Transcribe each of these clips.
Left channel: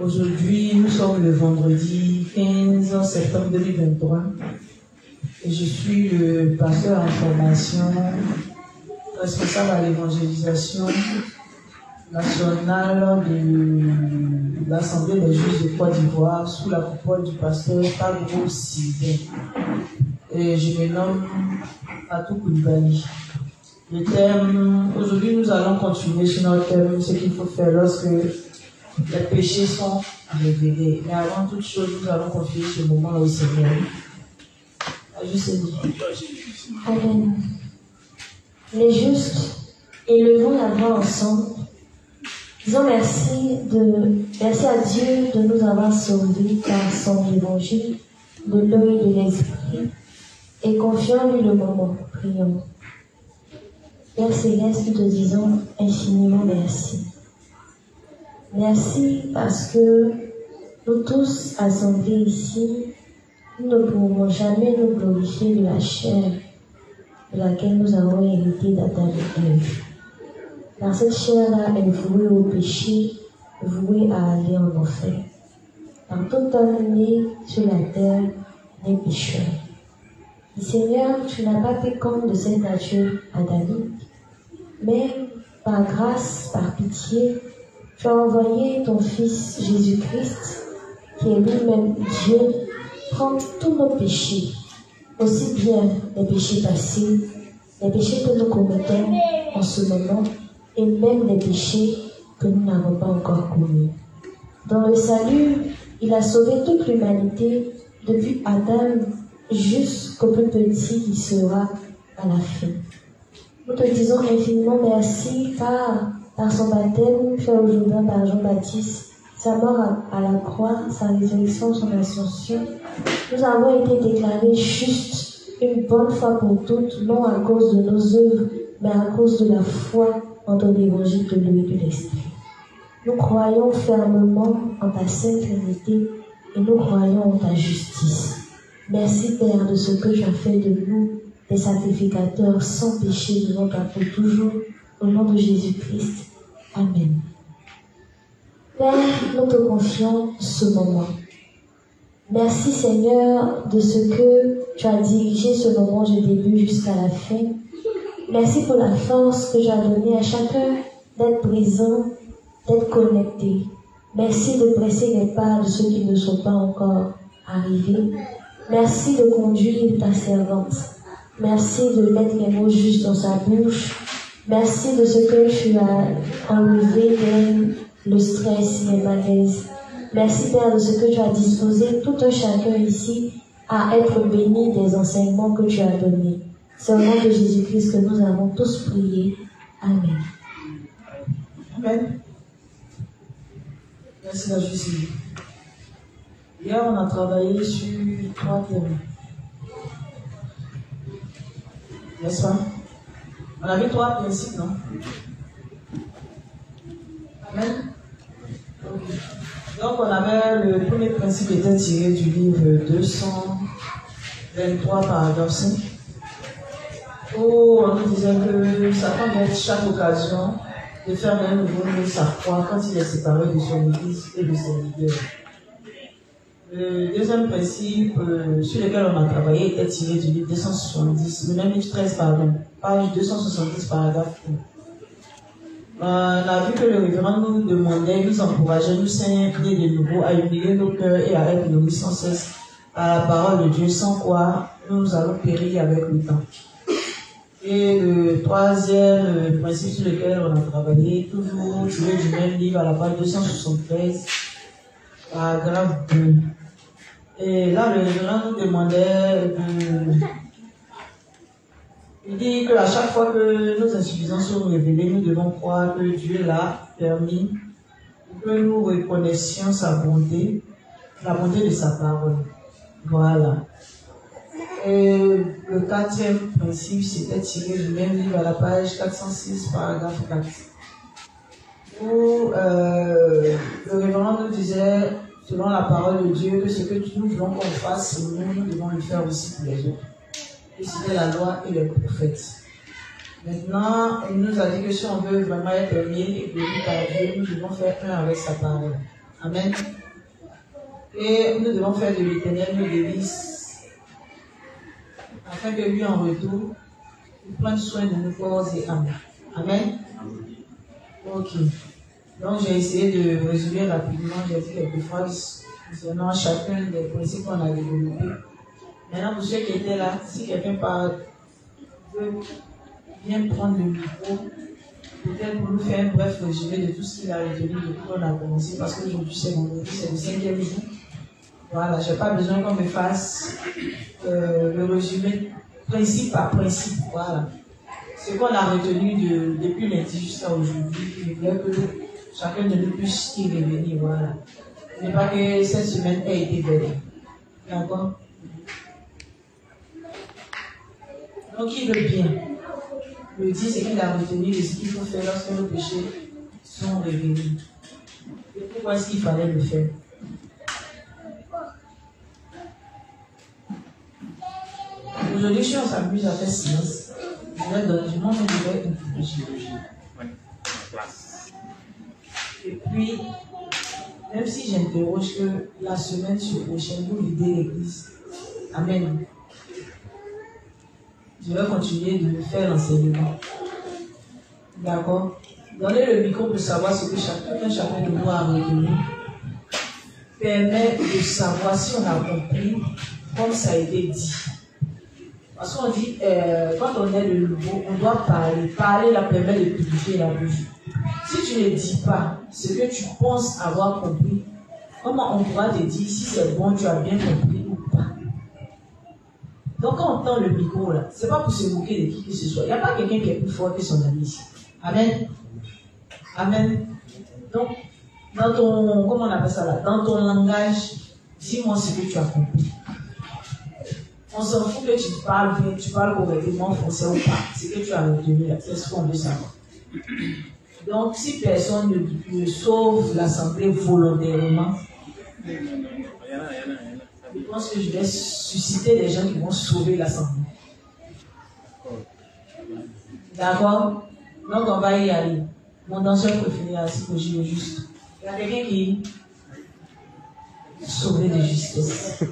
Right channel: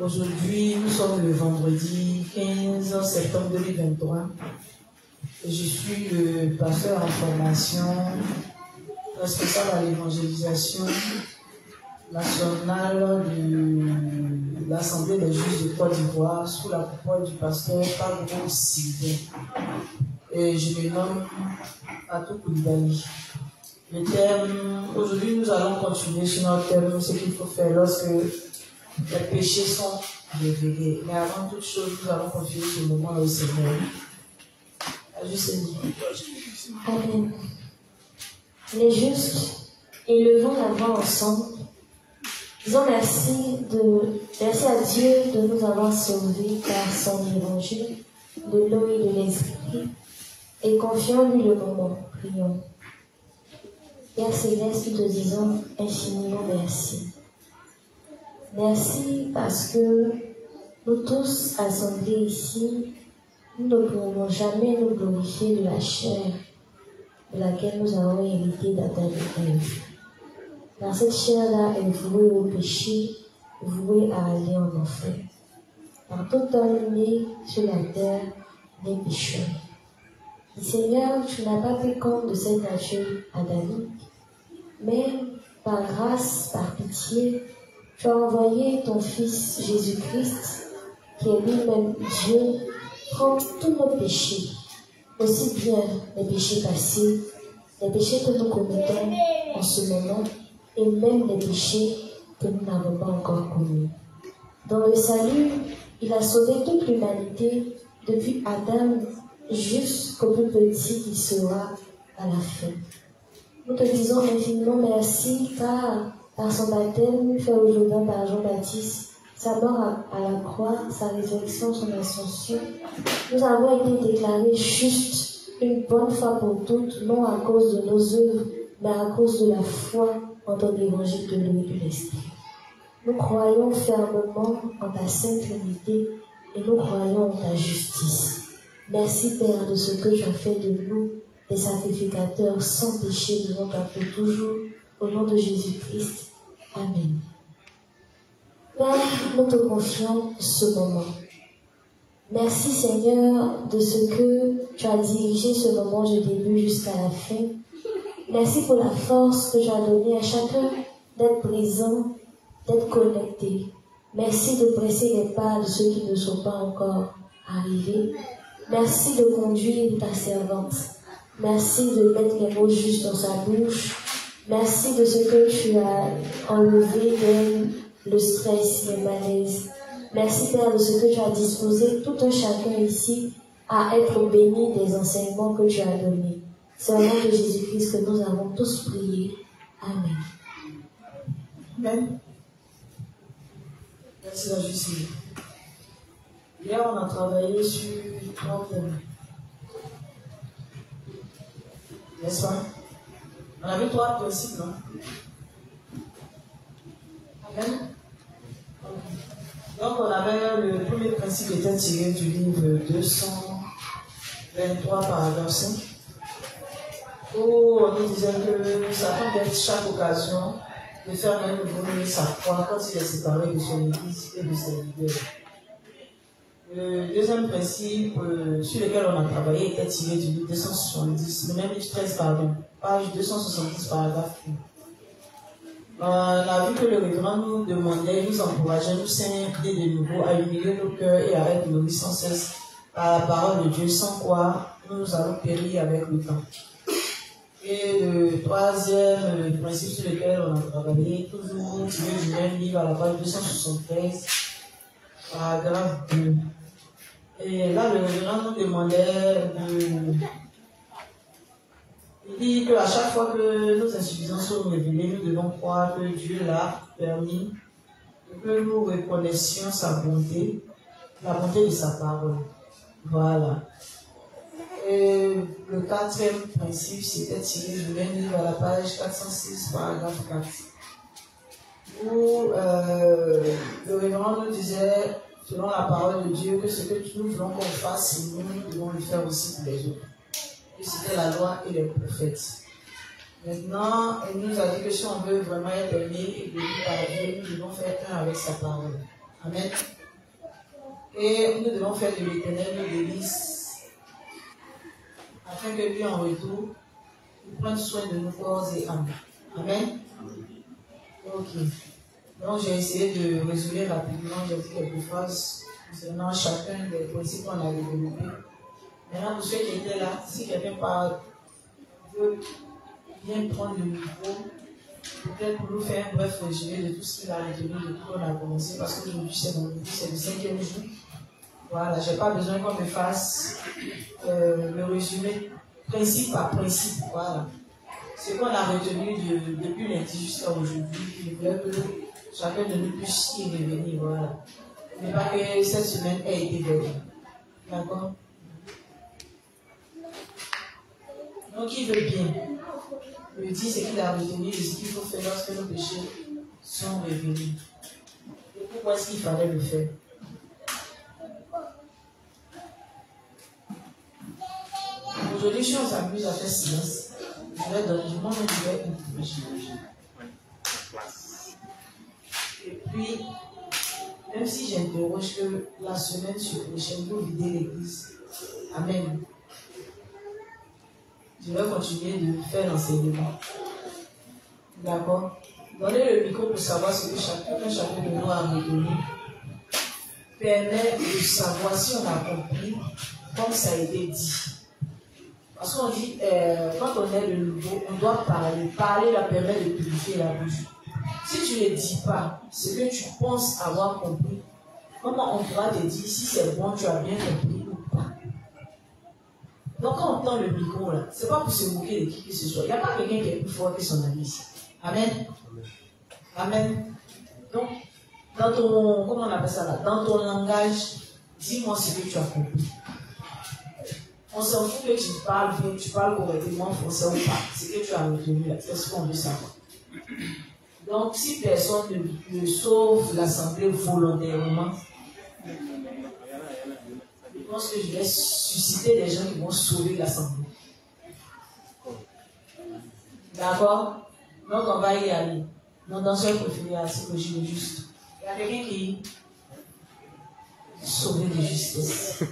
Aujourd'hui, nous sommes le vendredi 15 septembre 2023 et je suis le pasteur en formation, responsable à l'évangélisation nationale de l'Assemblée des Juifs de Côte d'Ivoire sous la coupole du pasteur Pablo Sylvain. Et je me nomme Fatou Koulibaly. Le thème, aujourd'hui nous allons continuer sur notre thème, ce qu'il faut faire lorsque les péchés sont révélés. Mais avant toute chose, nous allons confier ce moment au Seigneur. Amen. Les justes, élevons la voix ensemble. Disons merci à Dieu de nous avoir sauvés par son évangile, de l'eau et de l'esprit, et confions-lui le moment. Prions. Père Céleste, nous te disons infiniment merci. Merci parce que nous tous assemblés ici, nous ne pourrons jamais nous glorifier de la chair de laquelle nous avons hérité d'Adam et Ève. Car cette chair-là est vouée au péché, vouée à aller en enfer. Car tout homme né sur la terre est pécheur. Et Seigneur, tu n'as pas fait compte de cette nature adamique, mais par grâce, par pitié, tu as envoyé ton Fils Jésus-Christ, qui est lui-même Dieu, prendre tous nos péchés, aussi bien les péchés passés, les péchés que nous commettons en ce moment, et même les péchés que nous n'avons pas encore commis. Dans le salut, il a sauvé toute l'humanité, depuis Adam jusqu'au plus petit qui sera à la fin. Nous te disons infiniment merci car par son baptême fait au Jourdain par Jean-Baptiste, sa mort à la croix, sa résurrection, son ascension, nous avons été déclarés justes une bonne fois pour toutes, non à cause de nos œuvres, mais à cause de la foi en ton évangile de l'eau et de l'esprit. Nous croyons fermement en ta sainte Trinité et nous croyons en ta justice. Merci Père de ce que tu as fait de nous, des sacrificateurs sans péché devant toi pour toujours, au nom de Jésus-Christ. Amen. Père, nous te confions ce moment. Merci Seigneur de ce que tu as dirigé ce moment du début jusqu'à la fin. Merci pour la force que tu as donnée à chacun d'être présent, d'être connecté. Merci de presser les pas de ceux qui ne sont pas encore arrivés. Merci de conduire ta servante. Merci de mettre les mots justes dans sa bouche. Merci de ce que tu as enlevé de le stress, les malaises. Merci Père de ce que tu as disposé tout un chacun ici à être béni des enseignements que tu as donnés. C'est au nom de Jésus-Christ que nous avons tous prié. Amen. Amen. Merci à Jésus. Hier, on a travaillé sur 3 thèmes. N'est-ce pas? On a vu 3 principes, non? Amen. Donc, on avait le premier principe était tiré du livre 223, paragraphe 5, où on nous disait que Satan vient chaque occasion de faire un nouveau sa foi quand il est séparé de son église et de ses leaders. Le deuxième principe sur lequel on a travaillé était tiré du livre 270, le même livre 13, pardon, page 270, paragraphe 1. On a vu que le révérend nous demandait, nous encourageait, nous saignait de nouveau à humilier nos cœurs et à être nourris sans cesse à la parole de Dieu, sans quoi nous allons périr avec le temps. Et le troisième principe sur lequel on a travaillé, toujours tiré du même livre à la page 273, paragraphe 2. Et là, le révérend nous demandait il dit qu'à chaque fois que nos insuffisances sont révélées, nous devons croire que Dieu l'a permis et que nous reconnaissions sa bonté, la bonté de sa parole. Voilà. Et le quatrième principe, c'était tiré du même livre à la page 406, paragraphe 4. Où le révérend nous disait, selon la parole de Dieu, que ce que nous voulons qu'on fasse, nous devons le faire aussi pour les autres. Et c'était la loi et les prophètes. Maintenant, il nous a dit que si on veut vraiment être aimé et béni par Dieu, nous devons faire un avec sa parole. Amen. Et nous devons faire de l'Éternel nos délices, afin que lui, en retour, il prenne soin de nos corps et âmes. Amen. Ok. Donc, j'ai essayé de résumer rapidement, j'ai dit quelques phrases concernant chacun des principes qu'on a développés. Maintenant, pour ceux qui étaient là, si quelqu'un veut bien prendre le micro, peut-être pour nous faire un bref résumé de tout ce qu'il a retenu depuis qu'on a commencé, parce qu'aujourd'hui c'est le 5e jour. Voilà, je n'ai pas besoin qu'on me fasse le résumé principe par principe. Voilà. Ce qu'on a retenu depuis lundi jusqu'à aujourd'hui, je voulais que chacun de nous puisse y revenir. Voilà. Mais pas que cette semaine ait été belle. D'accord? Donc, il veut bien. Le dit, c'est qu'il a retenu ce qu'il faut faire lorsque nos péchés sont révélés. Et pourquoi est-ce qu'il fallait le faire? Aujourd'hui, si on s'amuse à faire silence, je vais donner du monde une chirurgie. Et puis, même si j'interroge que la semaine sur prochaine, vous videz l'église. Amen. Je vais continuer de faire l'enseignement. D'accord? Donner le micro pour savoir ce que chacun de nous a retenu permet de savoir si on a compris comme ça a été dit. Parce qu'on dit, quand on est de nouveau, on doit parler. Parler la permet de purifier la bouche. Si tu ne dis pas ce que tu penses avoir compris, comment on pourra te dire si c'est bon, tu as bien compris ou pas? Donc quand on tend le micro là, c'est pas pour se moquer de qui que ce soit. Il n'y a pas quelqu'un qui est plus fort que son ami ici. Amen. Amen. Donc, dans ton, comment on appelle ça là, dans ton langage, dis-moi ce que tu as compris. On s'en fout que tu parles bien, tu parles correctement français ou pas. C'est que tu as retenu là, c'est ce qu'on veut savoir. Donc, si personne ne sauve l'assemblée volontairement, je pense que je vais susciter des gens qui vont sauver l'assemblée. D'accord? Donc, on va y aller. Mon danseur préféré à la psychologie, juste. Il y a quelqu'un qui sauvé de justesse.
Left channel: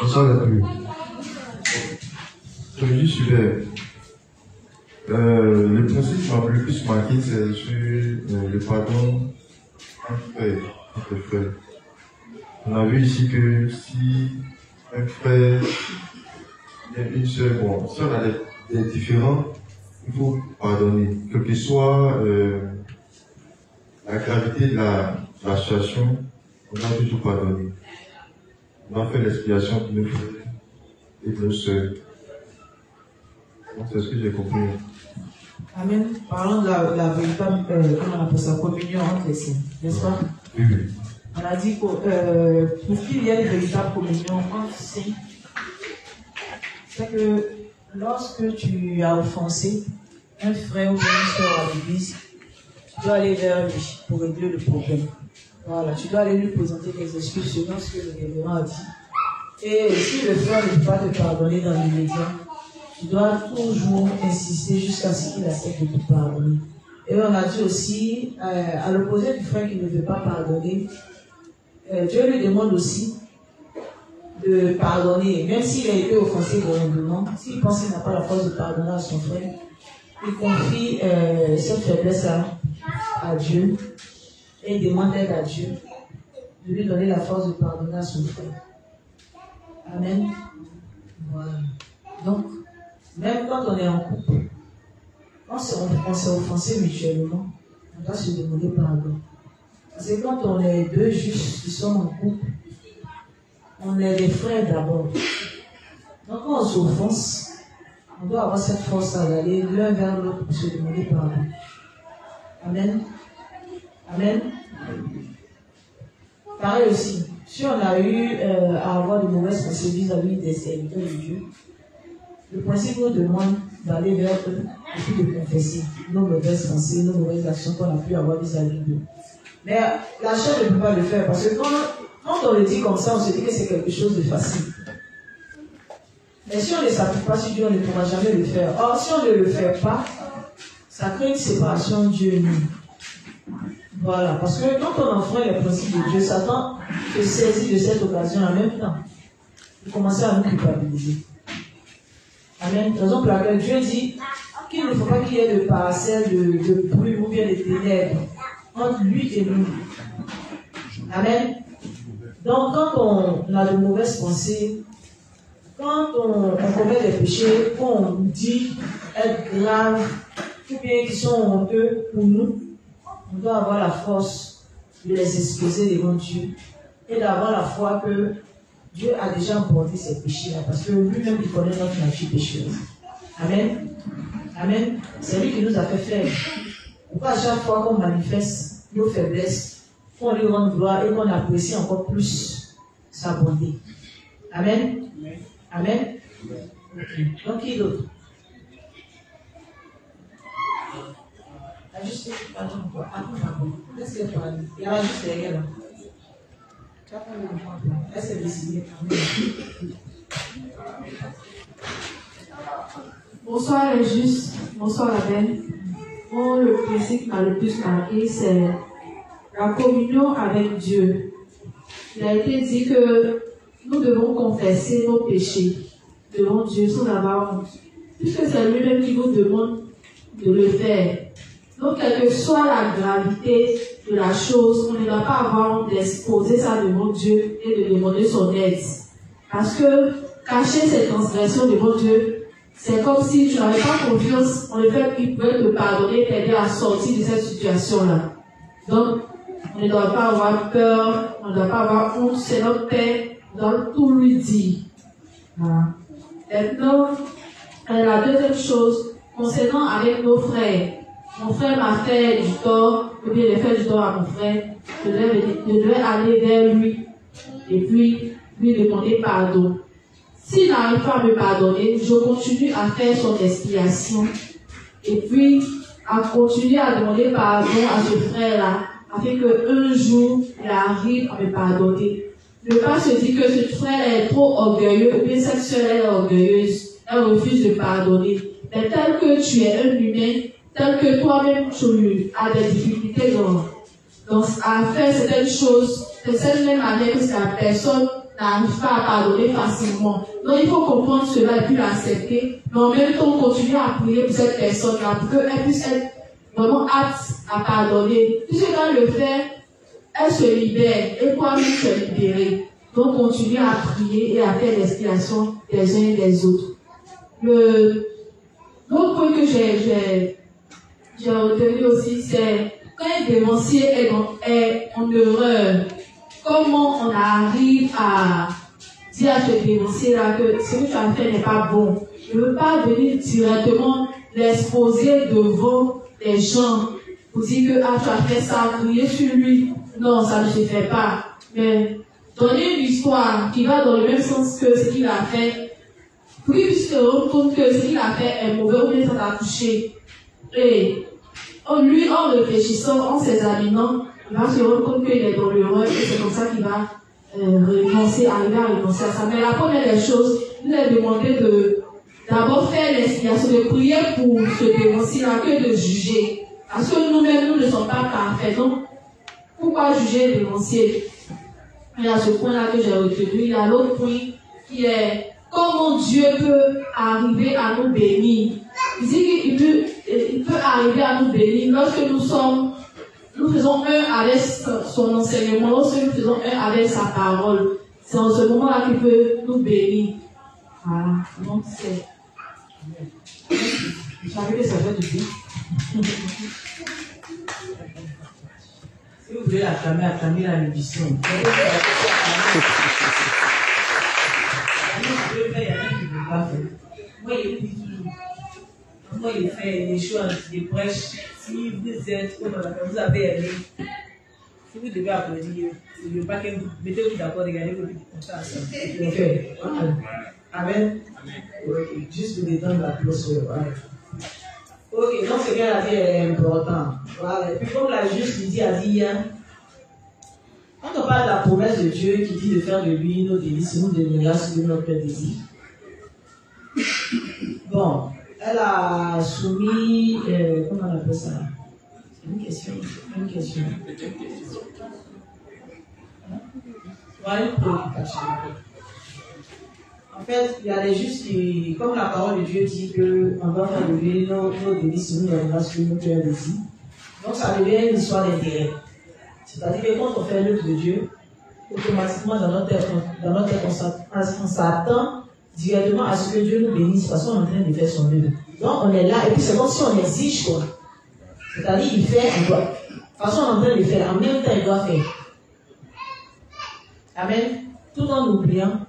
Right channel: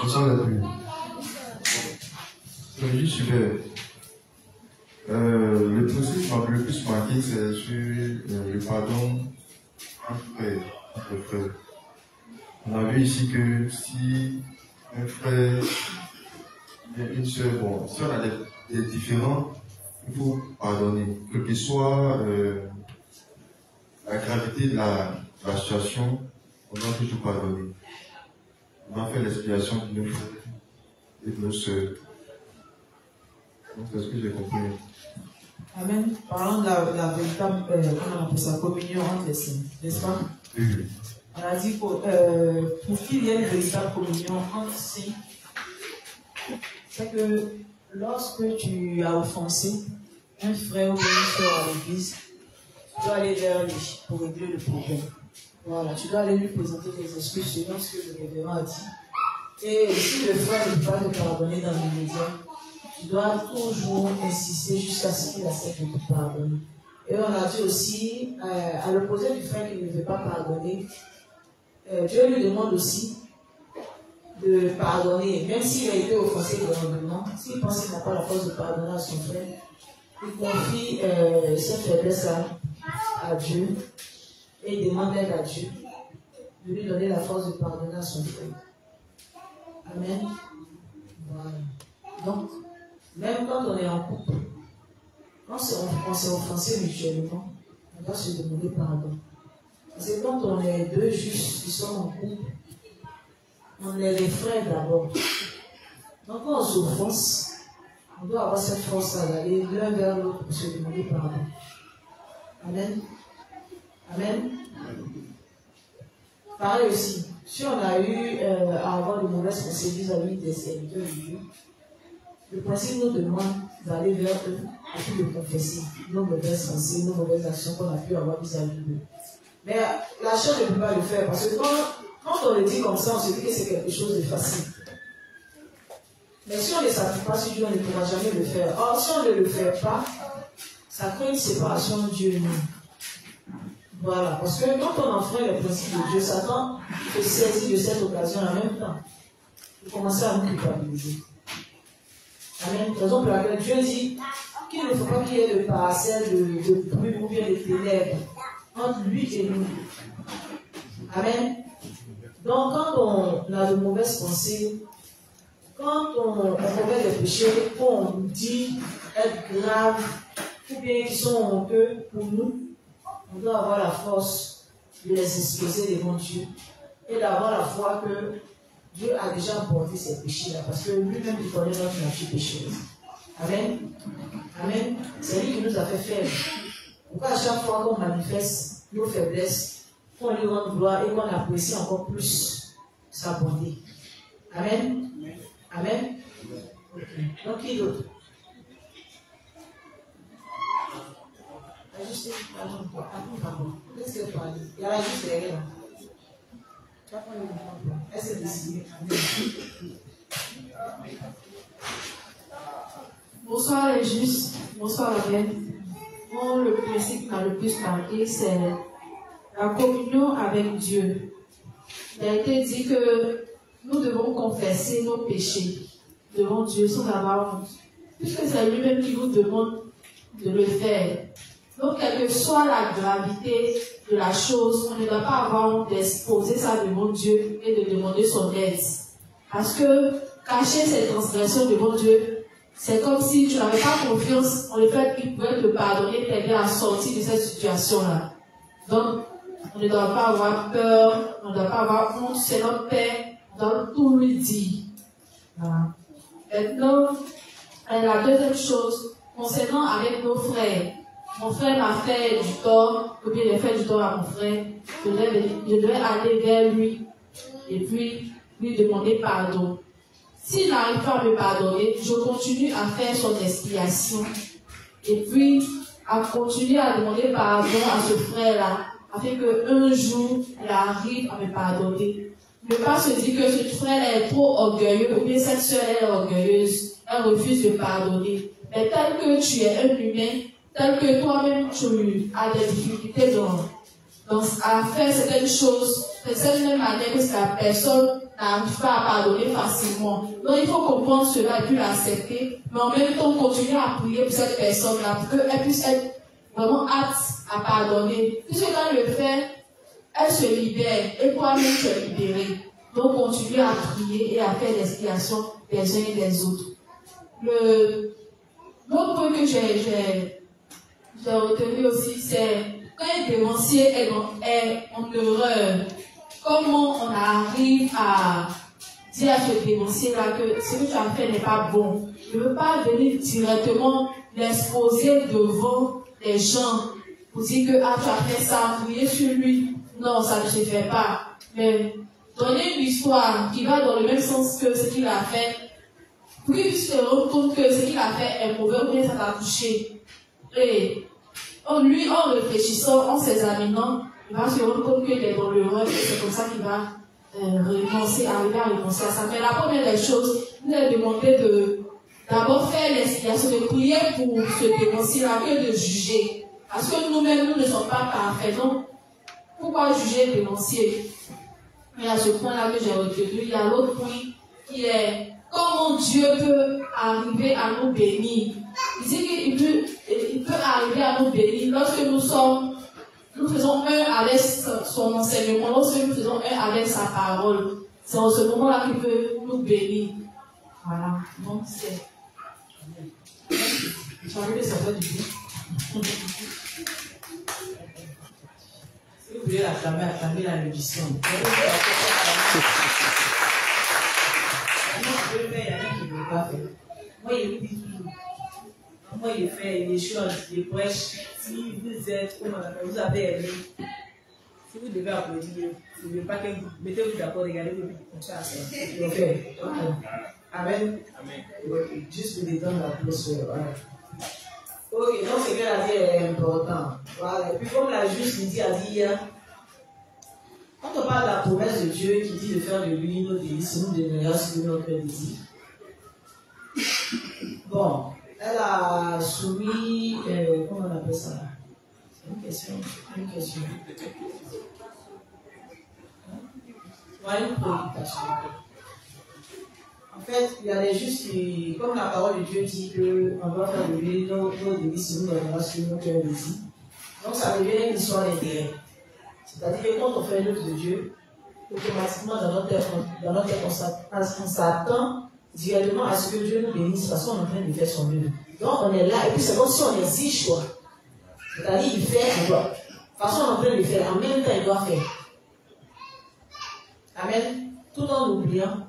Bonsoir la famille. Comme dit, super. Le principe qui m'a le plus marqué, c'est sur le pardon entre frères. On a vu ici que si un frère et une soeur, bon, si on a des différends, il faut pardonner. Quelle que soit la gravité de la situation, on doit toujours pardonner. On doit faire l'expiation de nos frères et de nos soeurs. C'est ce que j'ai compris. Amen. Parlons de la véritable, comment on appelle ça, communion entre les saints, n'est-ce pas? Oui. On a dit pour qu'il y ait une véritable communion entre saints, c'est que lorsque tu as offensé un frère ou une soeur à l'église, tu dois aller vers lui pour régler le problème. Voilà, tu dois aller lui présenter des excuses selon ce que le révérend a dit. Et si le frère ne peut pas te pardonner dans l'immédiat, tu dois toujours insister jusqu'à ce qu'il accepte de te pardonner. Et on a dit aussi, à l'opposé du frère qui ne veut pas pardonner, Dieu lui demande aussi de pardonner, même s'il a été offensé grandement, s'il pense qu'il n'a pas la force de pardonner à son frère, il confie cette faiblesse à Dieu et il demande d'aide à Dieu de lui donner la force de pardonner à son frère. Amen. Voilà. Donc, même quand on est en couple, quand on s'est offensé mutuellement, on doit se demander pardon. Parce que quand on est deux justes qui sont en couple, on est des frères d'abord. Donc quand on s'offense, on doit avoir cette force à aller l'un vers l'autre pour se demander pardon. Amen. Amen. Pareil aussi, si on a eu à avoir de mauvaises pensées vis-à-vis des serviteurs de Dieu, le principe nous demande d'aller vers eux et puis de confesser nos mauvaises pensées, nos mauvaises actions qu'on a pu avoir vis-à-vis d'eux. Mais la chair ne peut pas le faire parce que quand on le dit comme ça, on se dit que c'est quelque chose de facile. Mais si on ne s'appuie pas sur Dieu, on ne pourra jamais le faire. Or, si on ne le fait pas, ça crée une séparation de Dieu et nous. Voilà, parce que quand on enfreint les principes de Dieu, Satan se saisit de cette occasion en même temps. Il commence à nous culpabiliser. Amen. Raison pour laquelle Dieu dit qu'il ne faut pas qu'il y ait de parcelle de brume ou bien de ténèbres entre lui et nous. Amen. Donc, quand on a de mauvaises pensées, quand on commet des péchés qu'on dit être graves, ou bien qui sont honteux pour nous, on doit avoir la force de les exposer devant Dieu et d'avoir la foi que Dieu a déjà emporté ces péchés-là, parce que lui-même il connaît notre nature pécheuse. Amen. Amen. C'est lui qui nous a fait faire. Pourquoi à chaque fois qu'on manifeste nos faiblesses, qu'on lui rende gloire et qu'on apprécie encore plus sa bonté. Amen. Amen. Okay. Donc, qui d'autre? Ajustez, pardon, quoi. Pardon. Laisse-le parler. Il y a juste derrière là. Tu vas prendre le micro. Laisse-le décider. Bonsoir les justes. Bonsoir la reine. Moi, le principe qui m'a le plus marqué, c'est la communion avec Dieu. Il a été dit que nous devons confesser nos péchés devant Dieu sans avoir honte, puisque c'est lui-même qui nous demande de le faire. Donc, quelle que soit la gravité de la chose, on ne doit pas avoir honte d'exposer ça devant Dieu et de demander son aide. Parce que cacher ses transgressions devant Dieu, c'est comme si tu n'avais pas confiance en le fait qu'il pouvait te pardonner, t'aider à sortir de cette situation-là. Donc, on ne doit pas avoir peur, on ne doit pas avoir honte, c'est notre Père, on doit tout lui dire. Voilà. Maintenant, la deuxième chose, concernant avec nos frères, mon frère m'a fait du tort, ou bien il a fait du tort à mon frère, je devais aller vers lui et puis lui demander pardon. S'il n'arrive pas à me pardonner, je continue à faire son expiation et puis à continuer à demander pardon à ce frère-là, afin qu'un jour, il arrive à me pardonner. Ne pas se dire que ce frère est trop orgueilleux ou bien cette soeur est orgueilleuse, elle refuse de pardonner. Mais tel que tu es un humain, tel que toi-même tu as des difficultés à faire certaines choses, de cette même manière que la personne n'arrive pas à pardonner facilement. Donc il faut comprendre cela et puis l'accepter, mais en même temps continuer à prier pour cette personne-là, pour qu'elle puisse être vraiment apte à pardonner. Puisque quand elle le fait, elle se libère et toi-même tu es libéré. Donc continuer à prier et à faire l'expiation des uns et des autres. L'autre point que j'ai retenu aussi, c'est quand un dévancier est en erreur, comment on arrive à dire à ce dévancier-là que ce que tu as fait n'est pas bon. Je ne veux pas venir directement l'exposer devant les gens pour dire que tu as fait ça, crier sur lui. Non, ça ne se fait pas. Mais donner une histoire qui va dans le même sens que ce qu'il a fait, pour qu'il puisse se rendre compte que ce qu'il a fait est mauvais ou bien ça t'a touché. Et lui, en réfléchissant, en s'examinant, il va se rendre compte qu'il est dans l'erreur et c'est comme ça qu'il va arriver à renoncer à ça. Mais la première des choses, il a demandé d'abord faire l'expiation, de prier pour ce dévancier-là que de juger. Parce que nous-mêmes, nous ne sommes pas parfaits. Donc, pourquoi juger le dévancier? Il y a ce point-là que j'ai retenu. Il y a l'autre point qui est comment Dieu peut arriver à nous bénir. Il dit qu'il peut arriver à nous bénir lorsque nous faisons un avec son enseignement, lorsque nous faisons un avec sa parole. C'est en ce moment-là qu'il peut nous bénir. Voilà. Donc c'est... J'avais que ça fait du bien. Si vous voulez acclamer la l'édition. Je vais faire, il y a rien qui ne peut pas faire. Moi, il dit toujours. Moi, il fait des choses, des brèches. Si vous avez aimé, si vous devez applaudir, je ne veux pas que vous mettez-vous d'accord, regardez comme ça. Ok. Amen. Ok. Juste pour détendre l'atmosphère. Ok, donc ce qu'elle a dit est important. Voilà. Et puis comme la juste Lydie a dit hier, quand on parle de la promesse de Dieu qui dit de faire de lui nos délices, nous demeurera sur notre désir. a soumis, comment on appelle ça? Une question. Une préoccupation. En fait, il y a des justes qui, comme la parole de Dieu dit qu'on va faire lever nos délits si nous donnera sur nos cœurs ici. Donc ça devient une histoire d'intérêt. C'est-à-dire que quand on fait l'œuvre de Dieu, automatiquement dans notre tête, on s'attend directement à ce que Dieu nous bénisse parce qu'on est en train de faire son œuvre. Donc on est là et puis c'est comme si on exige quoi. C'est-à-dire il fait, on doit. De toute façon on est en train de faire, en même temps il doit faire. Amen. Tout en oubliant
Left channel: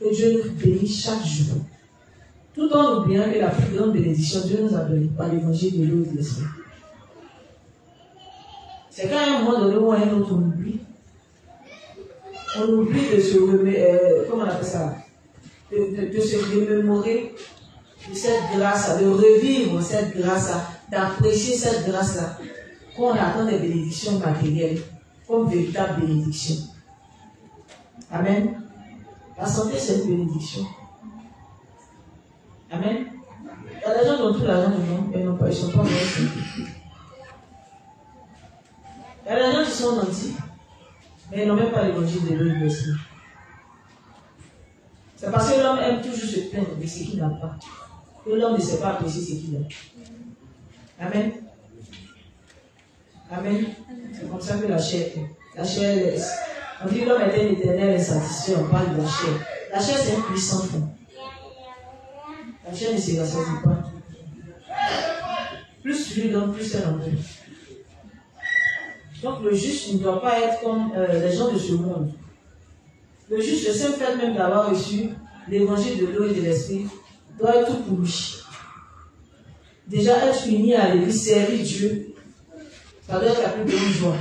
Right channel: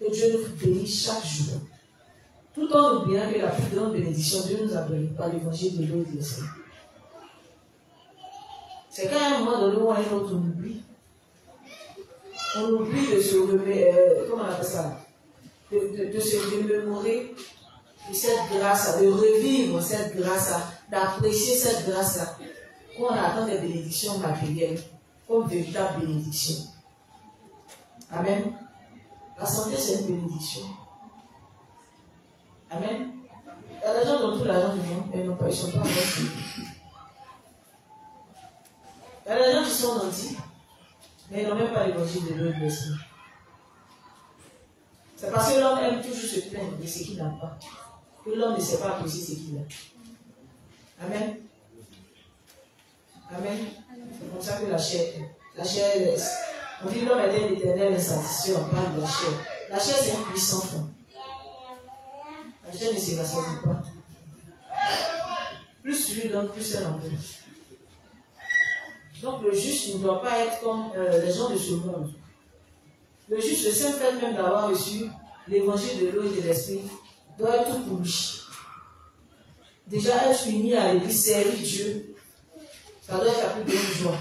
que Dieu nous bénit chaque jour. Tout en oubliant que la plus grande bénédiction, Dieu nous a donné par l'évangile de l'eau et de l'esprit. C'est qu'à un moment donné où un autre on oublie. On oublie de se remettre, comment on appelle ça? De se remémorer de cette grâce-là, de revivre cette grâce-là, d'apprécier cette grâce-là, qu'on attend des bénédictions matérielles comme véritable bénédiction. Amen. La santé, c'est une bénédiction. Amen. Il y a des gens qui ont tout l'argent du monde, mais ils ne sont pas bonnes santé. Il y a des gens qui sont nantis, mais ils n'ont même pas l'évangile de l'eau et de l'esprit. C'est parce que l'homme aime toujours se plaindre de ce qu'il n'a pas. Que l'homme ne sait pas apprécier ce qu'il a. Amen. Amen. C'est comme ça que la chair, on dit que l'homme est un éternel insatisfait, on parle de la chair. La chair, c'est un puissant fond. La chair ne se rassasie pas. Plus tu lui donnes, plus elle en donne. Donc le juste ne doit pas être comme les gens de ce monde. Le juste, le seul fait même d'avoir reçu l'évangile de l'eau et de l'esprit, doit être tout pour lui. Déjà, être uni à l'église, servir Dieu, ça doit être la plus grande joie.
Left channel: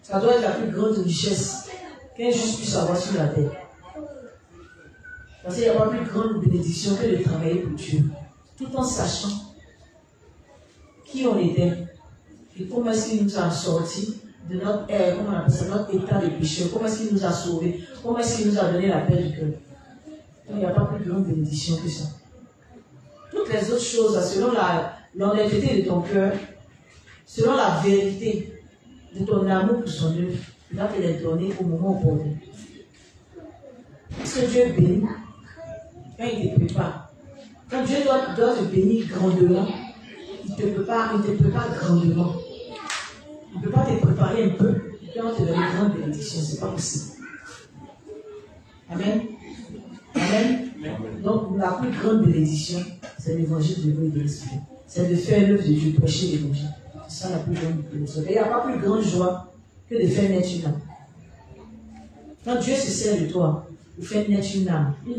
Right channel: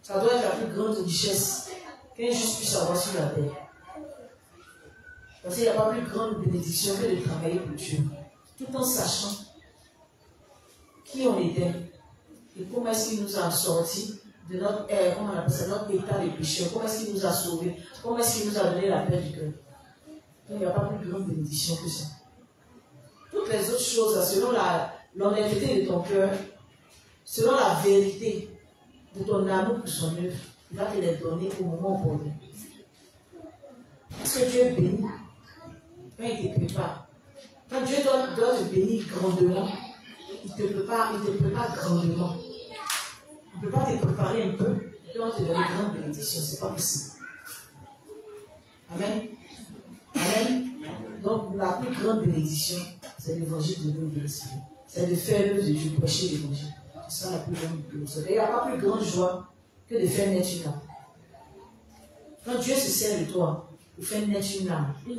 Ça doit être la plus grande richesse qu'un juste puisse avoir sur la terre. Parce qu'il n'y a pas plus grande bénédiction que de travailler pour Dieu, tout en sachant qui on était et comment est-ce qu'il nous a sortis de notre comment on appelle ça, notre état de péché, comment est-ce qu'il nous a sauvés, comment est-ce qu'il nous a donné la paix du cœur. Il n'y a pas plus grande bénédiction que ça. Toutes les autres choses, selon l'honnêteté de ton cœur, selon la vérité de ton amour pour son œuvre, il va te les donner au moment opportun. Parce que Dieu bénit quand il te prépare. Quand Dieu doit te bénir grandement, il ne te prépare grandement. Il ne peut pas te préparer un peu et puis on te donne une grande bénédiction. Ce n'est pas possible. Amen. Amen. Donc la plus grande bénédiction, c'est l'évangile de l'eau et de l'esprit. C'est de faire l'œuvre de Dieu, prêcher l'évangile. C'est ça la plus grande bénédiction. Et il n'y a pas plus grande joie que de faire naître une âme. Quand Dieu se sert de toi, il fait naître une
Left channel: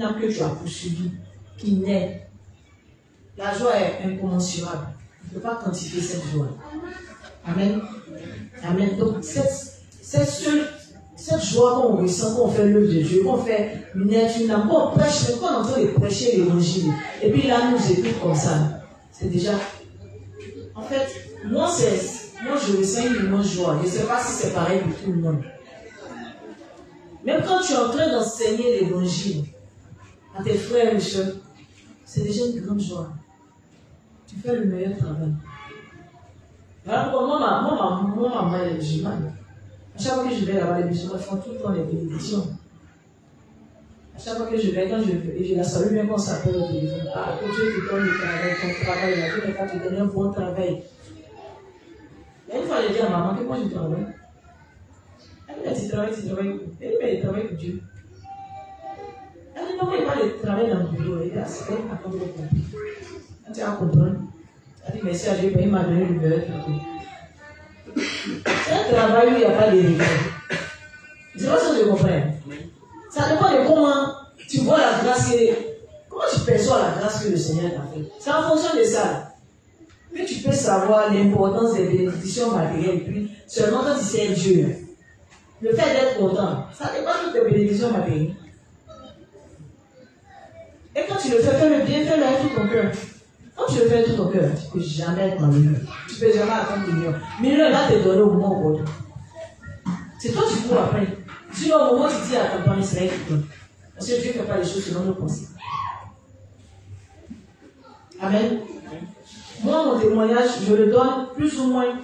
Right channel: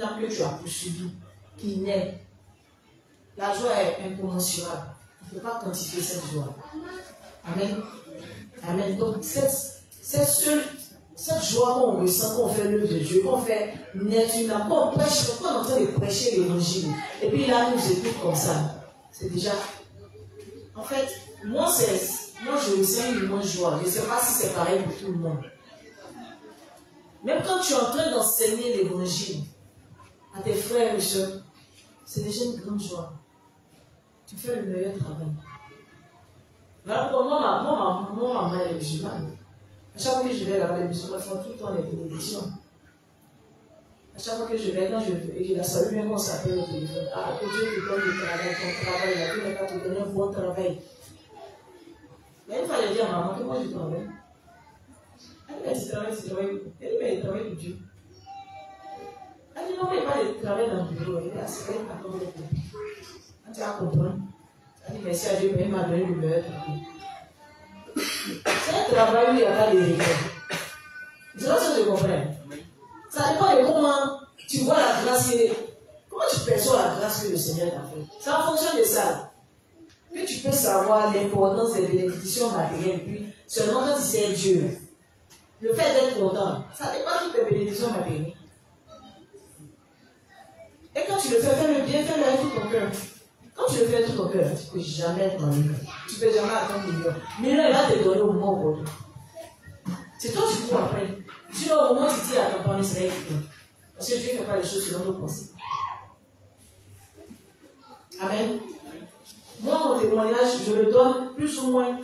âme que tu as poursuivie, qui naît. La joie est incommensurable. On ne peut pas quantifier cette joie. Amen. Amen. Donc, cette joie qu'on ressent, qu'on fait l'œuvre de Dieu, qu'on fait naître une âme, qu'on prêche, qu'on est en train de prêcher l'évangile, et puis là, nous écoute comme ça, c'est déjà. En fait, moi, je ressens une immense joie. Je ne sais pas si c'est pareil pour tout le monde. Même quand tu es en train d'enseigner l'évangile à tes frères et soeurs, c'est déjà une grande joie. Tu fais le meilleur travail. Voilà pourquoi moi, maman est musulmane. À chaque fois que je vais là-bas, les musulmans font tout le temps les bénédictions. À chaque fois que je vais, quand je veux, et je la salue bien qu'on s'appelle au téléphone. Ah, que Dieu te donne le travail, ton travail, Dieu ne va te donner un bon travail. Et une fois, elle dit à maman que moi je travaille. Elle dit, tu travailles. Elle dit, mais elle travaille pour Dieu. Elle dit, non, mais pas de travail dans le bureau. Elle dit, ah, c'est elle qui a compris. Quand tu as compris, elle dit, merci à Dieu, mais il m'a donné le meilleur travail. C'est un travail où il n'y a pas de rigueur. C'est pas ça que je comprends. Ça dépend de comment tu vois la grâce, comment tu perçois la grâce que le Seigneur t'a fait. C'est en fonction de ça que tu peux savoir l'importance des bénédictions matérielles. Puis seulement quand tu sais Dieu, le fait d'être content, ça dépend de tes bénédictions matérielles. Et quand tu le fais, fais-le bien, fais-le avec tout ton cœur. Quand tu le fais avec tout ton cœur, tu ne peux jamais être malheureux. Tu ne peux jamais attendre millions. Millions, il va te donner au moment opportun. C'est toi qui cours après. Sinon, au moment où tu dis à ton parent, c'est là qu'il donne. Parce que Dieu ne fait pas les choses selon nos pensées. Amen. Moi, mon témoignage, je le donne plus ou moins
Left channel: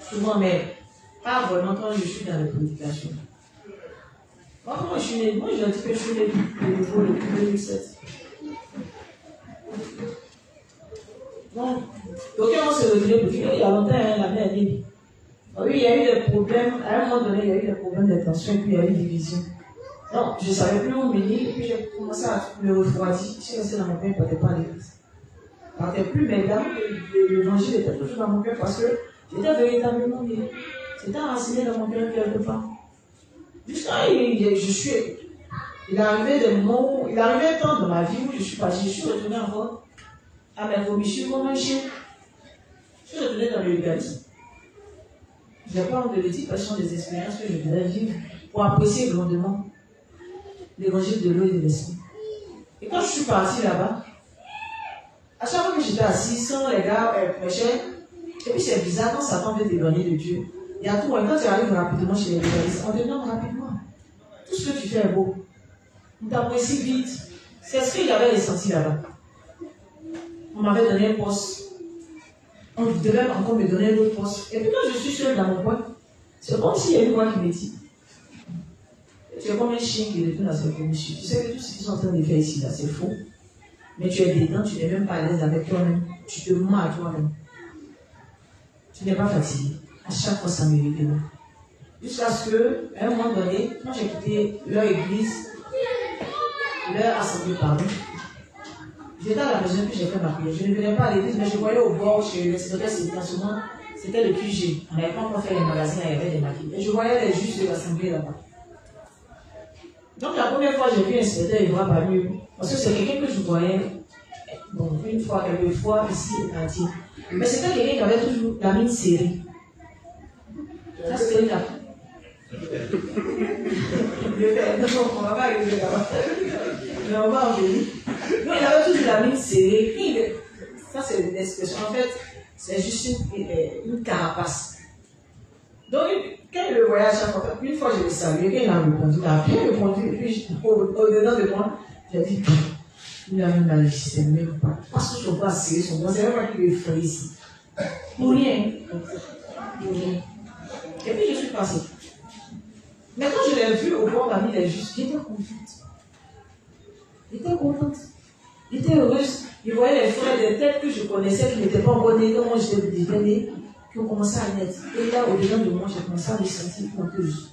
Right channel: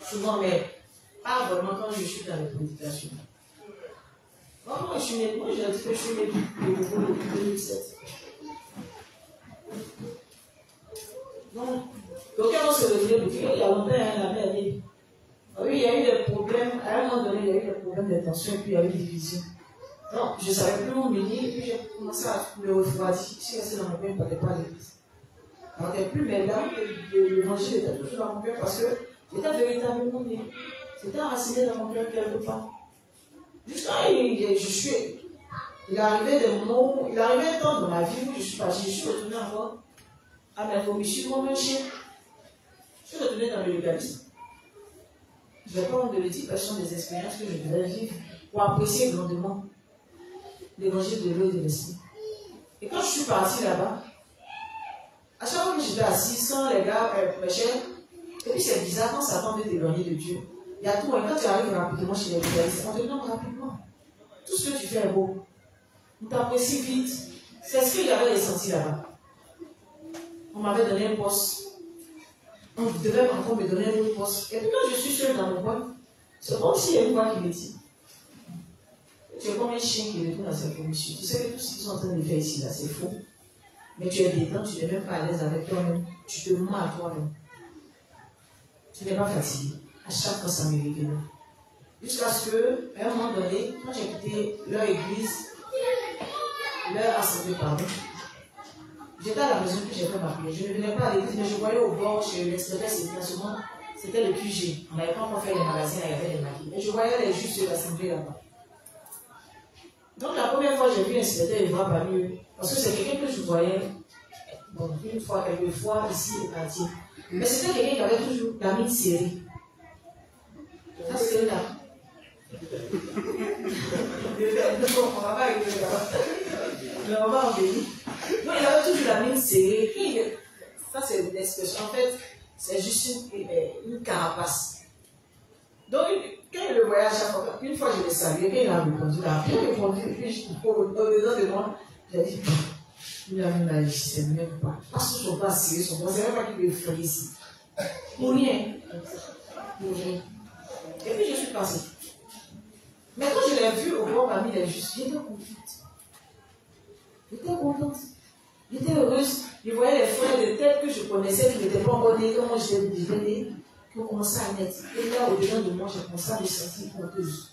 souvent, mais pas vraiment quand je suis dans la prédication. Moi, quand je suis né, moi, je dis que je suis né de nouveau depuis 2007. Donc, aucun on se retenait depuis il y a longtemps, la mère dit. Oui, il y a eu des problèmes, à un moment donné, il y a eu des problèmes d'attention, et puis il y a eu des divisions. Non, je ne savais plus où me dire, et puis j'ai commencé à me refroidir. Je suis restée dans mon cœur, je ne partais pas à l'église. Je ne partais plus, mais évidemment, l'évangile était toujours dans mon cœur parce que j'étais véritablement né. C'était enraciné dans mon cœur quelque part. Jusqu'à il est arrivé des moments où, il est arrivé un temps dans ma vie où je suis retournée encore à mes vomissures comme un chien. Je suis retournée dans le légalisme. Je n'ai pas honte de le dire parce que ce sont des expériences que je devais vivre pour apprécier grandement l'évangile de l'eau et de l'esprit. Et quand je suis partie là-bas, à chaque fois que j'étais assise, quand les gars prêchaient, et puis c'est bizarre quand Satan veut t'éloigner de Dieu. Il y a tout, et quand tu arrives rapidement chez les légalistes, on te nomme rapidement. Tout ce que tu fais est beau. On t'apprécie vite. C'est ce que j'avais ressenti là-bas. On m'avait donné un poste. On devait encore me donner un autre poste. Et puis quand je suis seule dans mon coin, c'est comme s'il y a une voix qui me dit, tu es comme un chien qui retourne dans ses commissions. Tu sais que tout ce qu'ils sont en train de faire ici, là, c'est faux. Mais tu es dedans, tu n'es même pas à l'aise avec toi-même. Tu te mens à toi-même. Tu n'es pas fatigué. À chaque fois, ça m'est arrivé. Jusqu'à ce que, à un moment donné, quand j'ai quitté leur église, leur assemblée, pardon, j'étais à la maison puis j'ai fait ma prière. Je ne venais pas à l'église, mais je voyais au bord chez l'extérieur, c'était le QG. On n'avait pas encore fait les magasins, il y avait des maquillettes. Et je voyais les juges de l'assemblée là-bas. Donc la première fois, j'ai vu un secrétaire, il voit pas mieux. Parce que c'est quelqu'un que je voyais, bon, une fois, quelques fois, ici et là. Mais c'était quelqu'un qui avait toujours la mine serrée. Ça, c'est là. On va pas arriver là-bas. Mais on va en venir. Donc, il avait toujours la mine serrée. Ça, c'est une expression. En fait, c'est juste une carapace. Donc, quand il le voyait à chaque fois, une fois je l'ai salué, il a répondu, il a bien répondu, et puis au-dedans de moi, j'ai dit, il a même mal, je ne sais même pas. Parce que je ne suis pas serré, c'est même pas qu'il est frais ici. Pour rien. Pour rien. Et puis je suis passée. Mais quand je l'ai vu au bord parmi les justes, j'étais contente. J'étais contente. J'étais heureuse. Je voyais les frères de tête que je connaissais, qui n'étaient pas encore nés, comme moi j'étais née, qui ont commencé à naître. Et là, au-dedans de moi, j'ai commencé à me sentir honteuse.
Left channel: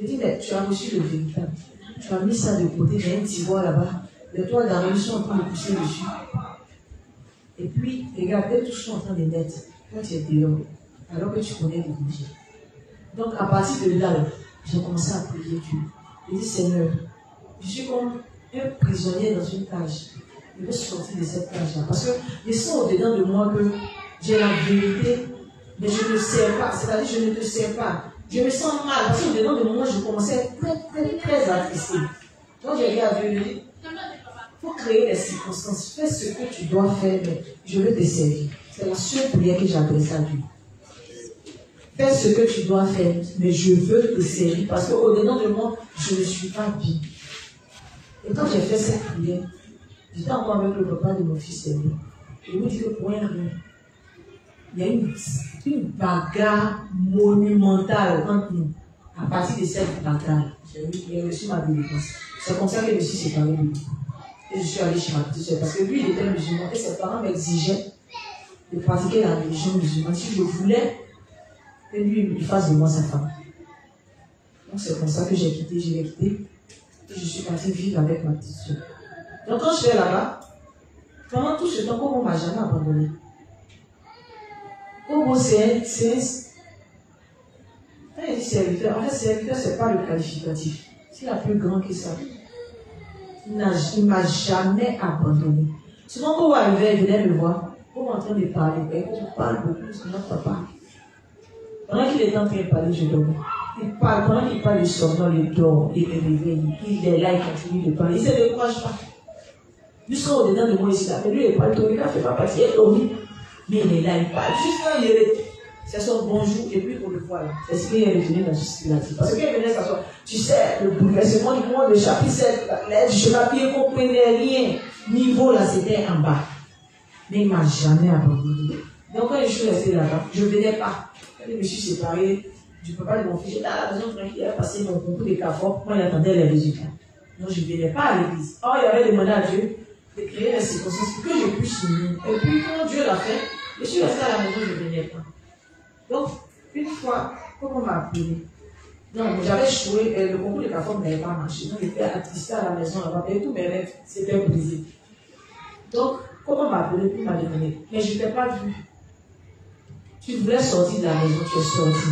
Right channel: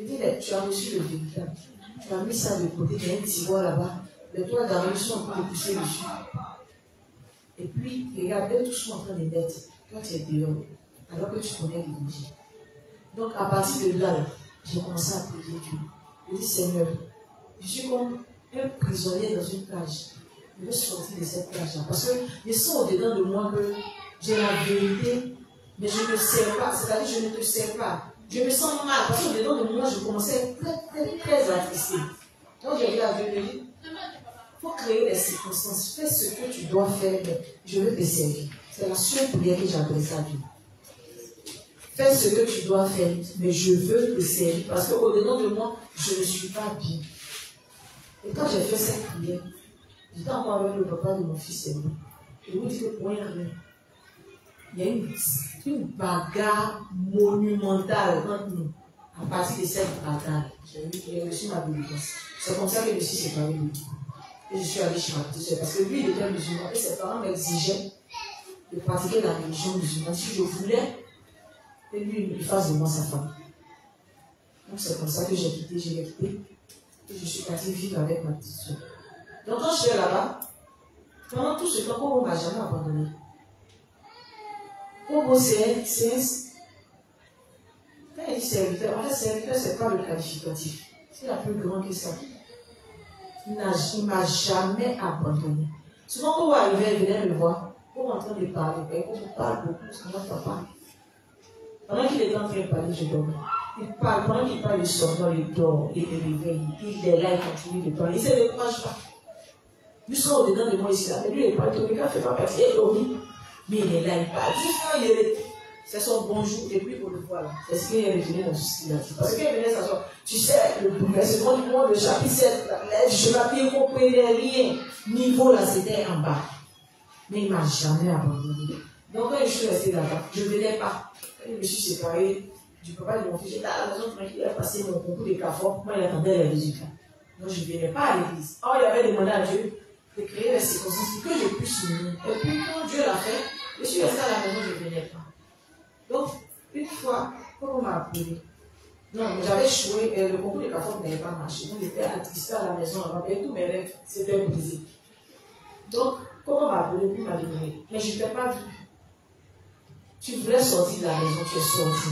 Je dis, mais tu as reçu le véritable. Tu as mis ça de côté, il y a un tiroir là-bas. Les toiles d'arrivée sont en train de pousser dessus. Et puis, regarde, elles tous sont en train de naître. Toi, tu es dehors, alors que tu connais l'évangile. Donc, à partir de là, j'ai commencé à prier Dieu. Je dis, Seigneur, je suis comme un prisonnier dans une cage. Je veux sortir de cette cage-là. Parce que je sens au-dedans de moi que j'ai la vérité, mais je ne sais pas. C'est-à-dire, je ne te sais pas. Je me sens mal. Parce qu'au-dedans de moi, je commençais à être très attristé. Donc, j'ai dit à Dieu, il faut créer les circonstances. Fais ce que tu dois faire, mais je veux te servir. C'est la seule prière que j'ai adressée à Dieu. Fais ce que tu dois faire, mais je veux te servir. Parce qu'au-dedans de moi, je ne suis pas bien. Et quand j'ai fait cette prière, j'étais encore avec le papa de mon fils aîné. Je vous dis que pour un rien, il y a une bagarre monumentale entre nous. À partir de cette bagarre, j'ai reçu ma délivrance. C'est comme ça que je me suis séparée de lui. Et je suis allée chez ma petite soeur. Parce que lui, il était musulman. Et ses parents m'exigeaient de pratiquer la religion musulmane. Si je voulais que lui, il fasse de moi sa femme. Donc c'est comme ça que j'ai quitté, je l'ai quitté. Et je suis partie vivre avec ma petite soeur. Donc quand je suis là-bas, pendant tout ce temps, Kobo ne m'a jamais abandonné. Kobo, c'est un serviteur. En fait, serviteur, ce n'est pas le qualificatif. C'est la plus grande que ça. Il ne m'a jamais abandonné. Souvent, quand vous arrivez, il venait me voir. Vous êtes en train de parler. Et quand vous parlez beaucoup, parce que notre papa, pendant qu'il est en train de parler, je dors. Il parle, pendant qu'il parle, il somnole, il dort, il me réveille. Il est là, il continue de parler. Il ne se décourage pas. Jusqu'à au-dedans de moi ici, là. Mais lui, il parle, il ne fait pas partie. Il est dormi. Mais il est là, il parle. Juste quand il est. C'est son bonjour, et puis on le voit là. C'est ce qu'il est revenu dans la société. Parce qu'il venait s'asseoir. Tu sais, le bouleversement du monde, le chapitre 7, du chemin pied comprenait rien. niveau là, c'était en bas. Mais il ne m'a jamais abandonné. Donc quand je suis restée là-bas, je ne venais pas. Quand je me suis séparée du papa de mon fils, j'étais à la maison, il avait passé mon concours des CAFOR, moi j'attendais les résultats. Moi je ne venais pas à l'église. Or il avait demandé à Dieu de créer les circonstances que je puisse unir. Et puis quand Dieu l'a fait, je suis restée à la maison, je ne venais pas. Donc une fois, comme on m'a appelé, non, j'avais joué, le concours des CAFOR n'avait pas marché. Donc j'étais attistée à la maison là-bas, et tous mes rêves s'étaient brisés. Donc, comment m'a appelé, puis m'a demandé, mais je ne t'ai pas vu. Tu voulais sortir de la maison, tu es sorti.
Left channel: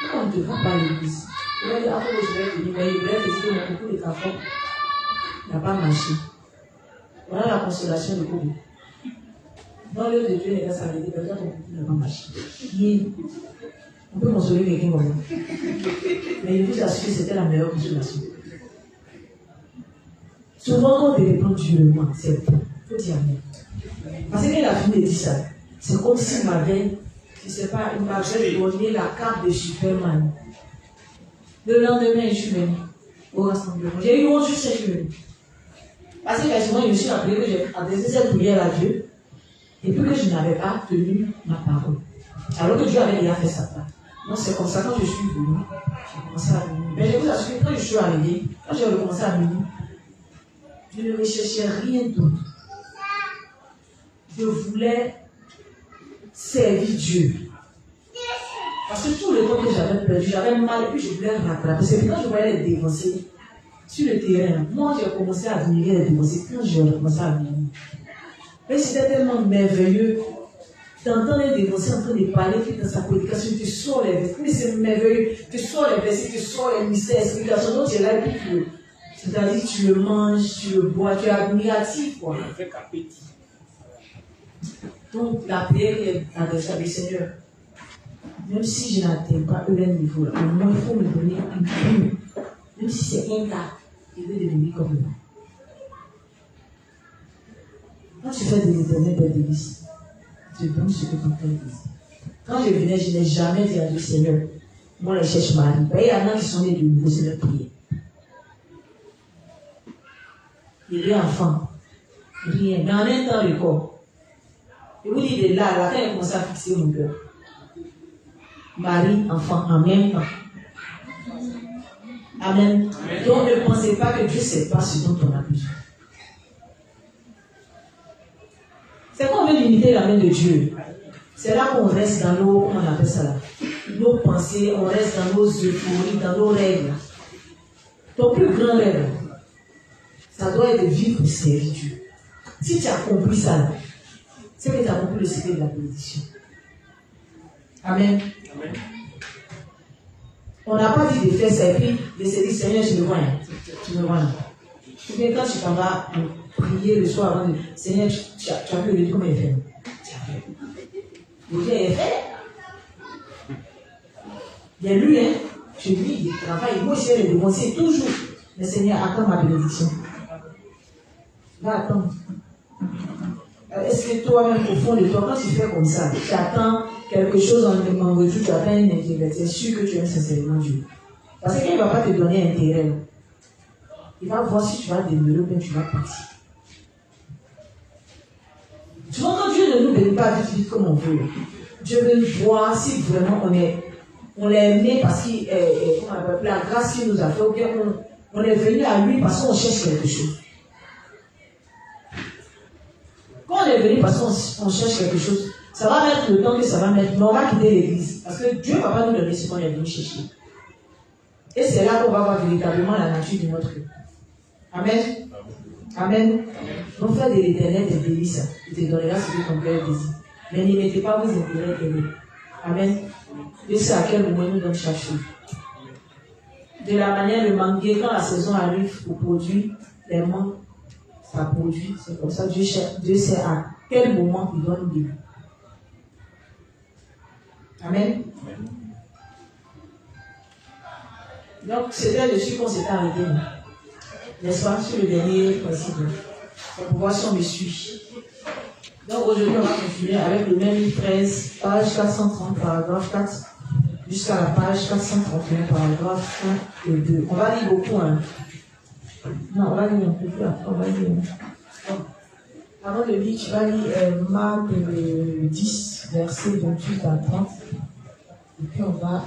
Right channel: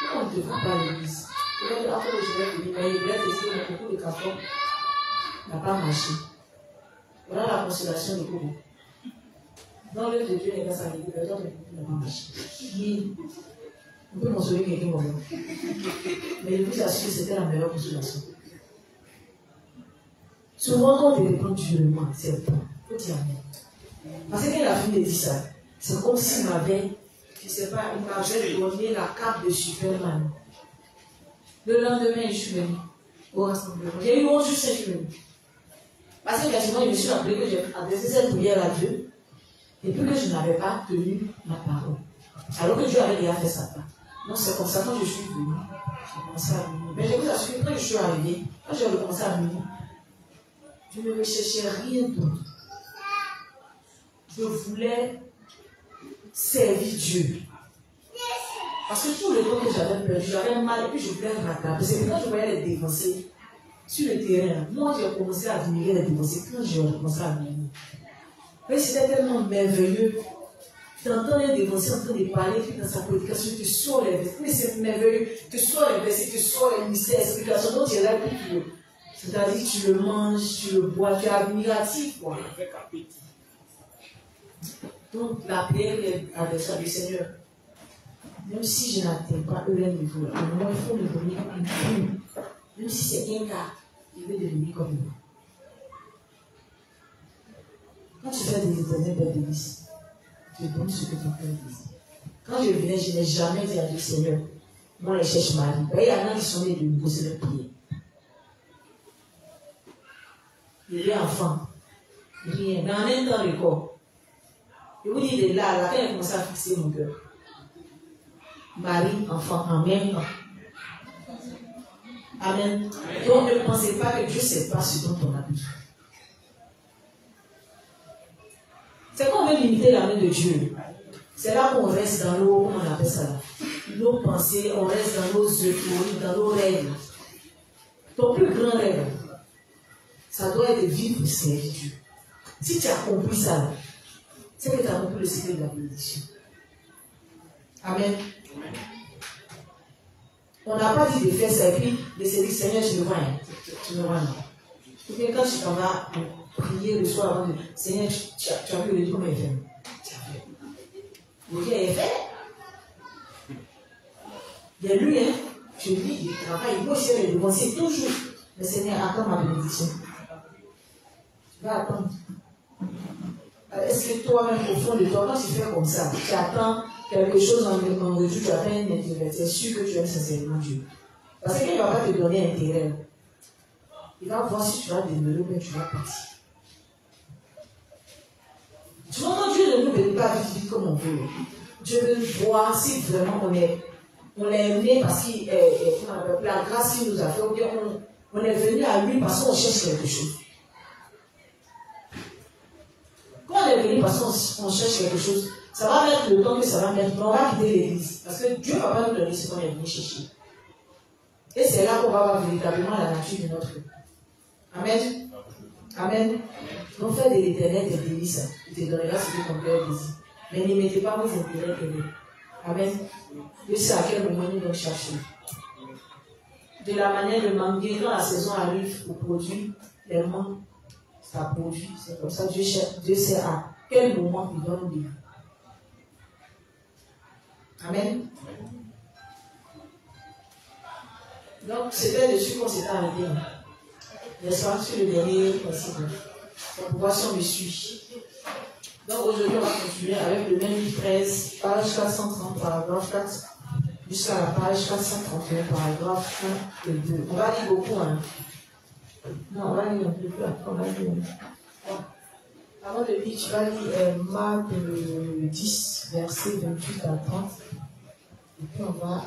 Pourquoi on ne te voit pas à l'église? Il a dit, après je vais venir, mais il voulait te dire que mon concours de CAFOR n'a pas marché. Voilà la consolation de Kobo. Dans l'œuvre de Dieu, les gars, ça a été, peut-être ton concours n'a pas marché. On peut consoler quelqu'un comme moi. Mais je vous assure que c'était la meilleure consolation. Souvent, quand on dépend Dieu, c'est bon. Il faut dire rien. Parce qu'il a fini de dire ça. C'est comme s'il m'avait, je ne sais pas, il m'avait donné la carte de Superman. Le lendemain, je suis venu au rassemblement. J'ai eu honte juste cette minute. Parce que quasiment, je me suis rappelé que j'ai adressé cette prière à Dieu et puis que je n'avais pas tenu ma parole. Alors que Dieu avait déjà fait sa part. Donc c'est comme ça, quand je suis venu, j'ai commencé à venir. Mais je vous assure que quand je suis arrivé, quand j'ai recommencé à venir, je ne recherchais rien d'autre. Je voulais servir Dieu. Parce que tout le temps que j'avais perdu, j'avais mal et puis je voulais rattraper. C'est quand je voyais les dévancés sur le terrain, moi j'ai commencé à admirer les dévancés quand j'ai commencé à venir. Et c'était tellement merveilleux d'entendre un dévancé en train de parler, puis dans sa prédication, tu sors les versets. Mais c'est merveilleux, tu sors les versets, tu sors les mystères, explications, donc tu es là, puis c'est-à-dire tu le manges, tu le bois, tu es admiratif, quoi. Avec appétit. Donc la prière est adressée avec le Seigneur. Même si je n'atteins pas eux leur niveau, là, au moins il faut me donner une plume. Même si c'est un cas, il veut devenir comme moi. Quand tu fais des éternels belles délices, tu donnes ce que ton cœur désire. Quand je venais, je n'ai jamais dit à Dieu, Seigneur, moi je cherche Marie. Il y en a qui sont nés de nouveau, c'est leur prière. Il est enfant. Rien. Dans un temps, le corps. Et vous dites de là, quand il commence à fixer mon cœur. Marie, enfant, en même temps. Amen. Donc ne pensez pas que Dieu ne sait pas ce dont on a besoin. C'est qu'on veut limiter la main de Dieu. C'est là qu'on reste dans nos, comment on appelle ça là, nos pensées, on reste dans nos euphories, dans nos rêves. Ton plus grand rêve, ça doit être de vivre et servir Dieu. Si tu as compris ça, c'est que tu as compris le secret de la bénédiction. Amen. Amen. On n'a pas dit de faire ça et puis de se dire, Seigneur, tu me vois là. Tu me vois là. Ou bien quand tu t'en vas prier le soir avant de Seigneur, tu as vu le Dieu comment il fait. Tu as fait. Le Dieu est fait. Bien lui, hein, je lis, il travaille, moi je vais le dénoncer toujours. Mais Seigneur, attends ma bénédiction. Va attendre. Est-ce que toi-même, au fond de toi, quand tu fais comme ça, tu attends quelque chose en retour, tu as fait un intérêt, c'est sûr que tu aimes sincèrement Dieu. Parce qu'il ne va pas te donner un intérêt. Il va voir si tu vas demeurer ou bien tu vas partir. Tu vois, quand Dieu ne nous bénit pas vite comme on veut, Dieu veut voir si vraiment on l'a aimé parce qu'il la grâce qu'il nous a fait, ou bien on est venu à lui parce qu'on cherche quelque chose. Quand on est venu parce qu'on cherche quelque chose, ça va mettre le temps que ça va mettre, mais on va quitter l'église. Parce que Dieu ne va pas nous donner ce qu'on est venu chercher. Et c'est là qu'on va voir véritablement la nature de notre vie. Amen. Amen. Donc faites de l'éternel des délices. Il te donnera ce que ton cœur désire. Mais ne mettez pas vos intérêts aimés. Amen. Dieu sait à quel moment nous donne chaque chose. De la manière le manguier, quand la saison arrive pour produire les mangues, ça produit. C'est comme ça Dieu sait à quel moment il doit nous donner. Amen. Donc, c'était dessus qu'on s'est arrêté. N'est-ce pas, sur le dernier principe. Pour voir si on me suit. Donc, aujourd'hui, on va continuer avec le même livre 13, page 430, paragraphe 4, jusqu'à la page 431, paragraphe 1 et 2. On va lire beaucoup, hein. Non, on va lire un peu plus après. On va lire. Avant de lire, tu vas lire Marc 10, verset 28 à 30. Et puis on va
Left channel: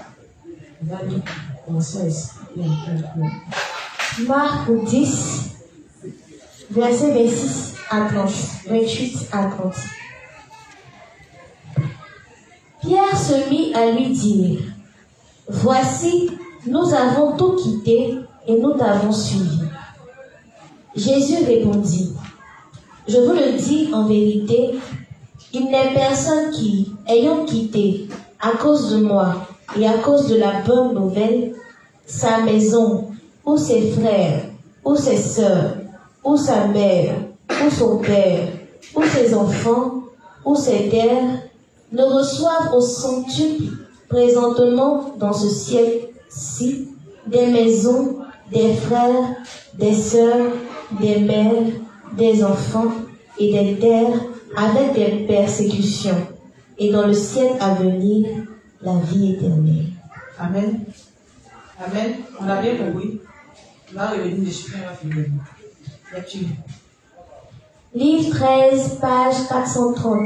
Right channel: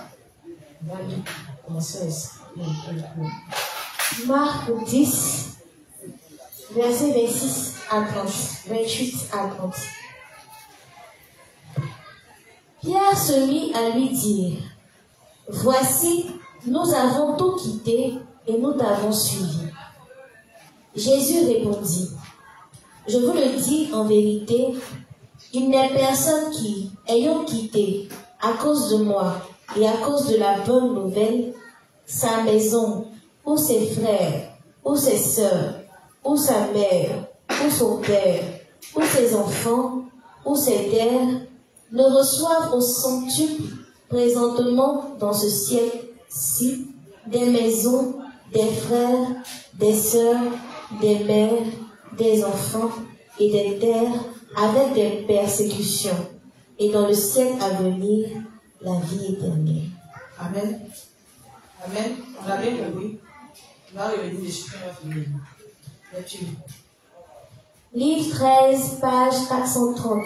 commencer à expliquer un peu. Marc 10, verset 26 à 30. 28 à 30. Pierre se mit à lui dire, « Voici, nous avons tout quitté et nous t'avons suivi. » Jésus répondit, « Je vous le dis en vérité, il n'est personne qui, ayant quitté, à cause de moi et à cause de la bonne nouvelle, sa maison, ou ses frères, ou ses sœurs, ou sa mère, ou son père, ou ses enfants, ou ses terres, ne reçoivent au centuple présentement dans ce siècle-ci des maisons, des frères, des sœurs, des mères, des enfants et des terres avec des persécutions, et dans le siècle à venir, la vie éternelle. » Amen. Amen. On a bien compris. On va revenir dessus, on va finir. Lecture. Livre 13, page 430,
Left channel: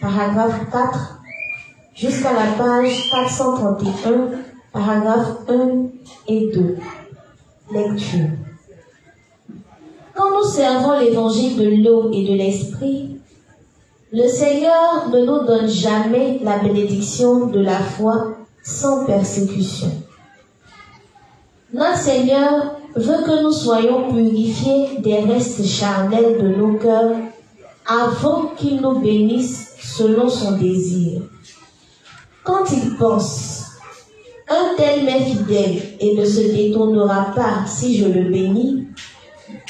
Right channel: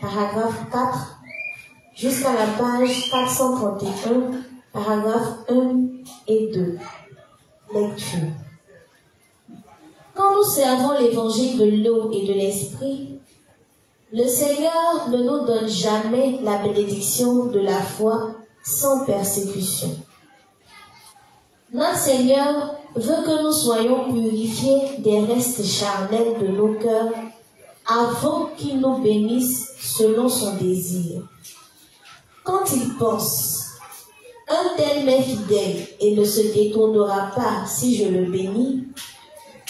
paragraphe 4, jusqu'à la page 431, paragraphe 1 et 2. Lecture. Quand nous servons l'évangile de l'eau et de l'esprit, le Seigneur ne nous donne jamais la bénédiction de la foi sans persécution. Notre Seigneur veut que nous soyons purifiés des restes charnels de nos cœurs avant qu'il nous bénisse selon son désir. Quand il pense, un tel m'est fidèle et ne se détournera pas si je le bénis,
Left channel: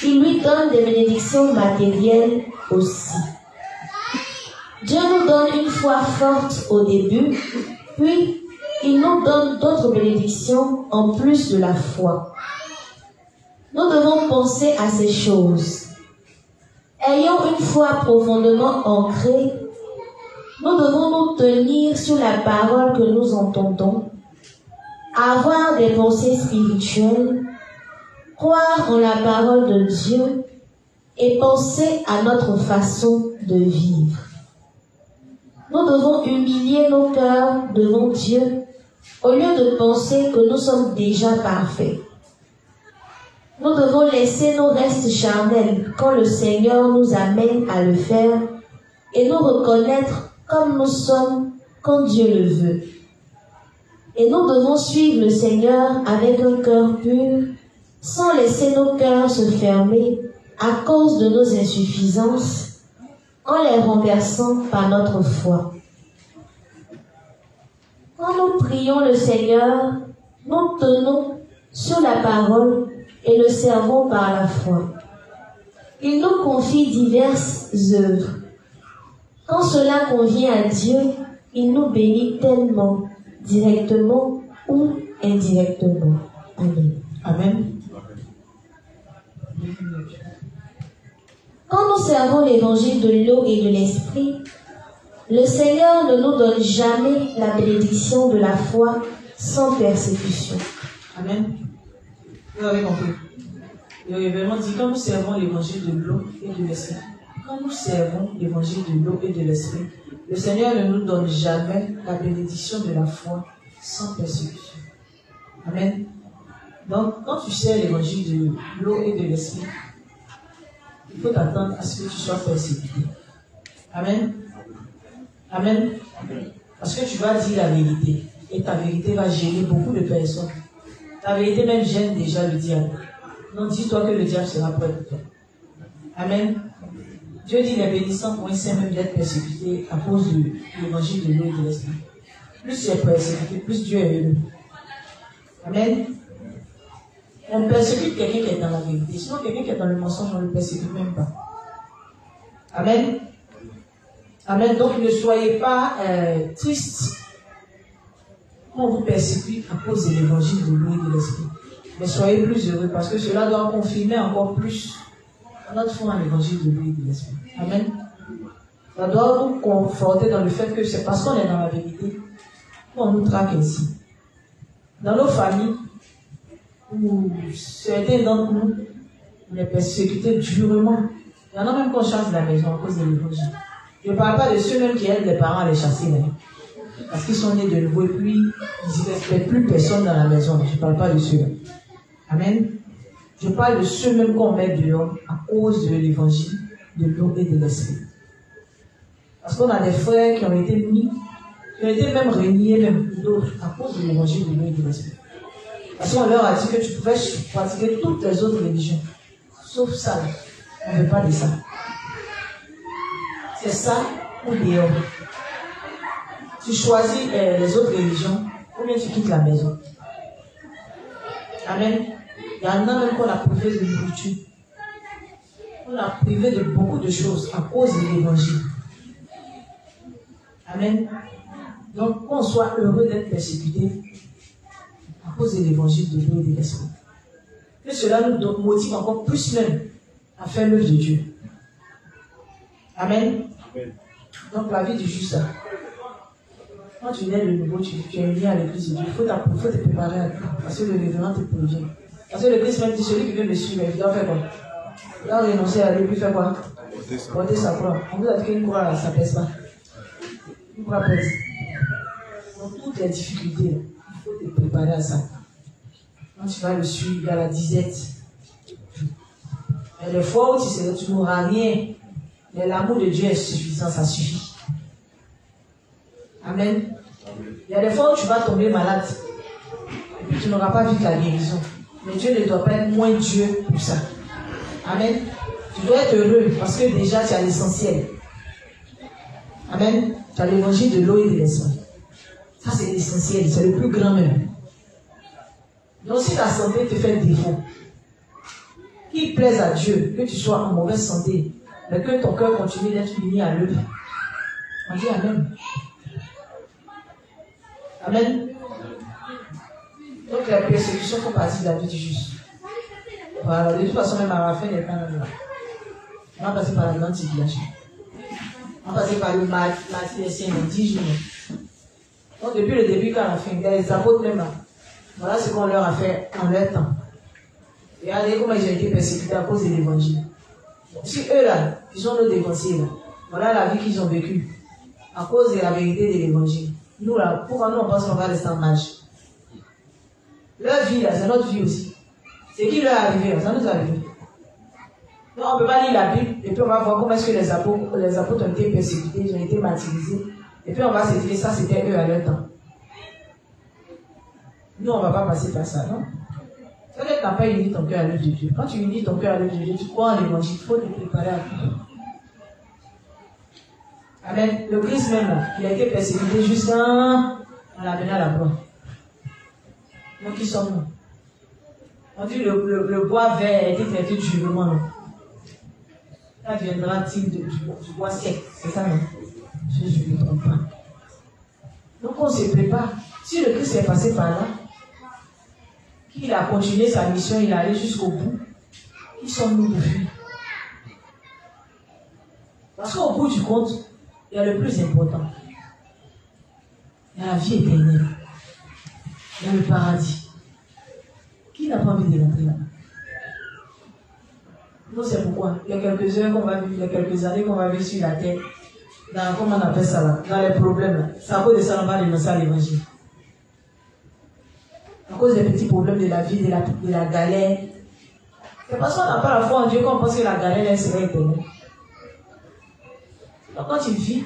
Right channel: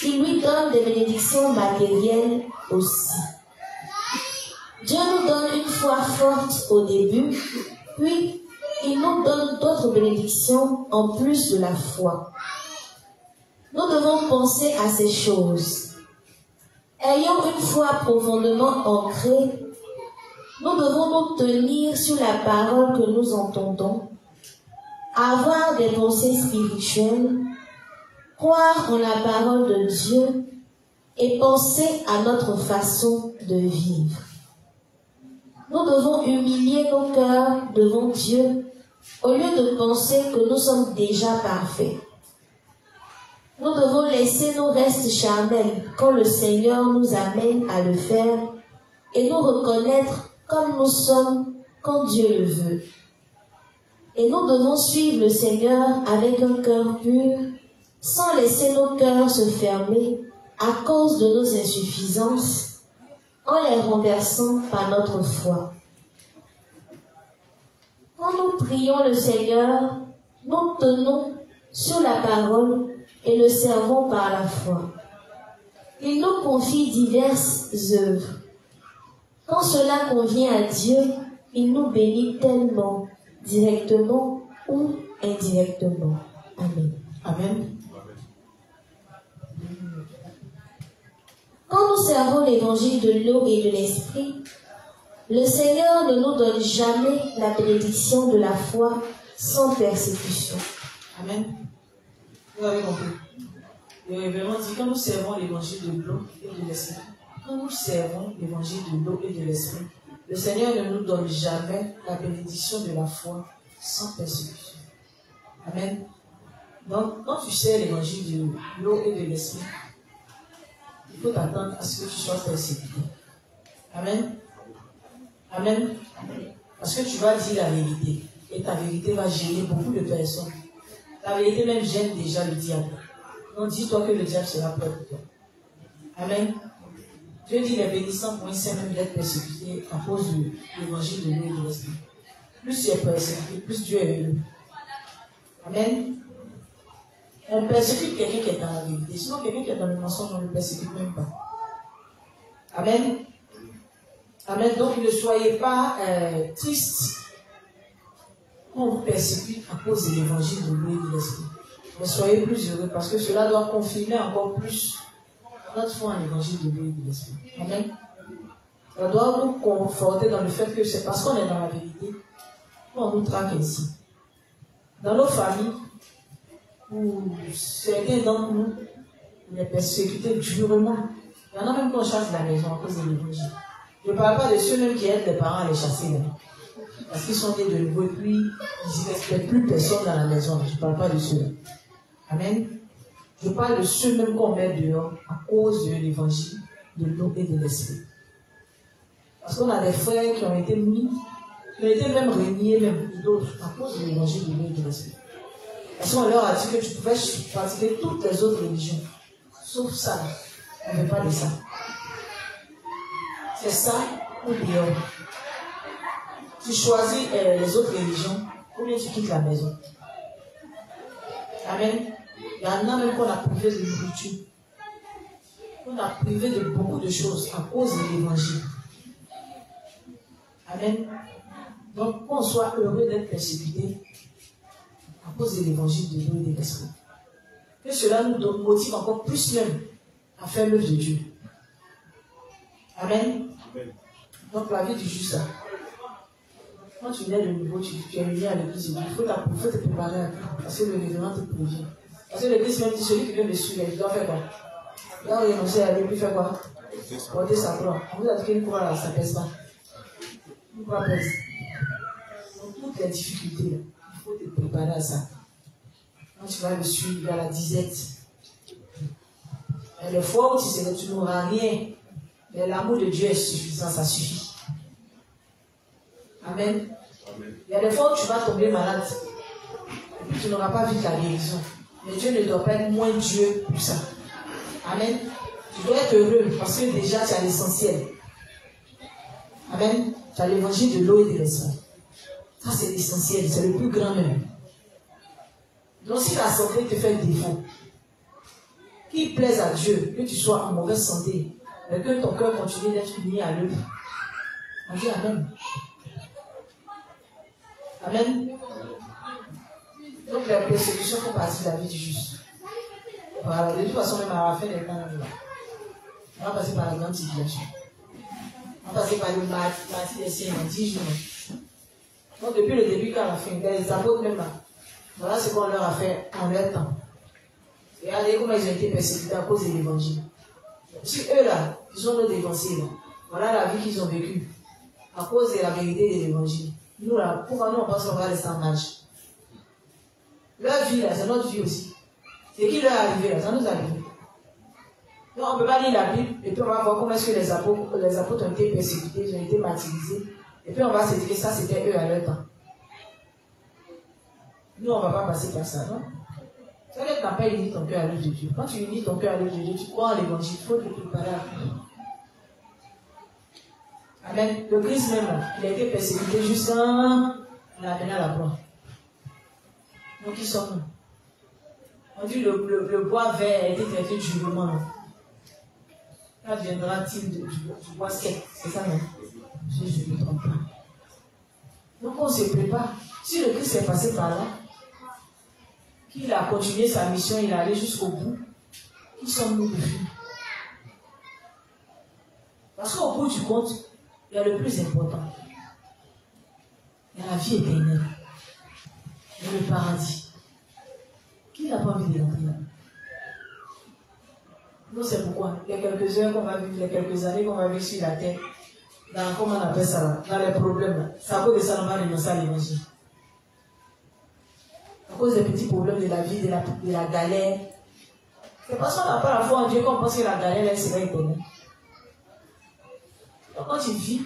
il lui donne des bénédictions matérielles aussi. Dieu nous donne une foi forte au début, puis il nous donne d'autres bénédictions en plus de la foi. Nous devons penser à ces choses. Ayant une foi profondément ancrée, nous devons nous tenir sur la parole que nous entendons, avoir des pensées spirituelles, croire en la parole de Dieu et penser à notre façon de vivre. Nous devons humilier nos cœurs devant Dieu au lieu de penser que nous sommes déjà parfaits. Nous devons laisser nos restes charnels quand le Seigneur nous amène à le faire et nous reconnaître comme nous sommes quand Dieu le veut. Et nous devons suivre le Seigneur avec un cœur pur, sans laisser nos cœurs se fermer à cause de nos insuffisances, en les renversant par notre foi. Quand nous prions le Seigneur, nous tenons sur la parole et le servons par la foi. Il nous confie diverses œuvres. Quand cela convient à Dieu, il nous bénit tellement, directement ou indirectement. Amen. Amen. Quand nous servons l'évangile de l'eau et de l'esprit, le Seigneur ne nous donne jamais la bénédiction de la foi sans persécution. Amen. Vous avez compris. Le révérend dit, quand nous servons l'évangile de l'eau et de l'esprit, quand nous servons l'évangile de l'eau et de l'esprit, le Seigneur ne nous donne jamais la bénédiction de la foi sans persécution. Amen. Donc, quand tu sers l'évangile de l'eau et de l'esprit, il faut t'attendre à ce que tu sois persécuté. Amen. Amen. Parce que tu vas dire la vérité. Et ta vérité va gêner beaucoup de personnes. Ta vérité même gêne déjà le diable. Donc dis-toi que le diable sera prêt pour toi. Amen. Dieu dit les bénissants pour un saint même d'être persécuté à cause de l'évangile de l'eau et de l'esprit. Plus tu es persécuté, plus Dieu est heureux. Amen. On persécute quelqu'un qui est dans la vérité. Sinon, quelqu'un qui est dans le mensonge, on ne le persécute même pas. Amen. Amen. Donc, ne soyez pas tristes quand on vous persécute à cause de l'évangile de l'eau et de l'esprit. Mais soyez plus heureux parce que cela doit confirmer encore plus notre foi en l'évangile de l'eau et de l'esprit. Amen. Ça doit nous conforter dans le fait que c'est parce qu'on est dans la vérité qu'on nous traque ainsi. Dans nos familles, où certains d'entre nous, on est persécutés durement Il y en a même qu'on chasse de la maison à cause de l'évangile. Je ne parle pas de ceux même qui aident les parents à les chasser. Même. Parce qu'ils sont nés de nouveau et puis ils ne respectent plus personne dans la maison. Je ne parle pas de ceux-là. Amen. Je parle de ceux même qu'on met dehors à cause de l'évangile, de l'eau et de l'esprit. Parce qu'on a des frères qui ont été mis, qui ont été même régnés, même d'autres, à cause de l'évangile, de l'eau et de l'esprit. Parce qu'on leur a dit que tu pouvais pratiquer toutes les autres religions, sauf ça. On ne veut pas de ça. C'est ça ou dehors. Tu choisis les autres religions ou bien tu quittes la maison. Amen. Il y en a même qu'on a privé de nourriture. On a privé de beaucoup de choses à cause de l'évangile. Amen. Donc qu'on soit heureux d'être persécuté à cause de l'évangile de Dieu et de l'esprit. Que cela nous motive encore plus même à faire l'œuvre de Dieu. Amen. Donc la vie du juste, quand tu nais de nouveau, tu es uni à l'église de Dieu, il faut te préparer à tout. Parce que le révérend te prévient. Parce que l'église même dit celui qui veut me suivre, il doit faire quoi? Il doit renoncer à lui, faire quoi? Porter sa croix. On vous a dit qu'une croix là, ça pèse pas. Une croix pèse. Donc toutes les difficultés, il faut te préparer à ça. Quand tu vas le suivre, il y a la disette. Il y a des fois où tu n'auras rien. Mais l'amour de Dieu est suffisant, ça suffit. Amen. Il y a des fois où tu vas tomber malade. Et puis tu n'auras pas vu la guérison. Mais Dieu ne doit pas être moins Dieu pour ça. Amen. Tu dois être heureux parce que déjà tu as l'essentiel. Amen. Tu as l'évangile de l'eau et de l'esprit. Ça c'est l'essentiel, c'est le plus grand même. Donc si ta santé te fait défaut, qu'il plaise à Dieu que tu sois en mauvaise santé, mais que ton cœur continue d'être uni à l'œuvre. On dit Amen. Amen. Donc la persécution fait partie de la vie du juste. Voilà, de toute façon, même à la fin des temps, on va passer par la grande tribulation. On va passer par le martyr des siens dans 10 jours. Donc depuis le début quand on a fait, les apôtres même là, voilà ce qu'on leur a fait en leur temps. Regardez comment ils ont été persécutés à cause de l'évangile. Si eux là, ils ont nos dévancés là, voilà la vie qu'ils ont vécue à cause de la vérité de l'évangile. Nous là, pourquoi nous on pense qu'on va rester en marge? Leur vie là, c'est notre vie aussi. C'est qui leur est arrivé, ça nous est arrivé. Non, on ne peut pas lire la Bible et puis on va voir comment est-ce que les apôtres ont été persécutés, ils ont été martyrisés. Et puis on va se dire ça c'était eux à leur temps. Nous on ne va pas passer par ça, non? C'est-à-dire que tu n'as pas uni ton cœur à l'œuvre de Dieu. Quand tu unis ton cœur à l'œuvre de Dieu, tu crois en l'évangile, il faut te préparer à tout. Amen. Le Christ même, là, il a été persécuté jusqu'à la venue à la croix. Donc, qui sommes-nous? On dit le bois vert a été traité durement. Ça deviendra-t-il du bois sec? C'est ça, non? Je ne me trompe pas. Donc, on se prépare. Si le Christ est passé par là, qu'il a continué sa mission, il est allé jusqu'au bout, qui sommes-nous de fuir? Parce qu'au bout du compte, il y a le plus important. Il y a la vie éternelle. Il y a le paradis. Qui n'a pas envie de rentrer là? Non, c'est pourquoi. Il y a quelques heures qu'on va vivre, il y a quelques années qu'on va vivre sur la terre. Dans, comment on appelle ça là? Dans les problèmes là. C'est à cause de ça qu'on va renoncer à l'évangile. À cause des petits problèmes de la vie, de la galère. C'est parce qu'on n'a pas la foi en Dieu qu'on pense que la galère elle serait éternelle. Donc quand tu vis,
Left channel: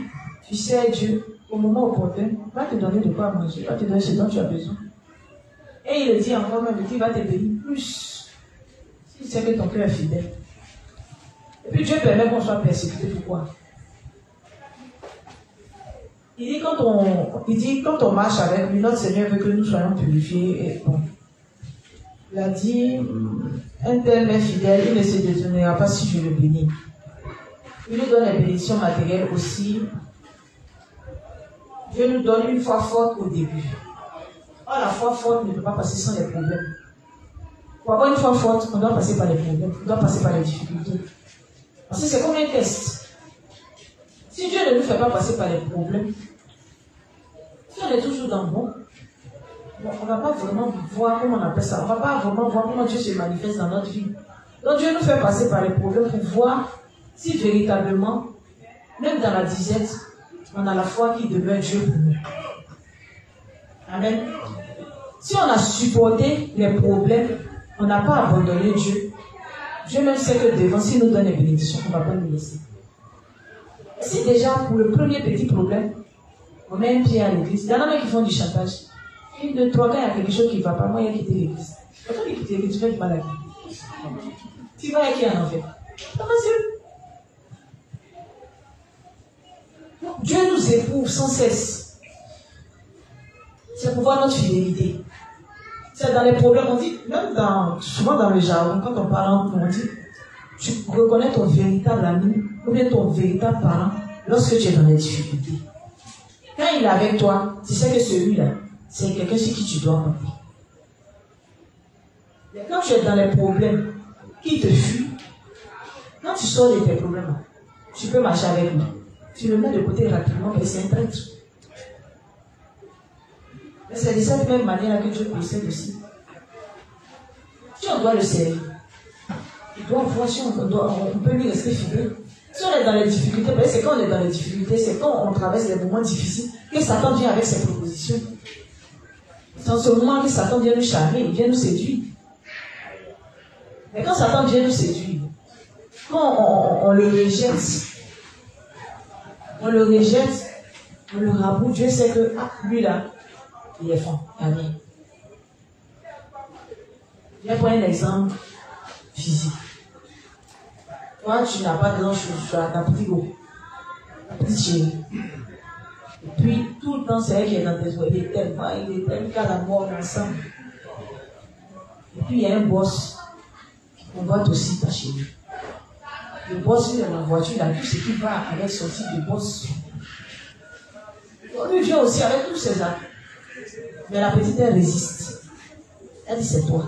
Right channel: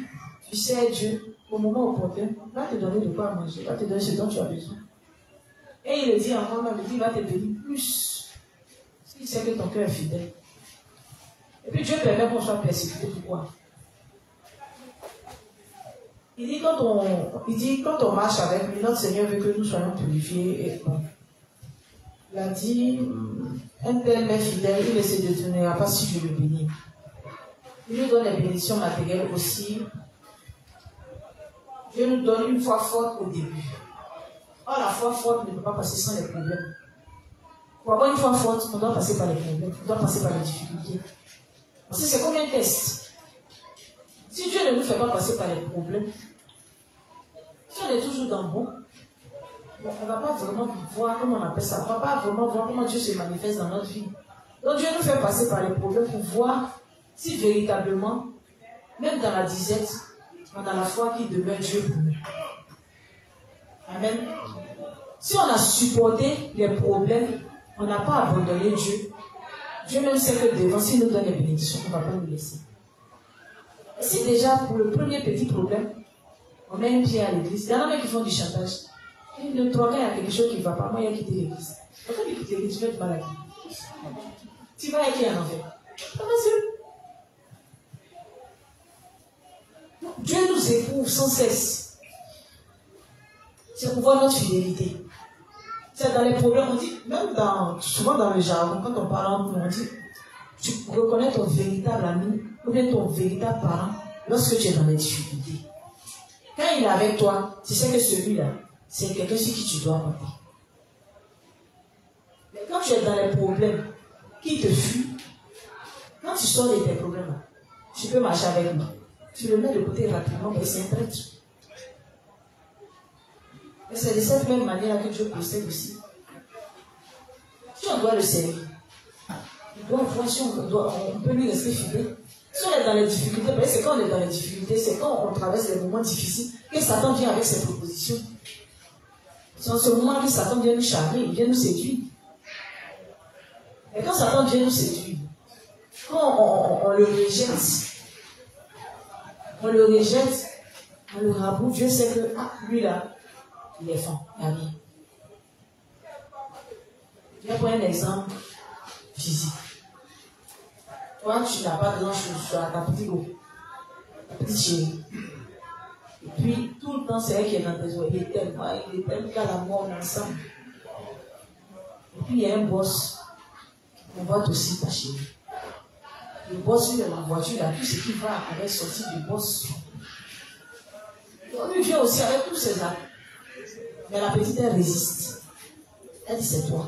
tu sais Dieu, au moment opportun, va te donner de quoi manger, va te donner ce dont tu as besoin. Et il le dit encore même, il va te bénir plus. S'il sait que ton cœur est fidèle. Et puis Dieu permet qu'on soit persécuté. Pourquoi? Il dit quand on marche avec lui, notre Seigneur veut que nous soyons purifiés et bons. Il a dit, un tel est fidèle, il ne se détournera pas si je le bénis. Il nous donne les bénédictions matérielles aussi. Dieu nous donne une foi forte au début. Or, la foi forte ne peut pas passer sans les problèmes. Pour avoir une foi forte, on doit passer par les problèmes, on doit passer par les difficultés. Parce que c'est comme un test. Si Dieu ne nous fait pas passer par les problèmes, si on est toujours dans le bon, on ne va pas vraiment voir comment on appelle ça. On ne va pas vraiment voir comment Dieu se manifeste dans notre vie. Donc Dieu nous fait passer par les problèmes pour voir si véritablement, même dans la disette, on a la foi qui demeure Dieu pour nous. Amen. Si on a supporté les problèmes, on n'a pas abandonné Dieu. Dieu même sait que devant, s'il nous donne les bénédictions, on ne va pas nous laisser. Et si déjà, pour le premier petit problème, on met un pied à l'église, il y en a qui font du chantage. Une, deux, trois, quand il y a quelque chose qui ne va pas, moi, il y a quitté l'église. Quand tu quittes l'église, tu fais du mal à qui? Tu vas avec qui en enfer? Pas facile. Dieu nous éprouve sans cesse. C'est pour voir notre fidélité. C'est dans les problèmes, on dit, même souvent dans le jargon, quand on parle, on dit, tu reconnais ton véritable ami ou bien ton véritable parent lorsque tu es dans les difficultés. Quand il est avec toi, tu sais que celui-là, c'est quelqu'un sur qui tu dois compter. Mais quand tu es dans les problèmes qui te fuient, quand tu sors de tes problèmes, tu peux marcher avec lui. Tu le mets de côté rapidement, mais c'est un prêtre. Mais c'est de cette même manière que Dieu procède aussi. Si on doit le servir, il doit voir si on peut lui rester fidèle. Si on est dans les difficultés, c'est quand on est dans les difficultés, c'est quand on traverse des moments difficiles que Satan vient avec ses propositions. C'est en ce moment que Satan vient nous charmer, il vient nous séduire. Et quand Satan vient nous séduire, quand on le rejette, on le raboute, Dieu sait que lui là, il est fort, il n'y a rien. Je vais prendre un exemple physique. Toi, tu n'as pas grand-chose, tu as ta petite go, ta petite chérie. Et puis, tout le temps, c'est elle qui est dans tes oreilles. Il est tellement qu'à la mort ensemble. Et puis, il y a un boss qui combat aussi ta chérie. Le boss, lui, dans la voiture, il a tout ce qui va avec son type de boss. Lui vient aussi avec tous ses actes. Mais la petite, elle résiste. Elle dit, c'est toi.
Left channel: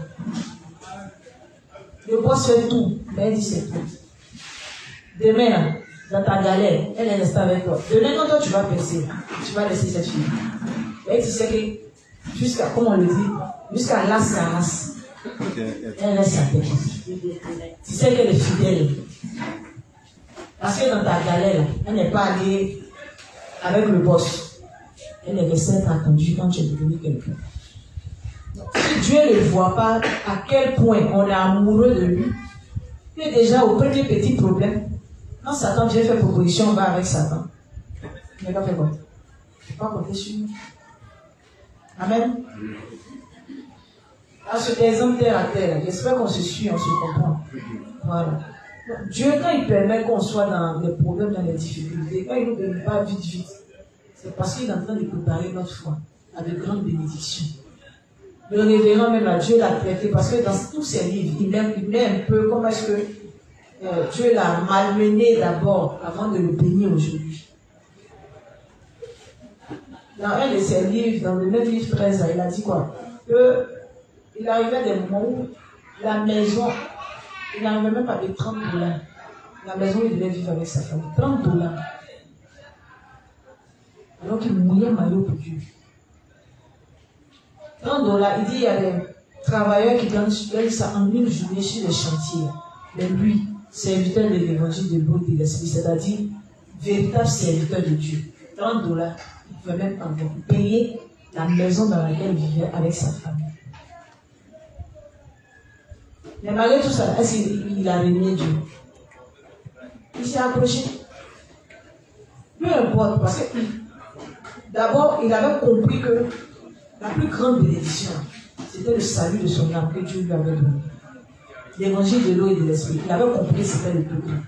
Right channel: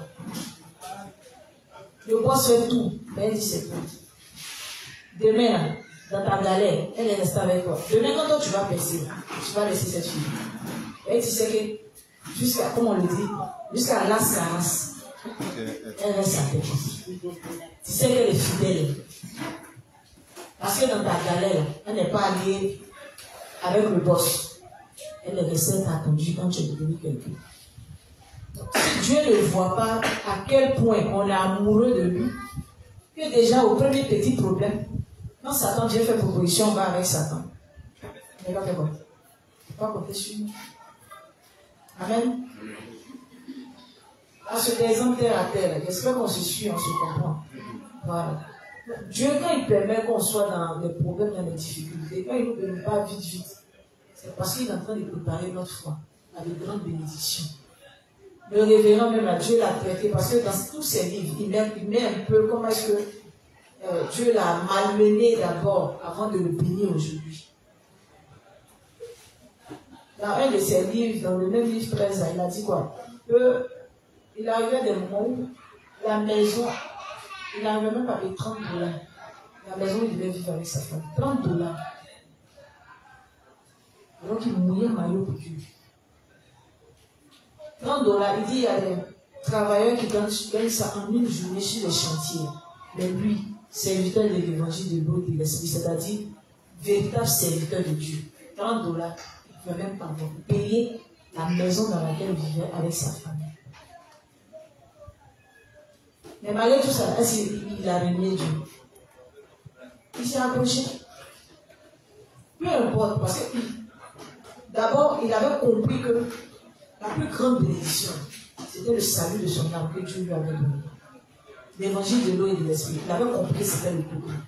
Le boss fait tout, mais elle dit, c'est toi. Demain, dans ta galère, elle est restée avec toi. Demain, quand toi, tu vas percer, tu vas laisser cette fille. Et tu sais que, jusqu'à, comme on le dit, jusqu'à la race, elle reste à tes côtés. Tu sais qu'elle est fidèle. Parce que dans ta galère, elle n'est pas allée avec le boss. Elle est restée attendue quand tu es devenu quelqu'un. Si Dieu ne voit pas à quel point on est amoureux de lui, que déjà au premier petit problème, quand Satan vient faire proposition, on va avec Satan. Il n'est pas fait quoi? Il ne faut pas compter sur nous. Amen. À cet exemple terre à terre, j'espère qu'on se suit, on se comprend. Voilà. Dieu, quand il permet qu'on soit dans les problèmes, dans les difficultés, quand il ne nous donne pas vite, c'est parce qu'il est en train de préparer notre foi à de grandes bénédictions. Le révérend même à Dieu l'a traité parce que dans tous ses livres, il met un peu comment est-ce que Dieu l'a malmené d'abord avant de le bénir aujourd'hui. Dans un de ses livres, dans le même livre 13, il a dit quoi? Il arrivait des moments où la maison, il n'arrivait même pas de 30 $. La maison où il devait vivre avec sa famille. 30 $. Alors qu'il mouillait maillot pour Dieu. 30 $, il dit il y a des travailleurs qui donnent ça en une journée sur les chantiers. Mais lui, serviteur de l'évangile de l'eau et de l'esprit, c'est-à-dire véritable serviteur de Dieu. 30 $, il ne pouvait même pas payer la maison dans laquelle il vivait avec sa famille. Mais malgré tout ça, est-ce qu'il a renié Dieu? Il s'est approché. Peu importe, parce que d'abord, il avait compris que la plus grande bénédiction, c'était le salut de son âme que Dieu lui avait donné. L'évangile de l'eau et de l'esprit. Il avait compris que c'était le plus grand.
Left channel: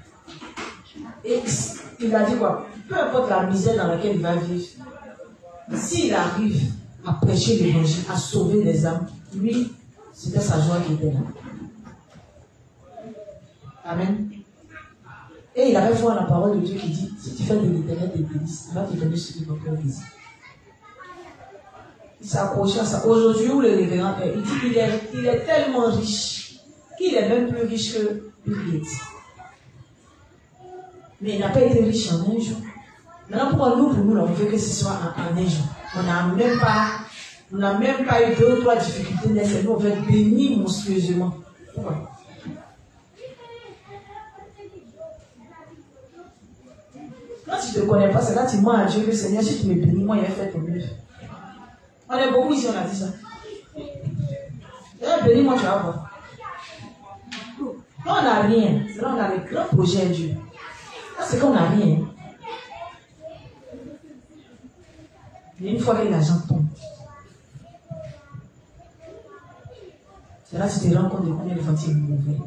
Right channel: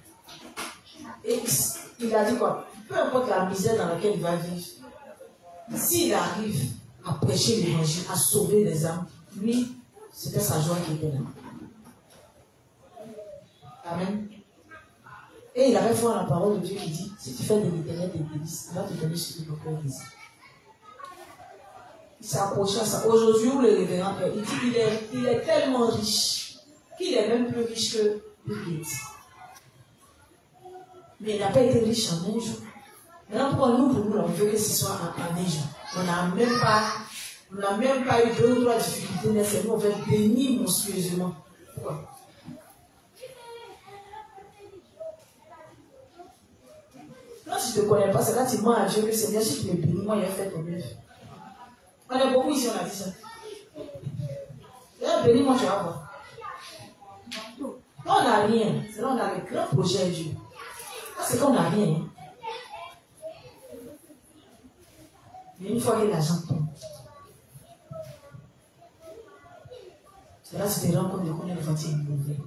Et il a dit quoi? Peu importe la misère dans laquelle il va vivre, s'il arrive à prêcher l'évangile, à sauver les âmes, lui, c'était sa joie qui était là. Amen. Et il avait foi en la parole de Dieu qui dit, si tu fais de l'Éternel des délices, il va te donner ce que ton cœur désire. Il s'est accroché à ça. Aujourd'hui, où le révérend est, il dit qu'il est tellement riche, qu'il est même plus riche que Bill Gates. Mais il n'a pas été riche en un jour. Maintenant, pour nous, on veut que ce soit en un jour. On n'a même pas eu 2 ou 3 difficultés nécessaires. On veut être béni monstrueusement. Pourquoi? Quand tu ne te connais pas, c'est là que tu demandes à Dieu que Seigneur, si tu me bénis, moi, il a fait ton mieux. On est beaucoup ici, on a dit ça. Bénis-moi, tu vas voir. Quand on n'a rien, c'est là qu'on a le grand projet à Dieu. Là, c'est qu'on n'a rien. Mais une fois que l'argent tombe, c'est là que tu te rends compte de combien de fois tu es mauvais.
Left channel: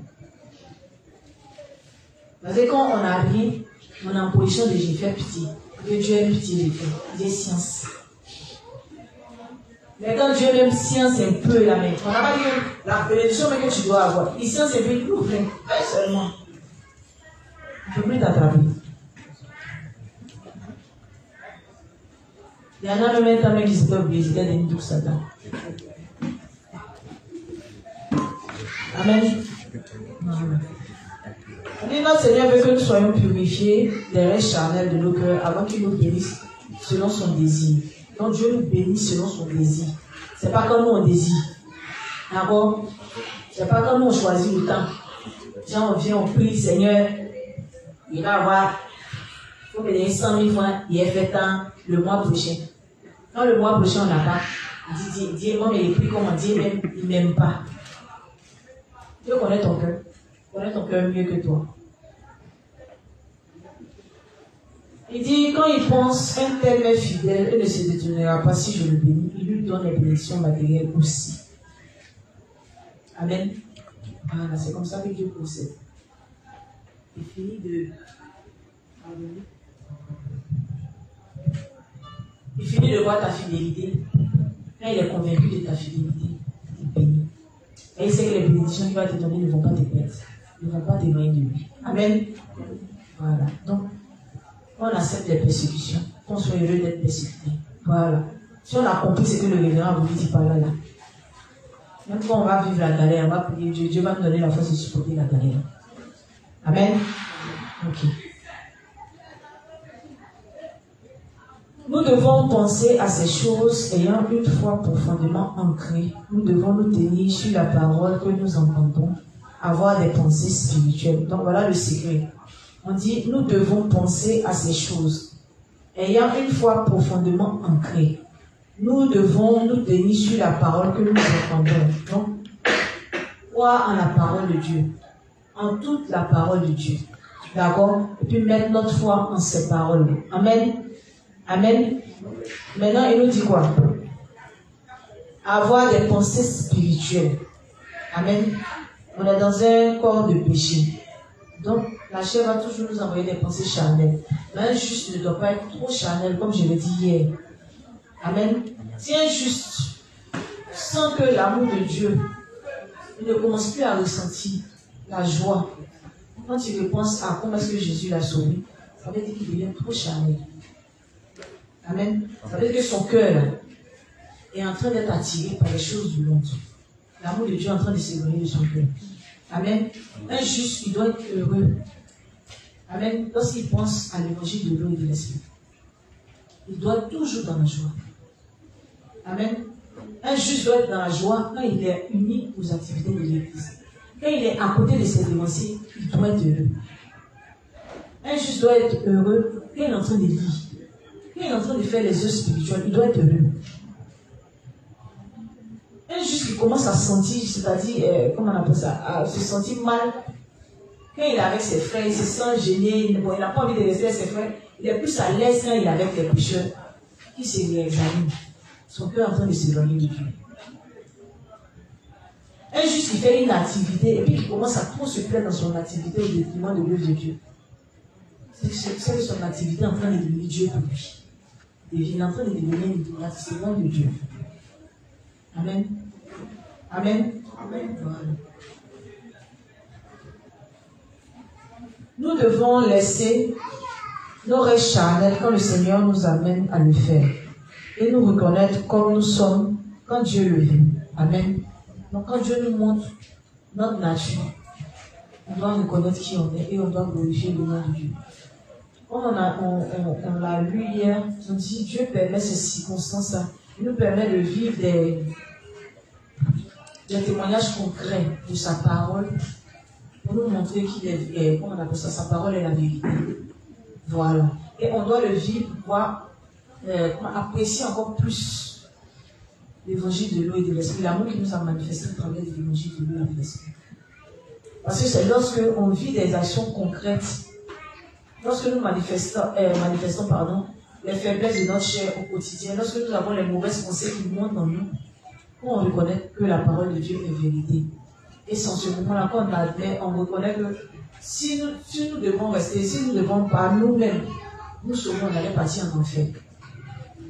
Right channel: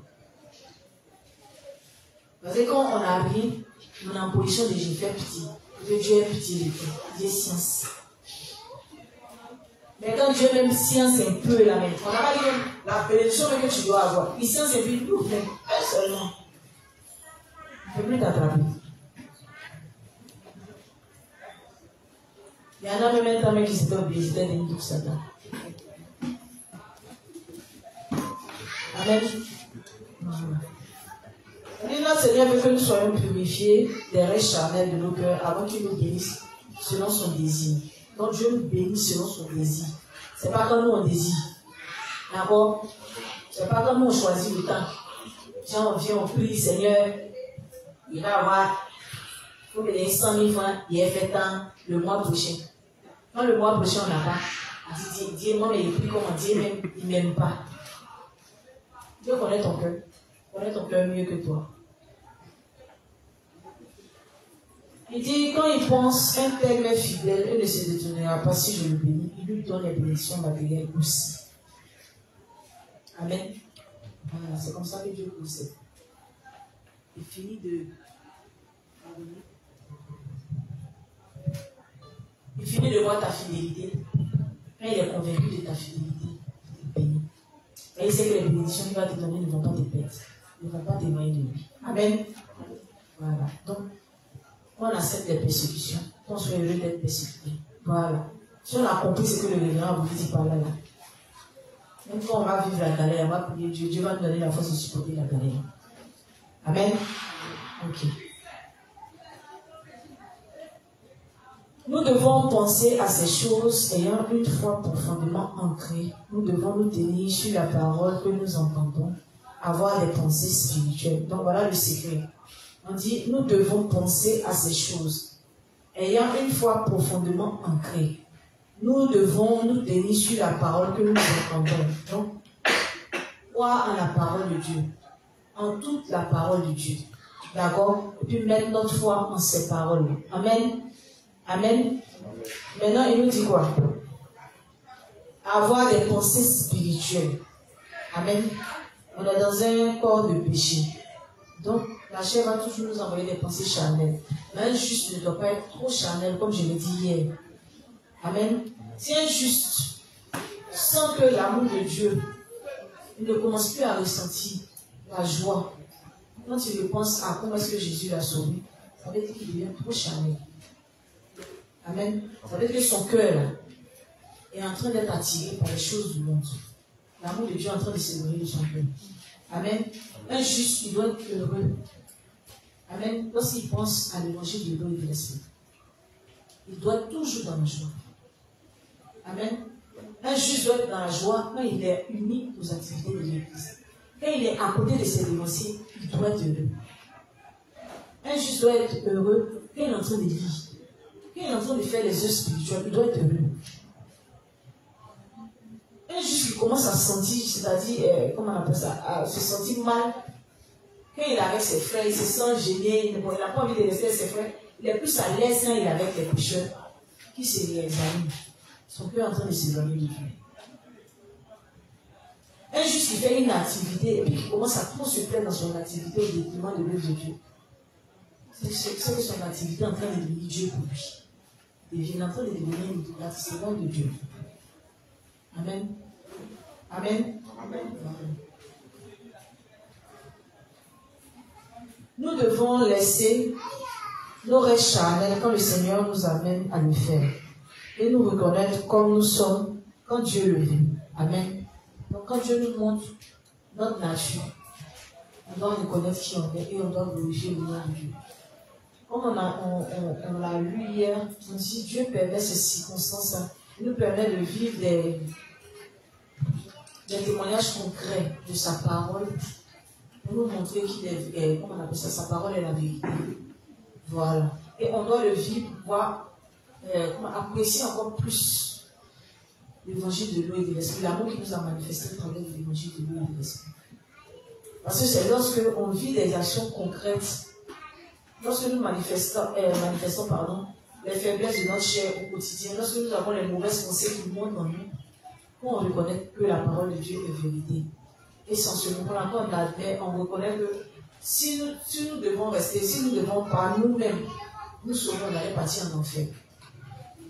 Parce que quand on n'a rien, on est en position de j'ai fait pitié. Que Dieu aime pitié de toi. Dieu science. Mais quand Dieu même science un peu la main, on n'a pas dit la bénédiction que tu dois avoir. Il science un peu, il vous plaît. Seulement. Je ne peux plus t'attraper. Il y en a même un temps qui s'était obligé de nous tout ça là. Amen. Et notre Seigneur veut que nous soyons purifiés des restes charnels de nos cœurs avant qu'il nous bénisse selon son désir. Donc Dieu nous bénit selon son désir. Ce n'est pas comme nous on désire. D'accord? Ce n'est pas comme nous on choisit le temps. Genre on vient, on prie, Seigneur, il va avoir, il faut me donner 100 000 francs, il est fait temps le mois prochain. Quand le mois prochain on n'a pas, Dieu, moi, mais il prie comment Dieu même, il ne m'aime pas. Dieu connaît ton cœur. Connaît ton cœur mieux que toi. Il dit, quand il pense, un tel est fidèle et ne se détournera pas si je le bénis, il lui donne les bénédictions matérielles aussi. Amen. Voilà, c'est comme ça que Dieu procède. Il finit de pardonner. Il finit de voir ta fidélité. Quand il est convaincu de ta fidélité, il bénit. Et il sait que les bénédictions qu'il va te donner ne vont pas te perdre. Ne vont pas t'éloigner de lui. Amen. Voilà. Donc, on accepte les persécutions. On soit heureux d'être persécuté. Voilà. Si on a compris ce que le révérend vous dit par là, même quand on va vivre la galère, on va prier Dieu. Dieu va nous donner la force de supporter la galère. Amen. Ok. Nous devons penser à ces choses ayant une foi profondément ancrée. Nous devons nous tenir sur la parole que nous entendons, avoir des pensées spirituelles. Donc voilà le secret. On dit, nous devons penser à ces choses ayant une foi profondément ancrée. Nous devons nous tenir sur la parole que nous entendons. Donc, croire en la parole de Dieu, en toute la parole de Dieu. D'accord? Et puis mettre notre foi en ces paroles. Amen. Amen. Maintenant, il nous dit quoi? Avoir des pensées spirituelles. Amen. On est dans un corps de péché. Donc, la chair va toujours nous envoyer des pensées charnelles. Mais un juste ne doit pas être trop charnel, comme je l'ai dit hier. Amen. Si un juste sent que l'amour de Dieu, il ne commence plus à ressentir la joie. Quand il repense à comment est-ce que Jésus l'a sauvé, ça veut dire qu'il devient trop charnel. Amen. Ça veut dire que son cœur est en train d'être attiré par les choses du monde. L'amour de Dieu est en train de s'éloigner de son cœur. Amen. Un juste, il doit être heureux. Amen. Lorsqu'il pense à l'évangile de l'eau et de l'esprit, il doit être toujours dans la joie. Amen. Un juste doit être dans la joie quand il est uni aux activités de l'église. Quand il est à côté de ses dévanciers, il doit être heureux. Un juste doit être heureux quand il est en train de lire. Quand il est en train de faire les œuvres spirituelles, il doit être heureux. Un juste qui commence à sentir, c'est-à-dire, comment on appelle ça, à se sentir mal. Quand il est avec ses frères, il se sent gêné, il n'a pas envie de rester avec ses frères. Il est plus à l'aise quand il est avec les pécheurs qui se réexaminent. Son cœur est en train de s'éloigner de Dieu. Un juste qui fait une activité et puis qui commence à trop se plaindre dans son activité au détriment de l'œuvre de Dieu. C'est que son activité est en train de devenir Dieu pour lui. Il est en train de devenir une activité de Dieu. Amen. Amen. Amen. Voilà. Nous devons laisser nos restes charnels quand le Seigneur nous amène à le faire et nous reconnaître comme nous sommes quand Dieu le veut. Amen. Donc quand Dieu nous montre notre nature, on doit reconnaître qui on est et on doit glorifier le nom de Dieu. Comme on l'a lu hier, on dit Dieu permet ces circonstances-là. Il nous permet de vivre des témoignages concrets de sa parole pour nous montrer qu'il est, comment on appelle ça, sa parole est la vérité. Voilà. Et on doit le vivre pour pouvoir apprécier encore plus l'évangile de l'eau et de l'esprit, l'amour qui nous a manifesté à travers l'évangile de l'eau et de l'esprit. Parce que c'est lorsque on vit des actions concrètes, lorsque nous manifestons les faiblesses de notre chair au quotidien, lorsque nous avons les mauvaises pensées qui montent en nous, pour reconnaître que la parole de Dieu est vérité. Et sans ce moment-là, quand on admet, on reconnaît que si nous devons rester, si nous devons par nous-mêmes, nous saurons qu'on allait partir en enfer.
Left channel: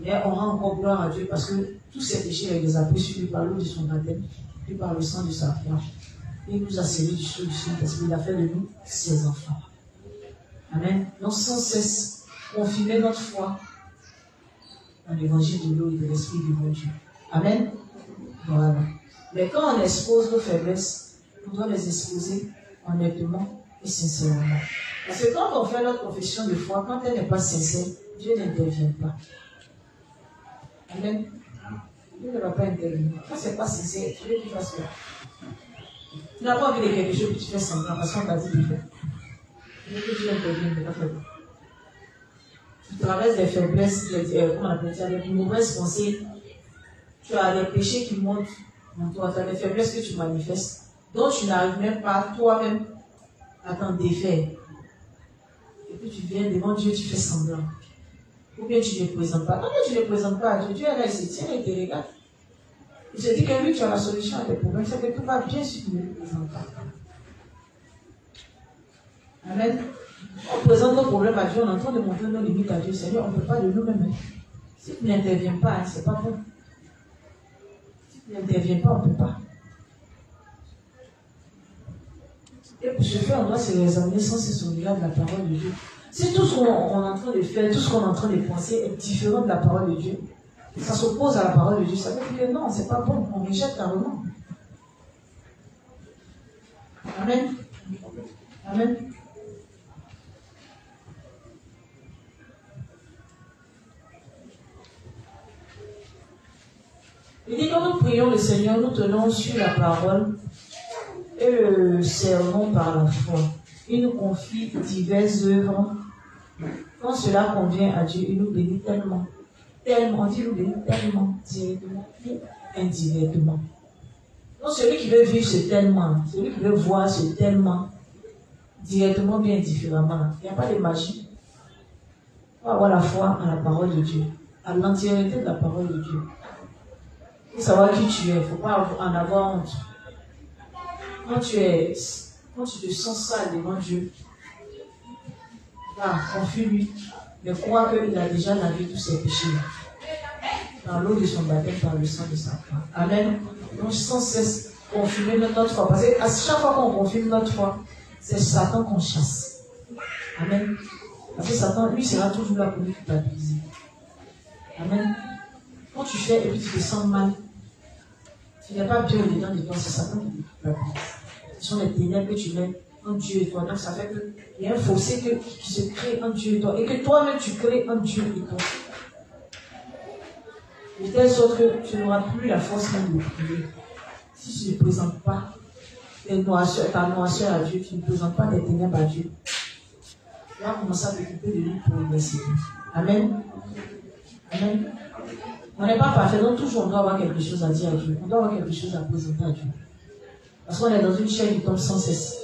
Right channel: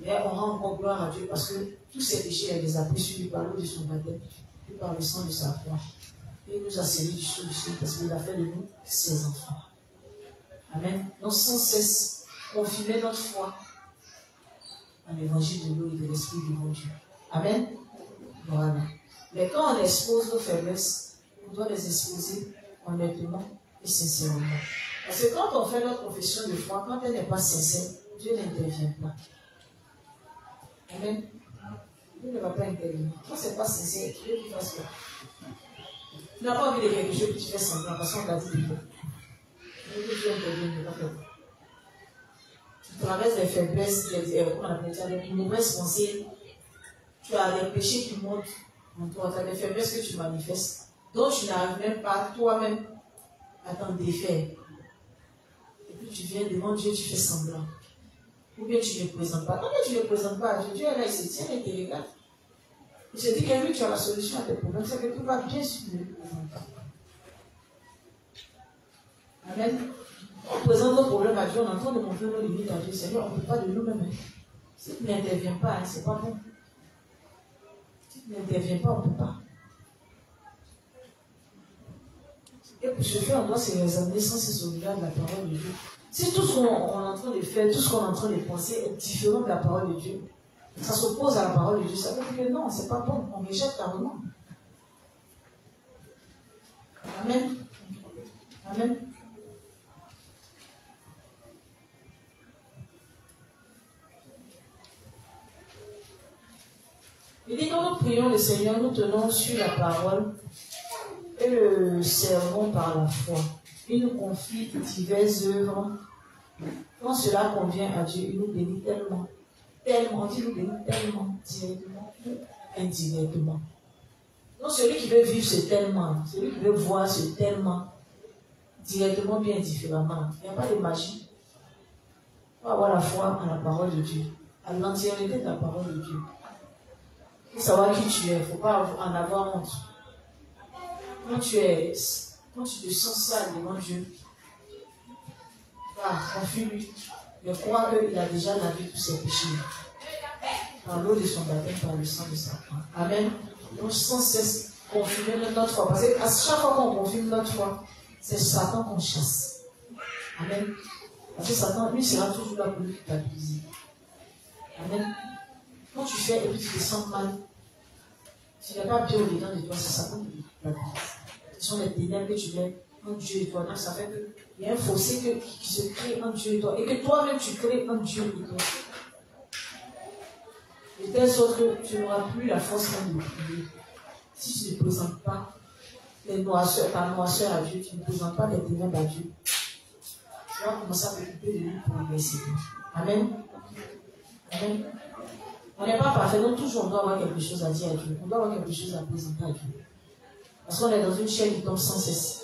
Mais on rend encore gloire à Dieu parce que tous ces péchés, il les a pris sur lui par l'eau de son baptême, puis par le sang de sa croix. Il nous a scellés du sceau du ciel parce qu'il a fait de nous ses enfants. Amen. Donc sans cesse, confirmer notre foi dans l'évangile de l'eau et de l'esprit du bon Dieu. Amen. Voilà. Mais quand on expose nos faiblesses, on doit les exposer honnêtement et sincèrement. Parce que quand on fait notre profession de foi, quand elle n'est pas sincère, Dieu n'intervient pas. Amen. Dieu ne va pas intervenir. Quand ce n'est pas sincère, Dieu ne fasse quoi? Tu n'as pas envie de quelque chose que tu fais semblant parce qu'on t'a dit de faire. Dieu que Dieu intervienne, ne pas faire quoi? Tu traverses des faiblesses, comment on appelle ça, des mauvaises pensées. Tu as des péchés qui montent en toi, tu as des faiblesses que tu manifestes, dont tu n'arrives même pas toi-même à t'en défaire. Et puis tu viens devant Dieu, tu fais semblant. Ou bien tu ne le présentes pas. Non, mais tu ne le présentes pas à Dieu. Dieu est là, il se tient et te regarde. Il se dit que lui, tu as la solution à tes problèmes. C'est que tout va bien si tu ne le présentes pas. Amen. On présente nos problèmes à Dieu, on est en train de montrer nos limites à Dieu. Seigneur, on ne peut pas de nous-mêmes. Si tu n'interviens pas, ce n'est pas bon. Si tu n'interviens pas, on ne peut pas. Et pour ce faire, on doit se réexaminer sans cesse au regard de la parole de Dieu. Si tout ce qu'on est en train de faire, tout ce qu'on est en train de penser est différent de la parole de Dieu, ça s'oppose à la parole de Dieu, ça veut dire que non, c'est pas bon, on rejette carrément. Amen. Amen. Il dit, quand nous prions le Seigneur, nous tenons sur la parole et le servons par la foi. Il nous confie diverses œuvres. Quand cela convient à Dieu, il nous bénit tellement. Tellement, Dieu nous bénit tellement, directement ou indirectement. Donc celui qui veut vivre ce tellement, celui qui veut voir ce tellement, directement bien différemment, il n'y a pas de magie. Il faut avoir la foi en la parole de Dieu, à l'entièreté de la parole de Dieu. Il faut savoir qui tu es, il ne faut pas en avoir honte. Quand tu te sens sale devant Dieu, confie-lui, mais crois qu'il a déjà lavé tous ses péchés dans l'eau de son baptême, par le sang de sa croix. Amen. Donc sans cesse confirmer notre foi. Parce qu'à chaque fois qu'on confirme notre foi, c'est Satan qu'on chasse. Amen. Parce que Satan, lui, sera toujours là pour nous culpabiliser. Amen. Quand tu fais et puis tu te sens mal, tu n'es pas bien au-dedans de toi, c'est Satan qui te culpabilise. Ce sont les ténèbres que tu mets en Dieu et toi. Donc ça fait qu'il y a un fossé qui se crée en Dieu et toi. Et que toi-même tu crées en Dieu et toi. De telle sorte que tu n'auras plus la force même de prier. Si tu ne présentes pas ta noirceur à Dieu, tu ne présentes pas tes ténèbres à Dieu, tu vas commencer à t'occuper de lui pour le laisser. Amen. Amen. On n'est pas parfait, donc toujours on doit avoir quelque chose à dire à Dieu. On doit avoir quelque chose à présenter à Dieu. Parce qu'on est dans une chaîne qui tombe sans cesse.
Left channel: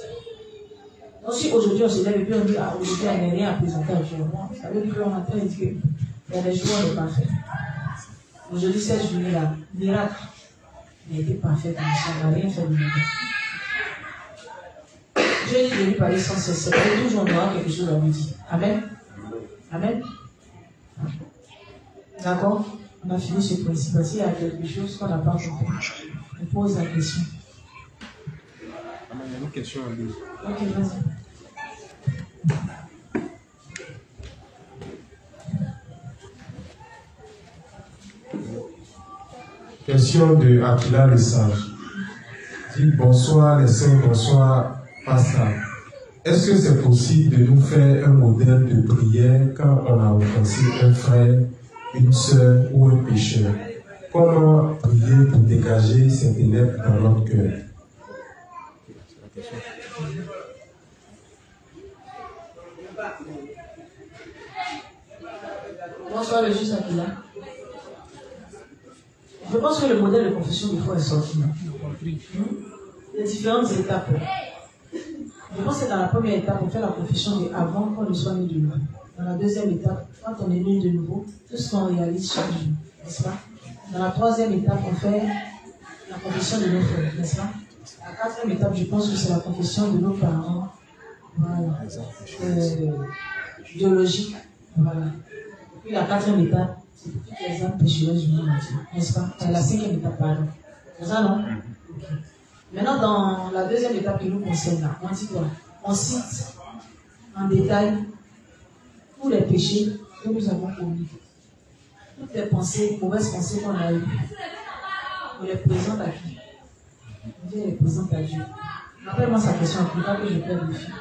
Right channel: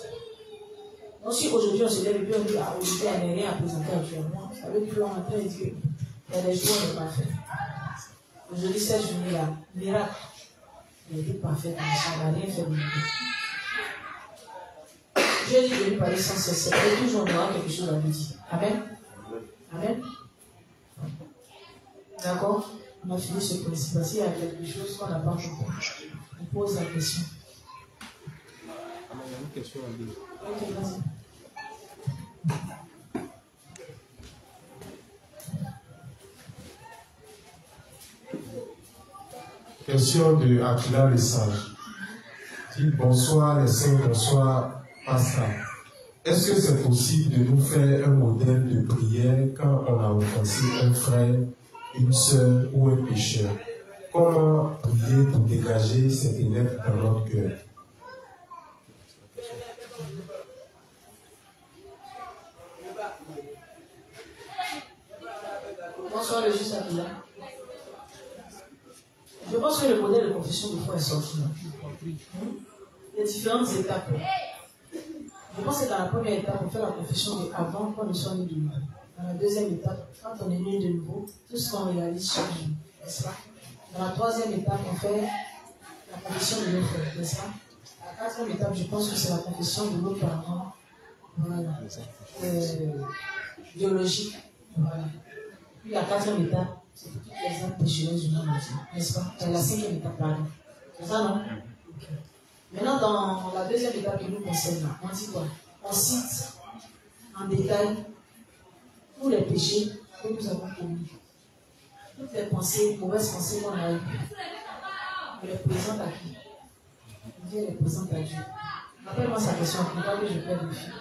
Donc si aujourd'hui on se lève et puis on dit, aujourd'hui on n'a rien à présenter à Dieu, ça veut dire qu'on est en train de dire qu'il y a des jours où on n'est pas fait. Aujourd'hui, cette journée-là, miracle, il a été parfait, on n'a rien fait de miracle. Dieu dit de lui parler sans cesse, c'est toujours on aura quelque chose à lui dire. Amen. Amen. D'accord? On a fini ce principe. S'il y a quelque chose qu'on n'a pas compris, on pose la question. Il y a une question à lui. Ok, vas-y. Question de Aquila le Sage. Dit bonsoir les saints, bonsoir pasteur. Est-ce que c'est possible de nous faire un modèle de prière quand on a offensé un frère, une sœur ou un pécheur? Comment prier pour dégager cet élève dans notre cœur? Bonsoir, le juge Akila. Je pense que le modèle de confession de foi est sorti. Il y a différentes étapes. Je pense que dans la première étape, on fait la confession de avant qu'on ne soit né de nouveau. Dans la deuxième étape, quand on est né de nouveau, tout ce qu'on réalise chaque jour, n'est-ce pas? Dans la troisième étape, on fait la confession de nos frères, n'est-ce pas? La quatrième étape, je pense que c'est la confession de nos parents, voilà, biologiques, voilà. Puis la quatrième étape, c'est pour toutes les âmes péchereuses du monde entier, n'est-ce pas? C'est la cinquième étape, pardon. C'est ça, non? Okay. Maintenant, dans la deuxième étape qui nous concerne, là, on dit quoi? On cite en détail tous les péchés que nous avons commis. Toutes les pensées, mauvaises pensées qu'on a eues. On les présente à qui? On vient les présenter à Dieu. Rappelle-moi sa question, pas que je perde le fil.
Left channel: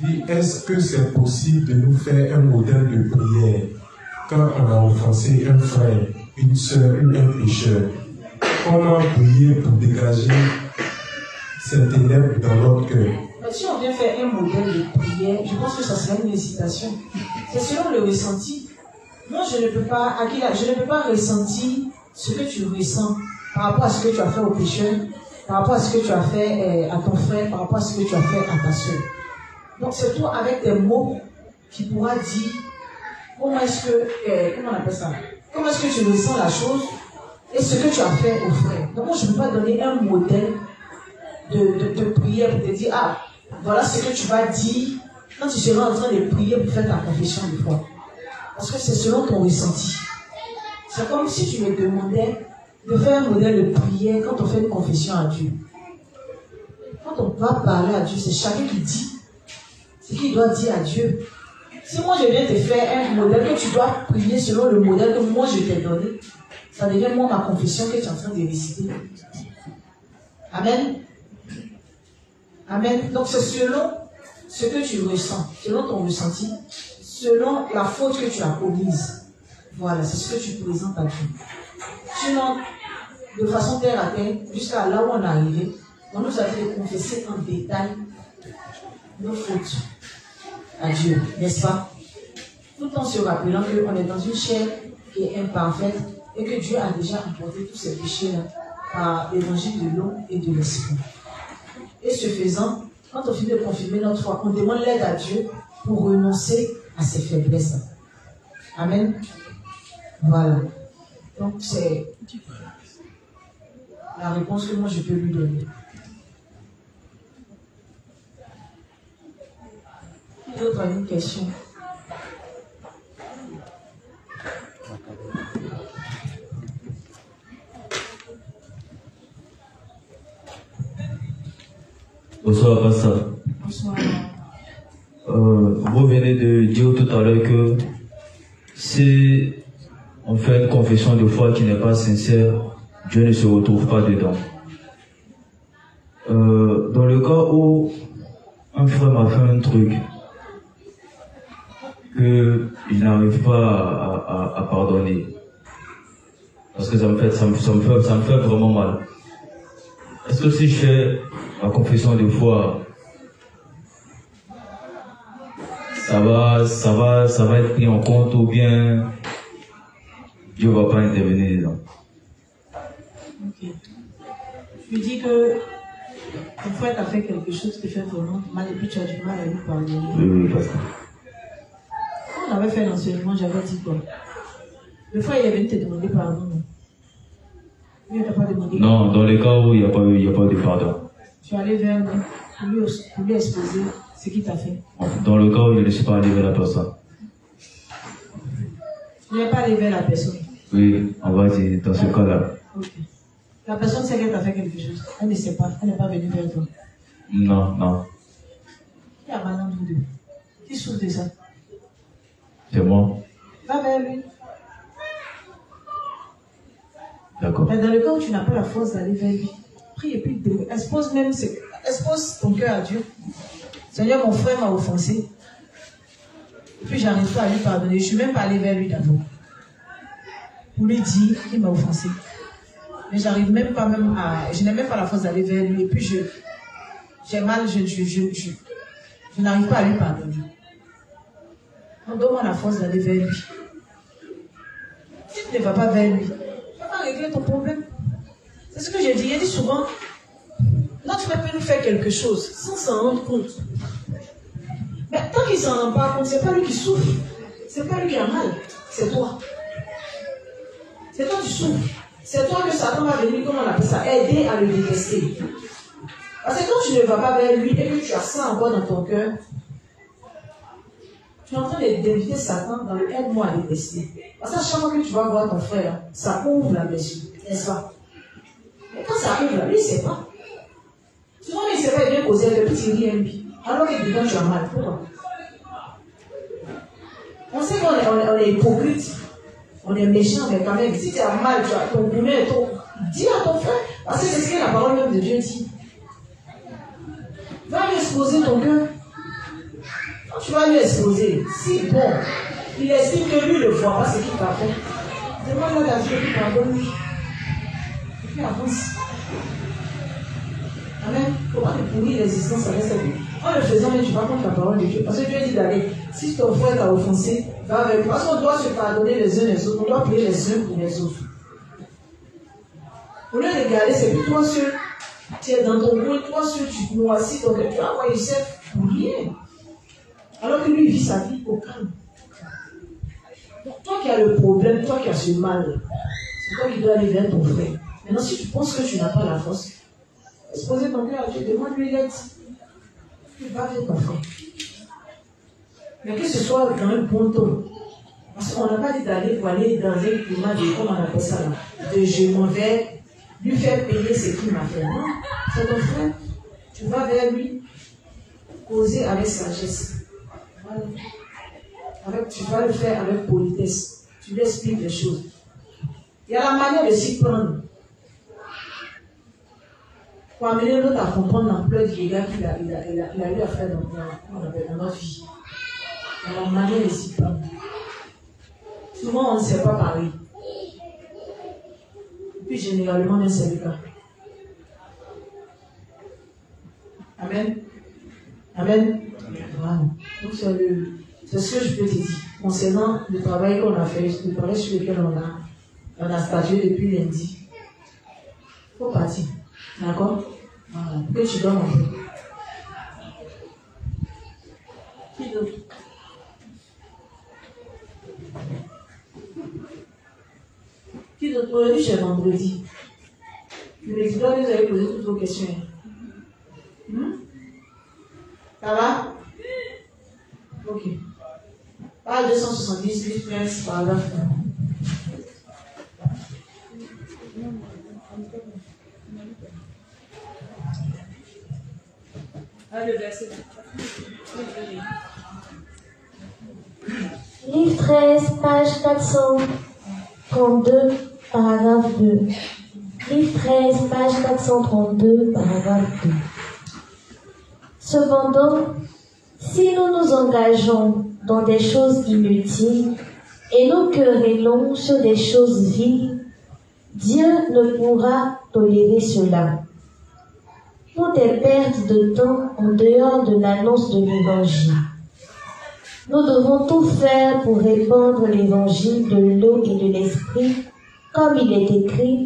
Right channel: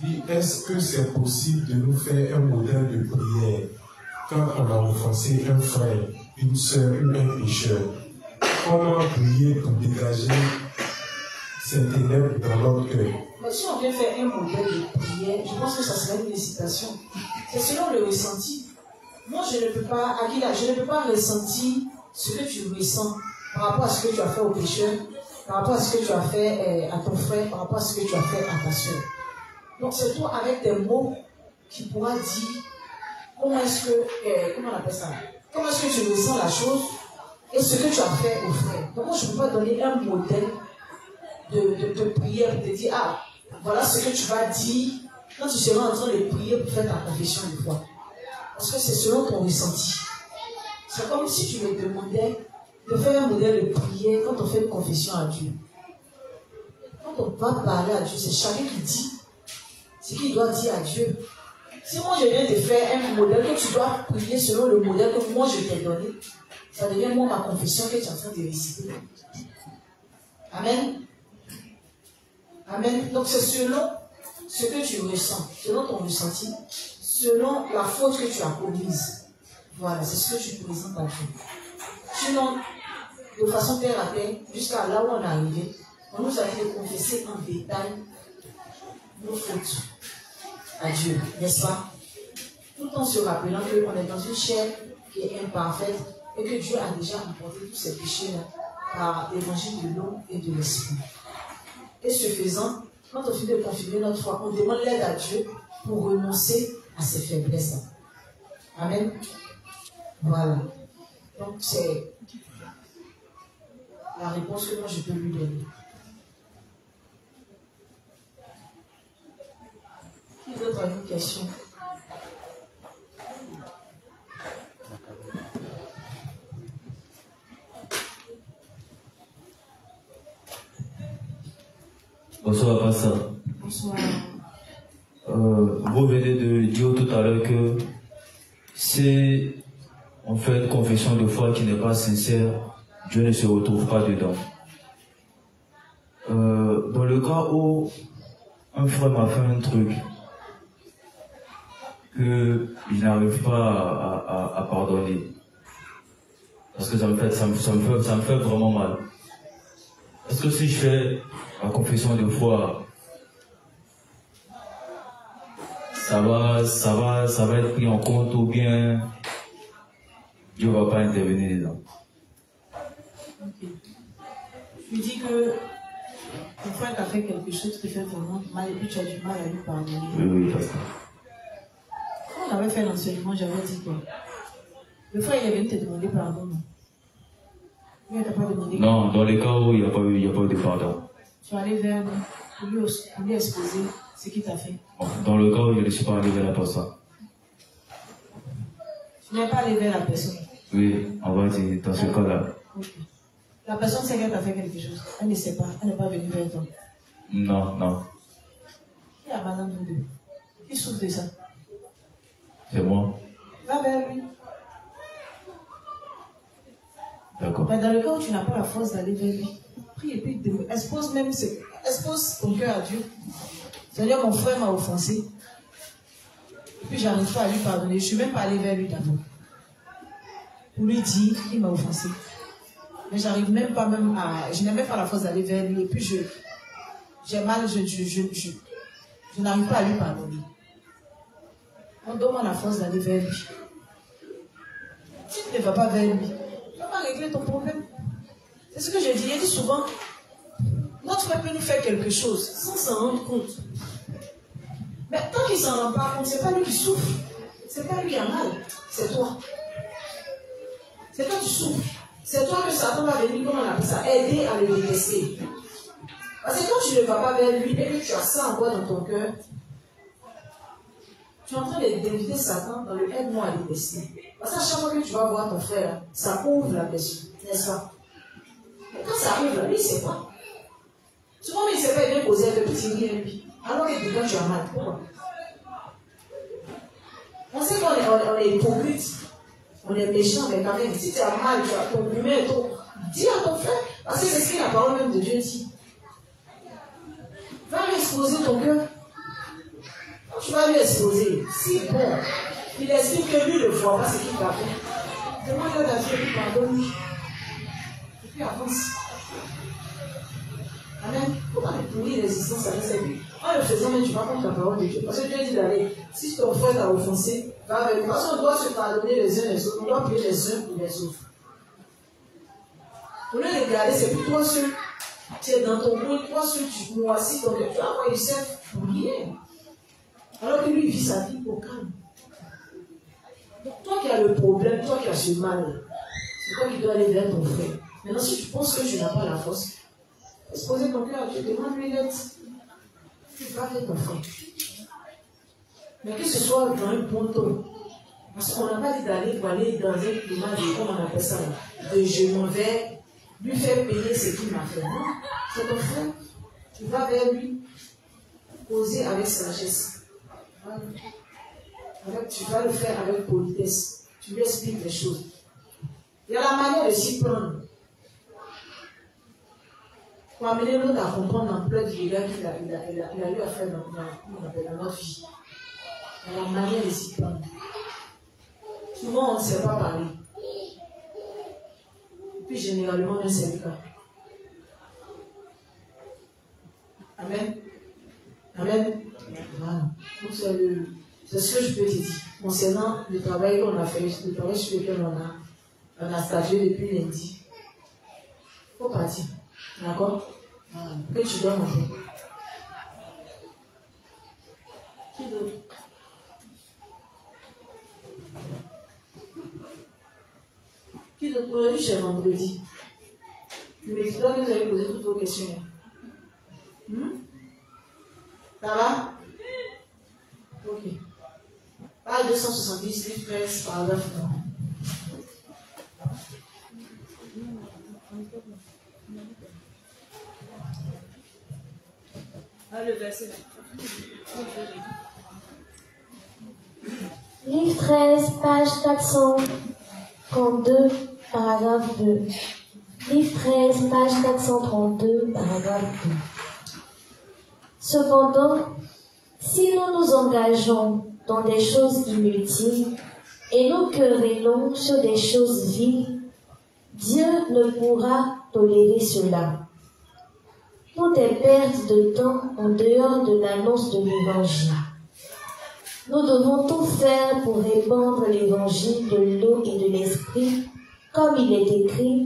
Dis, est-ce que c'est possible de nous faire un modèle de prière quand on a offensé un frère, une soeur ou un pécheur? Comment prier pour dégager cette ténèbre dans notre cœur? Si on vient faire un modèle de prière, je pense que ça serait une incitation. C'est selon le ressenti. Moi, je ne peux pas, Akila, je ne peux pas ressentir ce que tu ressens par rapport à ce que tu as fait au pécheur, par rapport à ce que tu as fait à ton frère, par rapport à ce que tu as fait à ta soeur. Donc, c'est toi avec des mots qui pourra dire comment est-ce que, comment on appelle ça? Comment est-ce que tu ressens la chose et ce que tu as fait au frère. Donc, moi, je ne peux pas donner un modèle de prière pour te dire, ah, voilà ce que tu vas dire quand tu seras en train de prier pour faire ta confession de foi. Parce que c'est selon ton ressenti. C'est comme si tu me demandais de faire un modèle de prière quand on fait une confession à Dieu. Quand on va parler à Dieu, c'est chacun qui dit ce qu'il doit dire à Dieu. Si moi je viens te faire un modèle que tu dois prier selon le modèle que moi je t'ai donné, ça devient moi ma confession que tu es en train de réciter. Amen. Amen. Donc c'est selon ce que tu ressens, selon ton ressenti, selon la faute que tu as commise. Voilà, c'est ce que tu présentes à Dieu. Sinon, de façon terre à terre, jusqu'à là où on est arrivé, on nous a fait confesser en détail nos fautes à Dieu, n'est-ce pas? Tout en se rappelant qu'on est dans une chair qui est imparfaite et que Dieu a déjà emporté tous ces péchés-là par l'évangile de l'eau et de l'esprit. Et ce faisant, quand on finit de confirmer notre foi, on demande l'aide à Dieu pour renoncer à ses faiblesses. Amen. Voilà. Donc c'est la réponse que moi je peux lui donner. Qui d'autre a une question? Bonsoir, Pasteur. Bonsoir. Vous venez de dire tout à l'heure que si on fait une confession de foi qui n'est pas sincère, Dieu ne se retrouve pas dedans. Dans le cas où un frère m'a fait un truc que je n'arrive pas à pardonner, parce que ça me fait vraiment mal. Est-ce que si je fais ma confession de foi, ça va être pris en compte ou bien Dieu ne va pas intervenir dedans? Ok. Je lui dis que ton frère t'a fait quelque chose qui fait vraiment mal et puis tu as du mal à lui pardonner. Oui, Pasteur. Quand on avait fait l'enseignement, j'avais dit quoi? Le frère il est venu te demander pardon, non? Lui, il t'a pas demandé. Non, dans les cas où il n'y a pas de pardon. Tu es allé vers lui pour lui exposer ce qu'il t'a fait. Dans le cas où je ne suis pas allé vers la personne. Tu n'es pas allé vers la personne. Oui, on va dire dans ce cas-là. Ok. La personne sait qu'elle t'a fait quelque chose. Elle ne sait pas. Elle n'est pas venue vers toi. Non. Il y a mal en nous deux. Qui souffre de ça? C'est moi. Va vers lui. D'accord. Mais dans le cas où tu n'as pas la force d'aller vers lui, prie et puis expose ton cœur à Dieu. Seigneur, mon frère m'a offensé. Et puis j'arrive pas à lui pardonner. Je ne suis même pas allé vers lui d'abord. Pour lui dire qu'il m'a offensé. Mais j'arrive même pas je n'ai même pas la force d'aller vers lui. Et puis j'ai mal, je n'arrive pas à lui pardonner. Donc donne-moi la force d'aller vers lui. tu ne vas pas vers lui, tu ne vas pas régler ton problème. C'est ce que j'ai dit. Il dit souvent, notre frère peut nous faire quelque chose sans s'en rendre compte. Mais tant qu'il ne s'en rend pas compte, ce n'est pas lui qui souffre. Ce n'est pas lui qui a mal. C'est toi. C'est toi qui souffres. C'est toi que Satan va venir, comment on appelle ça, aider à le détester. Parce que quand tu ne vas pas vers lui et que tu as ça encore dans ton cœur, tu es en train d'éviter Satan dans le aide-moi à détester. Parce que chaque fois que tu vas voir ton frère, ça ouvre la blessure, n'est-ce pas? Et quand ça ouvre, lui, il ne sait pas. Souvent, il ne sait pas bien poser avec le petit lit lui. Alors que dedans, tu as mal. Pourquoi? On sait qu'on est hypocrite, on est méchant, mais quand même, si tu as mal, tu as ton poumon et tout, dis à ton frère, parce que c'est ce que la parole même de Dieu dit. Va lui exposer ton cœur. Quand tu vas lui exposer, si bon, il estime que lui ne voit pas ce qu'il va faire, demande à Dieu qu'il pardonne. Et puis avance. Amen. Il faut pas te pourrir l'existence avec cette vie. En le faisant, tu vas contre la parole de Dieu. Parce que Dieu dit d'aller. Si ton frère t'a offensé, va avec lui. Parce qu'on doit se pardonner les uns les autres. On doit prier les uns pour les autres. Au lieu de regarder, c'est pour toi seul. Tu es dans ton monde, toi seul, tu te moissis. Donc tu vas avoir une scène pour rien. Alors que lui vit sa vie au calme. Donc, toi qui as le problème, toi qui as ce mal, c'est toi qui dois aller vers ton frère. Maintenant, si tu penses que tu n'as pas la force, exposer ton cœur à Dieu, demande-lui l'aide. Tu vas vers ton frère. Mais que ce soit dans un bon ton. Parce qu'on n'a pas dit d'aller pour aller dans un climat de, comment on appelle ça là, de je m'en vais lui faire payer ce qu'il m'a fait. Non, c'est ton frère. Tu vas vers lui, causer avec sagesse. Tu vas le faire avec politesse. Tu lui expliques les choses. Il y a la manière de s'y prendre. Pour amener l'autre à comprendre l'ampleur du dégât qu'il a eu à faire dans notre vie. Il y a la manière de s'y prendre. Souvent, on ne sait pas parler. Et puis, généralement, nous, c'est le cas. Amen. Amen. Voilà. Donc, c'est ce que je peux te dire. Concernant le travail qu'on a fait, le travail sur lequel on a stagié depuis lundi. Il faut partir. D'accord? Voilà. Que tu donnes en fait. Qui d'autre? Qui d'autre? Aujourd'hui, c'est vendredi. Ne me dites pas que vous avez posé toutes vos questions. Ça va? Ok. Page 270, livre 13, paragraphe 1. Le verset. Livre 13, page 432, paragraphe 2. Livre 13, page 432, paragraphe 2. Cependant, si nous nous engageons dans des choses inutiles et nous querellons sur des choses viles, Dieu ne pourra tolérer cela. Tout est perte de temps en dehors de l'annonce de l'Évangile. Nous devons tout faire pour répandre l'Évangile de l'eau et de l'Esprit, comme il est écrit,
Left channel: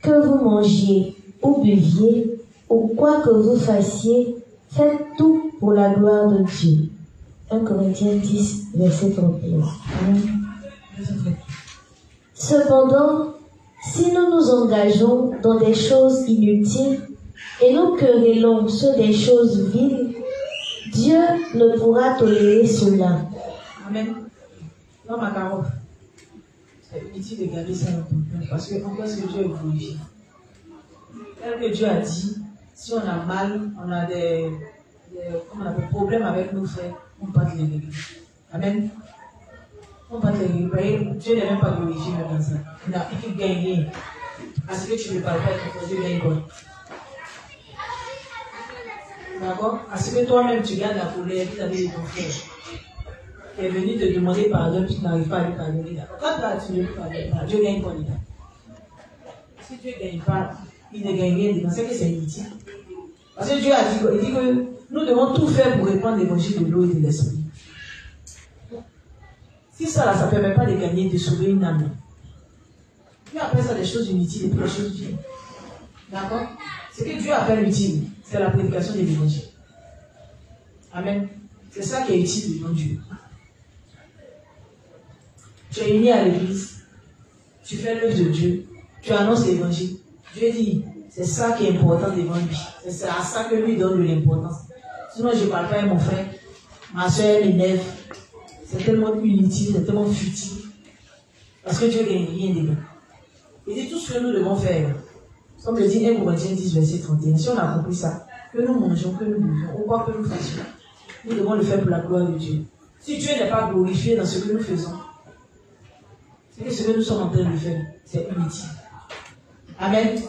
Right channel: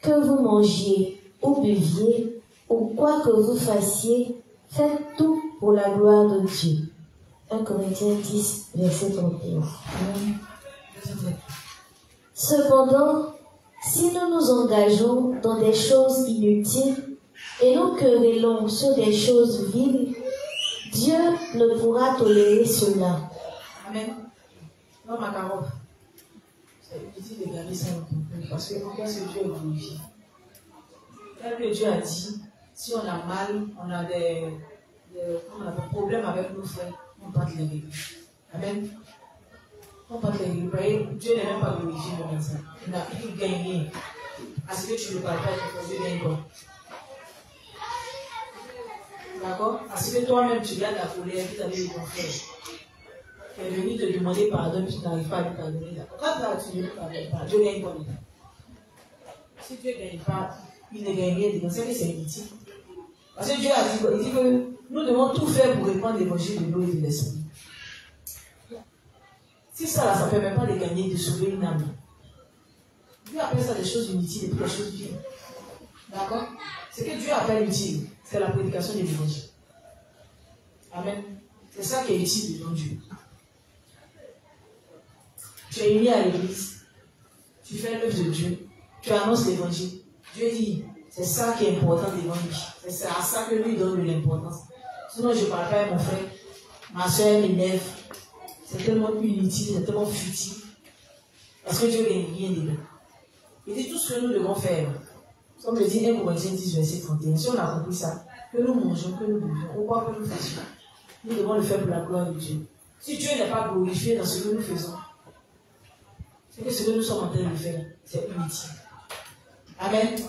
que vous mangiez ou buviez, ou quoi que vous fassiez, faites tout pour la gloire de Dieu. 1 Corinthiens 10, verset 31. Cependant, si nous nous engageons dans des choses inutiles et nous querellons sur des choses viles, Dieu ne pourra tolérer cela. Amen. Non, ma carotte. C'est utile de garder ça dans ton cœur parce que pourquoi est-ce que Dieu est glorifié? Même que Dieu a dit, si on a mal, on a des problèmes avec nos frères, on ne peut pas les régler. Amen. On ne peut pas les régler. Dieu n'est même pas glorifié dans ça. Il n'a plus gagné. Parce que tu ne parles pas avec ton frère, Dieu gagne quoi? D'accord? Parce que toi-même, tu gardes la colère vis-à-vis de ton frère. Qui est venu te demander pardon, tu n'arrives pas à lui pardonner. Quand tu ne lui pardonnes pas, Dieu gagne quoi dedans? Si Dieu ne gagne pas, il ne gagne rien dedans. C'est que c'est inutile. Parce que Dieu a dit, il dit que nous devons tout faire pour répandre l'évangile de l'eau et de l'esprit. Si ça ne permet pas de gagner, de sauver une âme, Dieu appelle ça des choses inutiles et puis des choses utiles. D'accord? Ce que Dieu appelle utile, c'est la prédication de l'évangile. Amen. C'est ça qui est utile devant Dieu. Tu es uni à l'église, tu fais l'œuvre de Dieu, tu annonces l'évangile. Dieu dit, c'est ça qui est important devant lui. C'est à ça que lui donne de l'importance. Sinon, je ne parle pas à mon frère, ma soeur m'énerve. C'est tellement inutile, c'est tellement futile. Parce que Dieu ne gagne rien dedans. Il dit tout ce que nous devons faire. Comme le dit 1 Corinthiens 10, verset 31. Si on a compris ça, que nous mangeons, que nous buvons, ou quoi que nous fassions, nous devons le faire pour la gloire de Dieu. Si Dieu n'est pas glorifié dans ce que nous faisons, c'est que ce que nous sommes en train de faire, c'est inutile. Amen.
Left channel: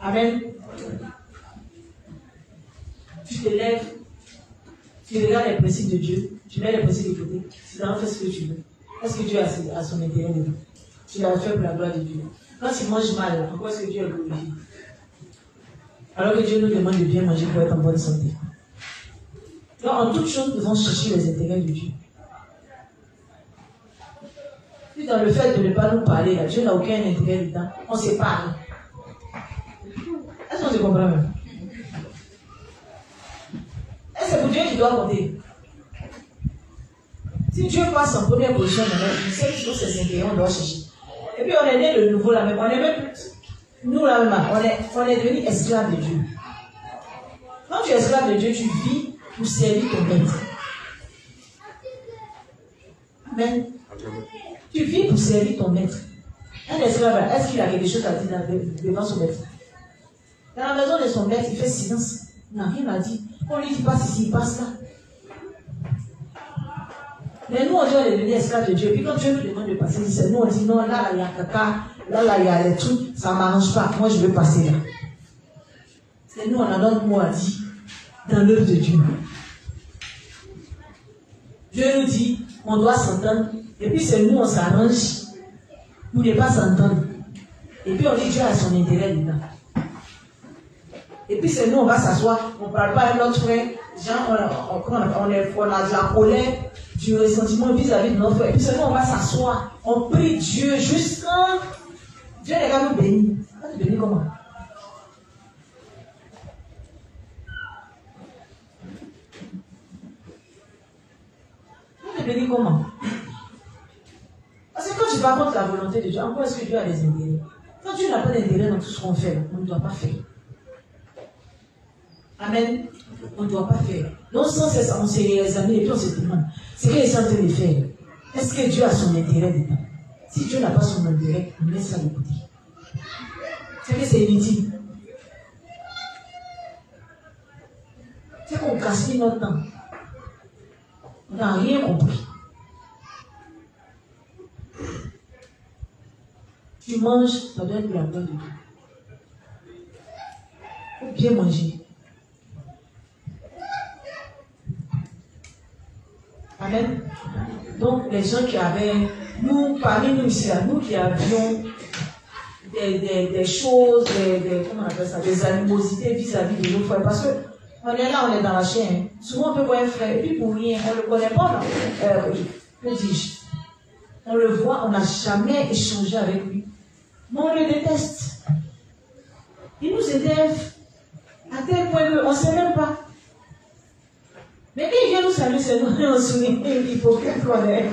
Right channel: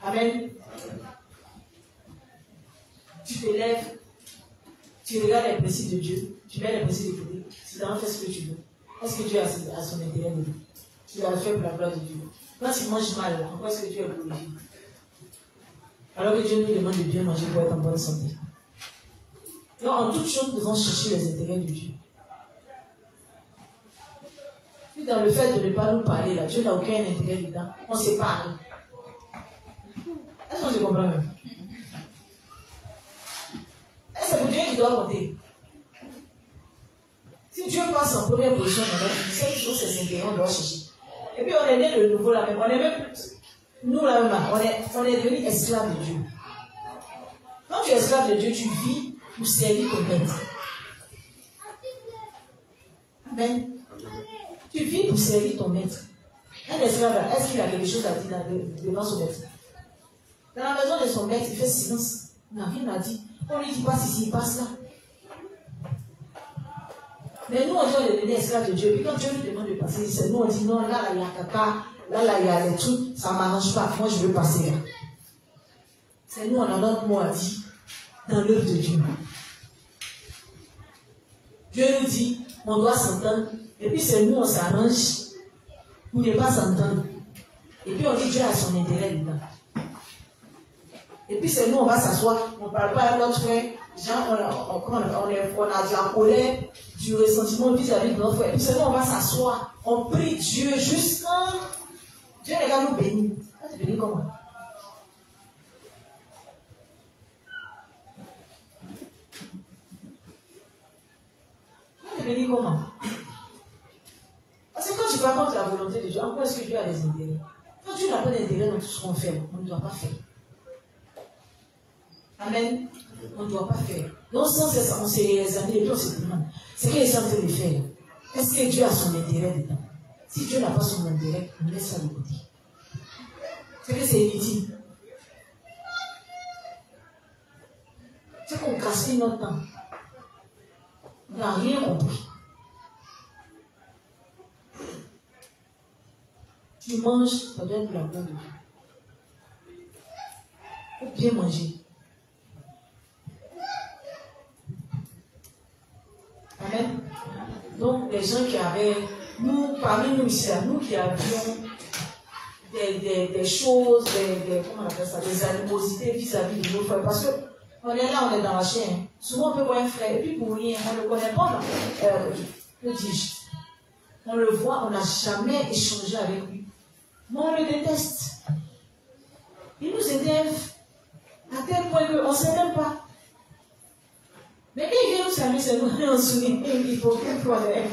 Amen. Tu te lèves, tu regardes les principes de Dieu, tu mets les principes de côté, tu en fais ce que tu veux. Est-ce que Dieu a son intérêt dedans? Tu l'as fait pour la gloire de Dieu. Quand tu manges mal, pourquoi est-ce que Dieu est glorifié? Alors que Dieu nous demande de bien manger pour être en bonne santé. Donc, en toute chose, nous devons chercher les intérêts de Dieu. Puis, dans le fait de ne pas nous parler, là, Dieu n'a aucun intérêt dedans. On se parle. Est-ce qu'on se comprend même? Est-ce que c'est pour Dieu qui doit compter? Si Dieu passe en première position dans notre vie, c'est toujours ses intérêts, on doit chercher. Et puis on est né de nouveau là, mais on est même plus. Nous là même, on est devenus esclaves de Dieu. Quand tu es esclave de Dieu, tu vis pour servir ton maître. Amen. Tu vis pour servir ton maître. Un esclave, est-ce qu'il a quelque chose à dire devant son maître? Dans la maison de son maître, il fait silence. Il n'a rien à dire. On lui dit passe ici, il passe là. Mais nous, on dit on est devenus esclaves de Dieu. Puis quand Dieu nous demande de passer, nous on dit non, là, il y a caca, là, il y a les trucs, ça ne m'arrange pas. Moi, je veux passer là. C'est nous, on a notre mot à dire dans l'œuvre de Dieu. Dieu nous dit, on doit s'entendre. Et puis c'est nous, on s'arrange pour ne pas s'entendre. Et puis on dit Dieu a son intérêt dedans. Et puis c'est nous, on va s'asseoir, on ne parle pas à notre frère. Genre, on a de la colère, du ressentiment vis-à-vis de notre frère. Et puis c'est nous, on va s'asseoir. On prie Dieu juste quand Dieu n'est pas nous bénir. On va te bénir comment? On va te bénir comment? Parce que quand tu vas contre la volonté de Dieu, en quoi est-ce que Dieu a des intérêts? Quand Dieu n'a pas d'intérêt dans tout ce qu'on fait, on ne doit pas faire. Amen. On ne doit pas faire. Non sans cesse, on s'est examiné et puis on se demande, c'est qu'il est en train de faire. Est-ce que Dieu a son intérêt dedans? Si Dieu n'a pas son intérêt, on laisse ça de côté. C'est que c'est inutile. C'est qu'on casse notre temps. On n'a rien compris. Tu manges, ça doit être pour la gloire de Dieu. Il faut bien manger. Amen. Donc, les gens qui avaient, nous, parmi nous ici, là, nous qui avions des choses, comment on appelle ça, des animosités vis-à-vis de nos frères, parce que on est là, on est dans la chaîne. Souvent, on peut voir un frère, et puis pour rien, on ne le connaît pas, que dis-je? On le voit, on n'a jamais échangé avec lui. Mais on le déteste. Il nous énerve à tel point qu'on ne sait même pas. Mais quand il vient nous saluer, c'est nous, on sourit, il faut qu'on connaisse.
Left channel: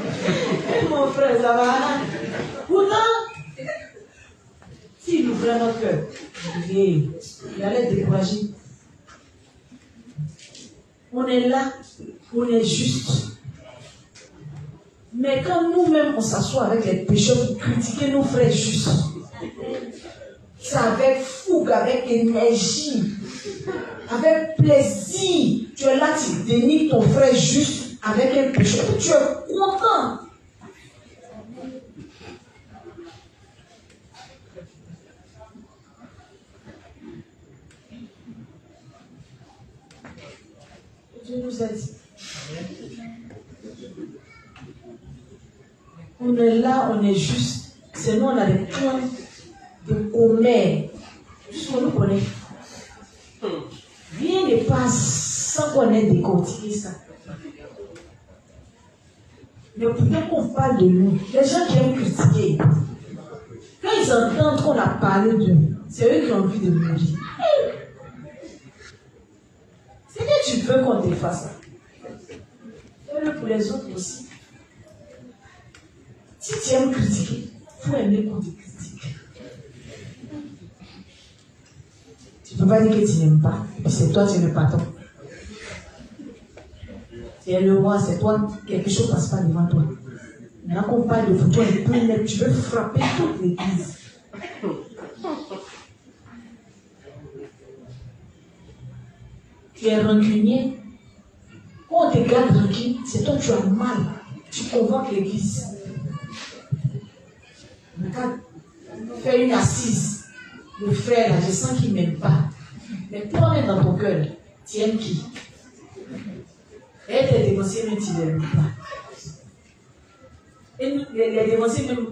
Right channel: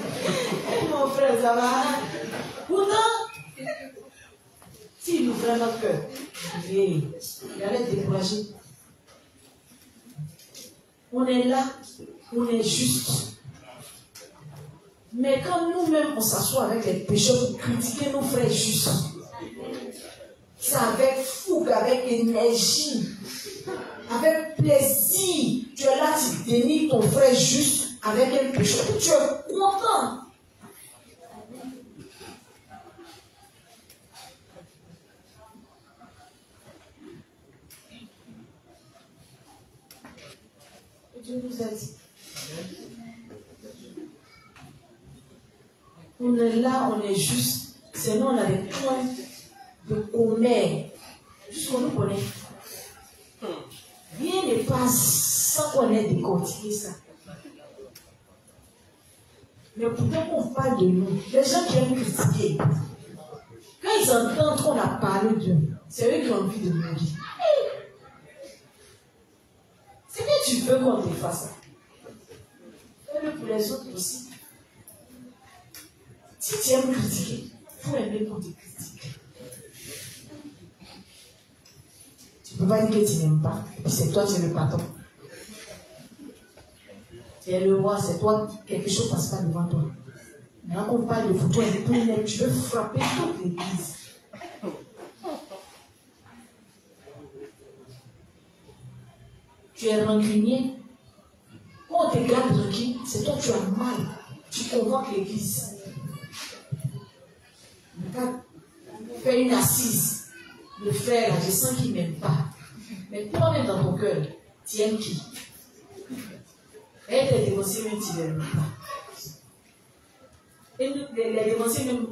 Mon frère, ça va. Pourtant, s'il ouvrait notre cœur, il allait être découragé. On est là, on est juste. Mais quand nous-mêmes on s'assoit avec les pécheurs pour critiquer nos frères justes, c'est avec fougue, avec énergie, avec plaisir. Tu es là, tu dénigres ton frère juste avec un pécheur. Tu es content. Dieu nous aide. On est là, on est juste. C'est nous, on a des points de commerce. Juste qu'on nous connaît. Rien ne passe sans qu'on ait décortiqué ça. Mais pourtant qu'on parle de nous, les gens qui aiment critiquer, quand ils ils entendent qu'on a parlé d'eux, c'est eux qui ont envie de mourir. C'est que tu veux qu'on te fasse ça. Fais-le pour les autres aussi. Si tu aimes critiquer, il faut aimer qu'on te critique. Tu ne peux pas dire que tu n'aimes pas, et puis c'est toi, tu es le patron. Tu es le roi, c'est toi, quelque chose ne passe pas devant toi. Là qu'on parle de vous, toi, tu veux frapper toute l'église. Tu es rancunier. Quand on te garde tranquille, c'est toi tu as mal. Tu convoques l'église. Regarde, fais une assise. Le frère, là, je sens qu'il ne m'aime pas. Mais toi-même dans ton cœur, tu aimes qui? Et tes dévanciers, mais tu ne l'aimes pas. Et les dévanciers, même,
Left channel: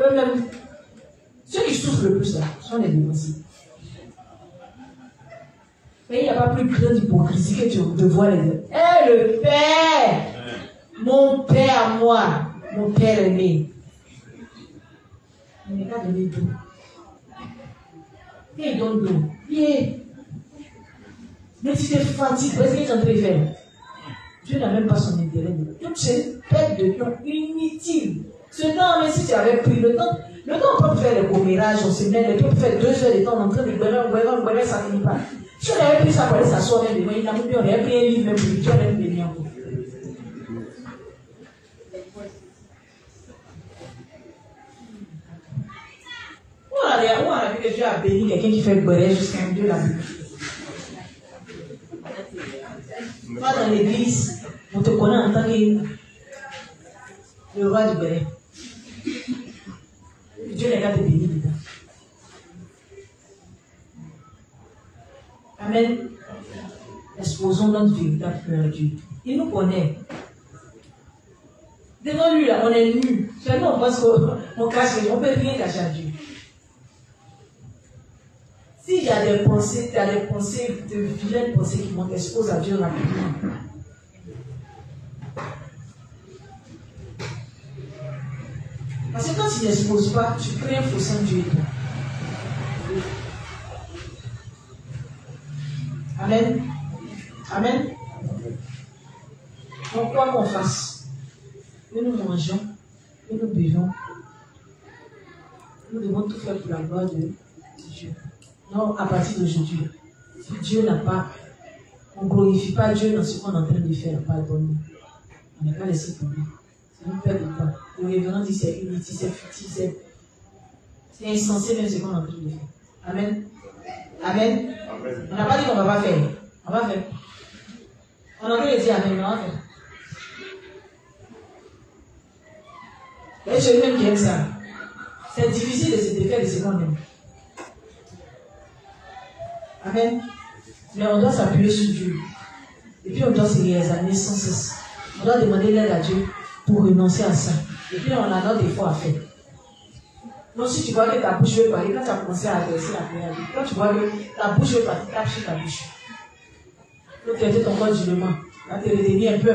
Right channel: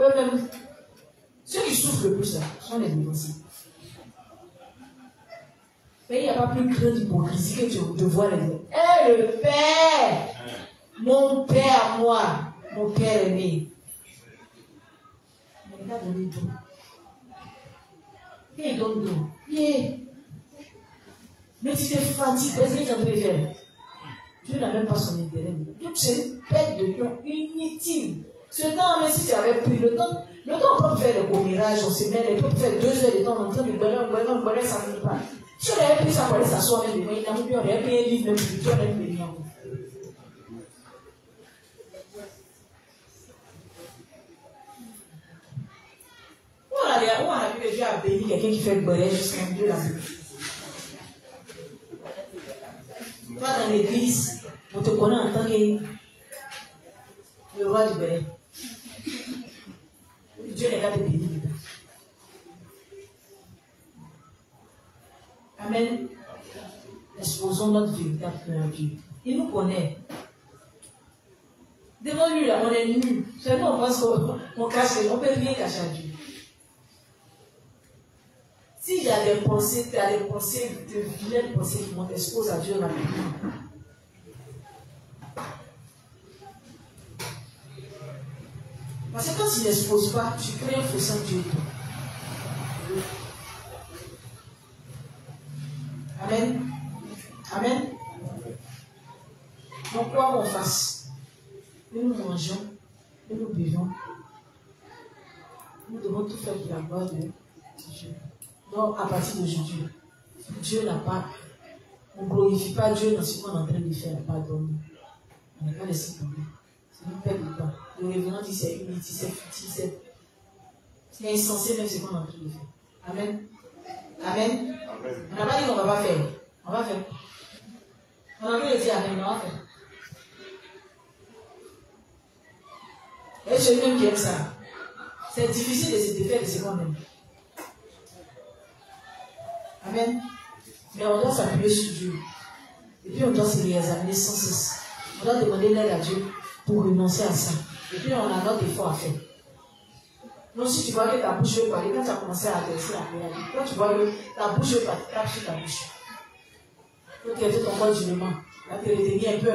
eux-mêmes, ceux qui souffrent le plus là, sont les dévanciers. Mais il n'y a pas plus grande hypocrisie que de voir les deux. Eh, le Père! Mon Père, moi, mon Père aimé. Il n'est pas donné d'eau. Et il donne d'eau. Mais tu te fatigues, qu'est-ce qu'il est en train de faire? Dieu n'a même pas son intérêt. Donc c'est perte de temps inutile. Ce temps, même si tu avais pris le temps on peut faire le commérage, on se met, on peut faire 2 heures de temps en train de boire, ça ne finit pas. Si on avait pris ça pour aller s'asseoir, on aurait pris un livre même pour Dieu, on aurait pris encore. On a vu que Dieu a béni quelqu'un qui fait boire jusqu'à un Dieu là. Toi dans l'église, on te connaît en tant que le roi du béret. Dieu n'est pas de bénir. Amen. Exposons notre véritable cœur à Dieu. Il nous connaît. Devant lui, là, on est nu. Seulement, on pense qu'on cache, on ne peut rien cacher à Dieu. S'il y a des pensées, tu as des pensées, de vilaines pensées qui vont t'exposer à Dieu rapidement. Parce que quand tu n'exposes pas, tu crées un fossé en Dieu. Amen. Amen. Donc, quoi qu'on fasse, que nous mangeons, que nous buvons, nous devons tout faire pour la gloire de Dieu. Donc, à partir d'aujourd'hui, si Dieu n'a pas, on ne glorifie pas Dieu dans ce qu'on est en train de faire, pardonne-nous. On n'est pas laissé tomber. C'est une perte de temps. Le révérend dit c'est inutile, c'est futile, c'est insensé même ce qu'on est en train de faire. Amen. Amen. On n'a pas dit qu'on ne va pas faire. On va faire. On a envie de dire Amen, on va faire. Et je même qui aime ça. C'est difficile de se défaire de ce qu'on aime. Amen. Mais on doit s'appuyer sur Dieu. Et puis on doit se réexaminer sans cesse. On doit demander l'aide à Dieu pour renoncer à ça. Et puis on a notre effort à faire. Donc si tu vois que ta bouche veut parler, quand tu as commencé à adresser la prière, quand tu vois que ta bouche veut parler, tape sur ta bouche. Pour traiter ton corps durement. Là, te retenir un peu.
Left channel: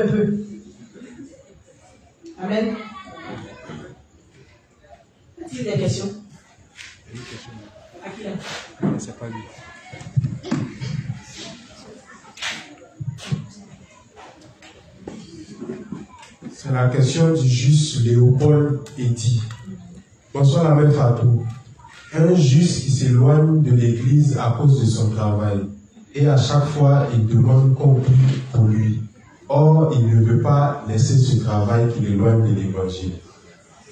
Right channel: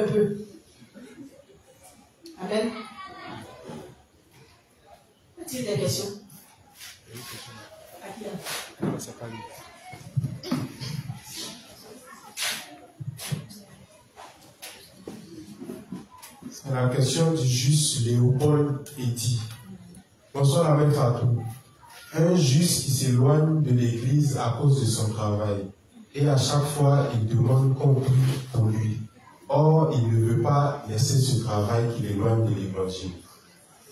Amen. As-tu des questions? À qui là? C'est pas lui. C'est la question du juste Léopold Eddy. Bonsoir la même Fatou. Un juste qui s'éloigne de l'église à cause de son travail. Et à chaque fois, il demande qu'on prie pour lui. Or, il ne veut pas laisser ce travail qui l'éloigne de l'évangile.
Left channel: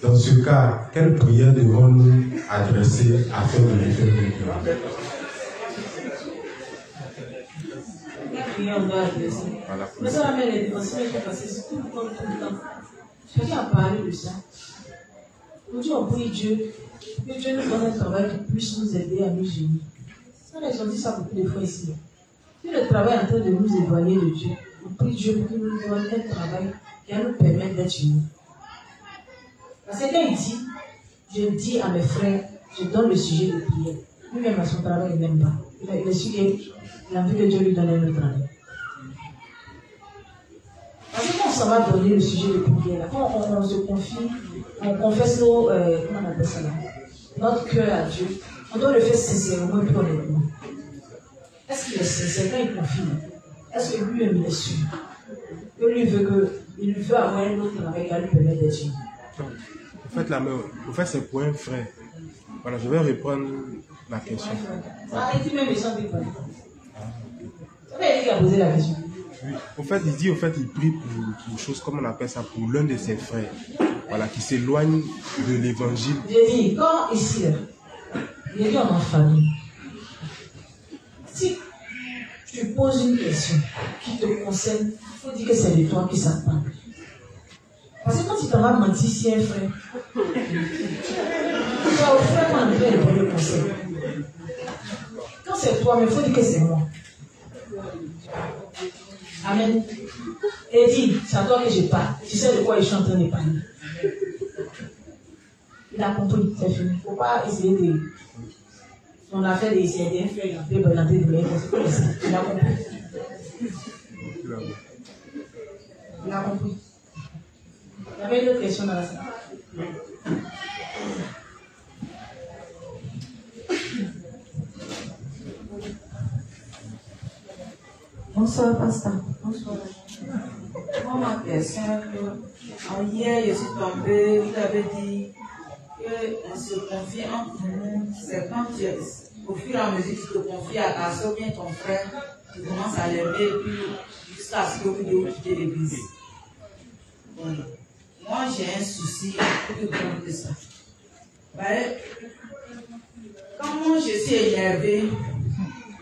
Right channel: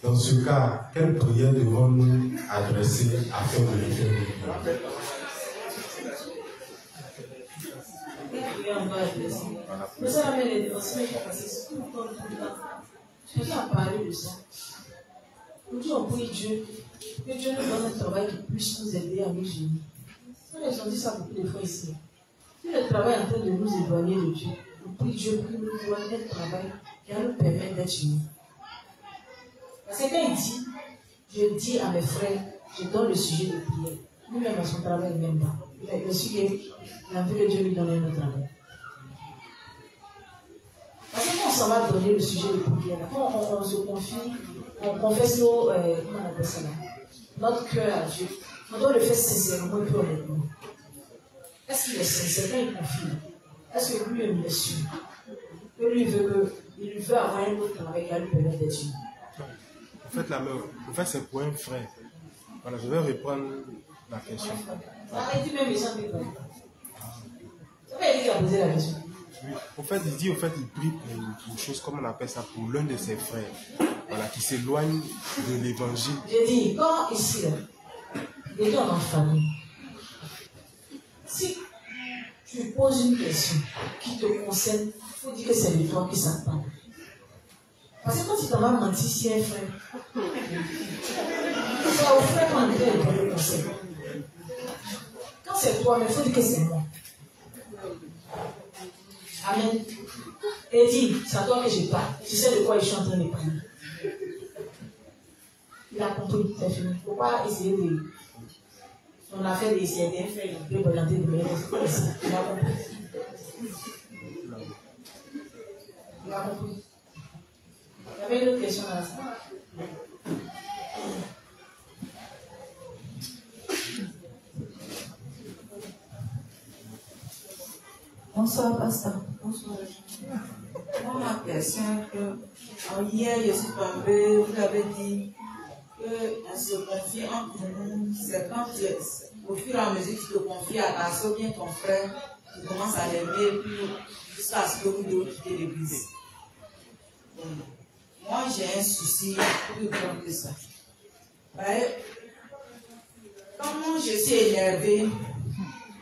Dans ce cas, quelle prière devons-nous adresser afin de le faire venir? On doit adresser. Mais ça va bien les dévanciers qui ont passé tout le temps. Chacun a parlé de ça. Aujourd'hui, on prie Dieu, que Dieu nous donne un travail qui puisse nous aider à nous unir. Ça, ils ont dit ça beaucoup de fois ici. Si le travail est en train de nous éloigner de Dieu, on prie Dieu pour qu'il nous donne un travail qui va nous permettre d'être unis. Parce que quand il dit, je dis à mes frères, je donne le sujet de prière. Lui-même à son travail, il n'aime pas. Il a su qu'il a vu que Dieu lui donnait le travail. Parce que quand on s'en va donner le sujet de prière, quand on se confie, on confesse nos, comment on appelle ça là? notre cœur à Dieu, on doit le faire sincèrement et plus honnêtement. Est-ce qu'il est sincère quand il confie? Est-ce que lui-même il est sûr? Que lui il veut avoir un autre avec elle, lui permettre d'être sûr. En fait, c'est pour un frère. Voilà, je vais reprendre la question. Ah, et tu même les gens qui connaissent. C'est lui qui a posé la question. Oui. En fait, il prie pour une chose, comme on appelle ça, pour l'un de ses frères. Voilà, qui s'éloigne de l'évangile. J'ai dit, quand ici, j'ai dit on est en famille. Si tu poses une question qui te concerne, il faut dire que c'est de toi qui ça parle. Parce que quand tu t'en vas mentir si un frère, c'est au frère qu'on a donné le conseil. Quand c'est toi, il faut dire que c'est moi. Amen. Et dis, c'est à toi que je parle. Tu sais de quoi je suis en train de parler. Il a compris, c'est fini. Il ne faut pas essayer de. On a fait des CDF, il a fait présenter des meilleurs. Il a compris. Il a compris. Il y avait une autre question dans la salle. Bonsoir, pasteur. Bonsoir. Moi, ma question est que hier, je suis tombée, vous avez dit qu'on se confie entre nous. C'est quand au fur et à mesure que tu te confies à ta soeur, bien ton frère, tu commences à l'aimer, puis jusqu'à ce que vous devez quitter l'église. Moi, j'ai un souci plus grand que ça. Quand moi, je suis énervée,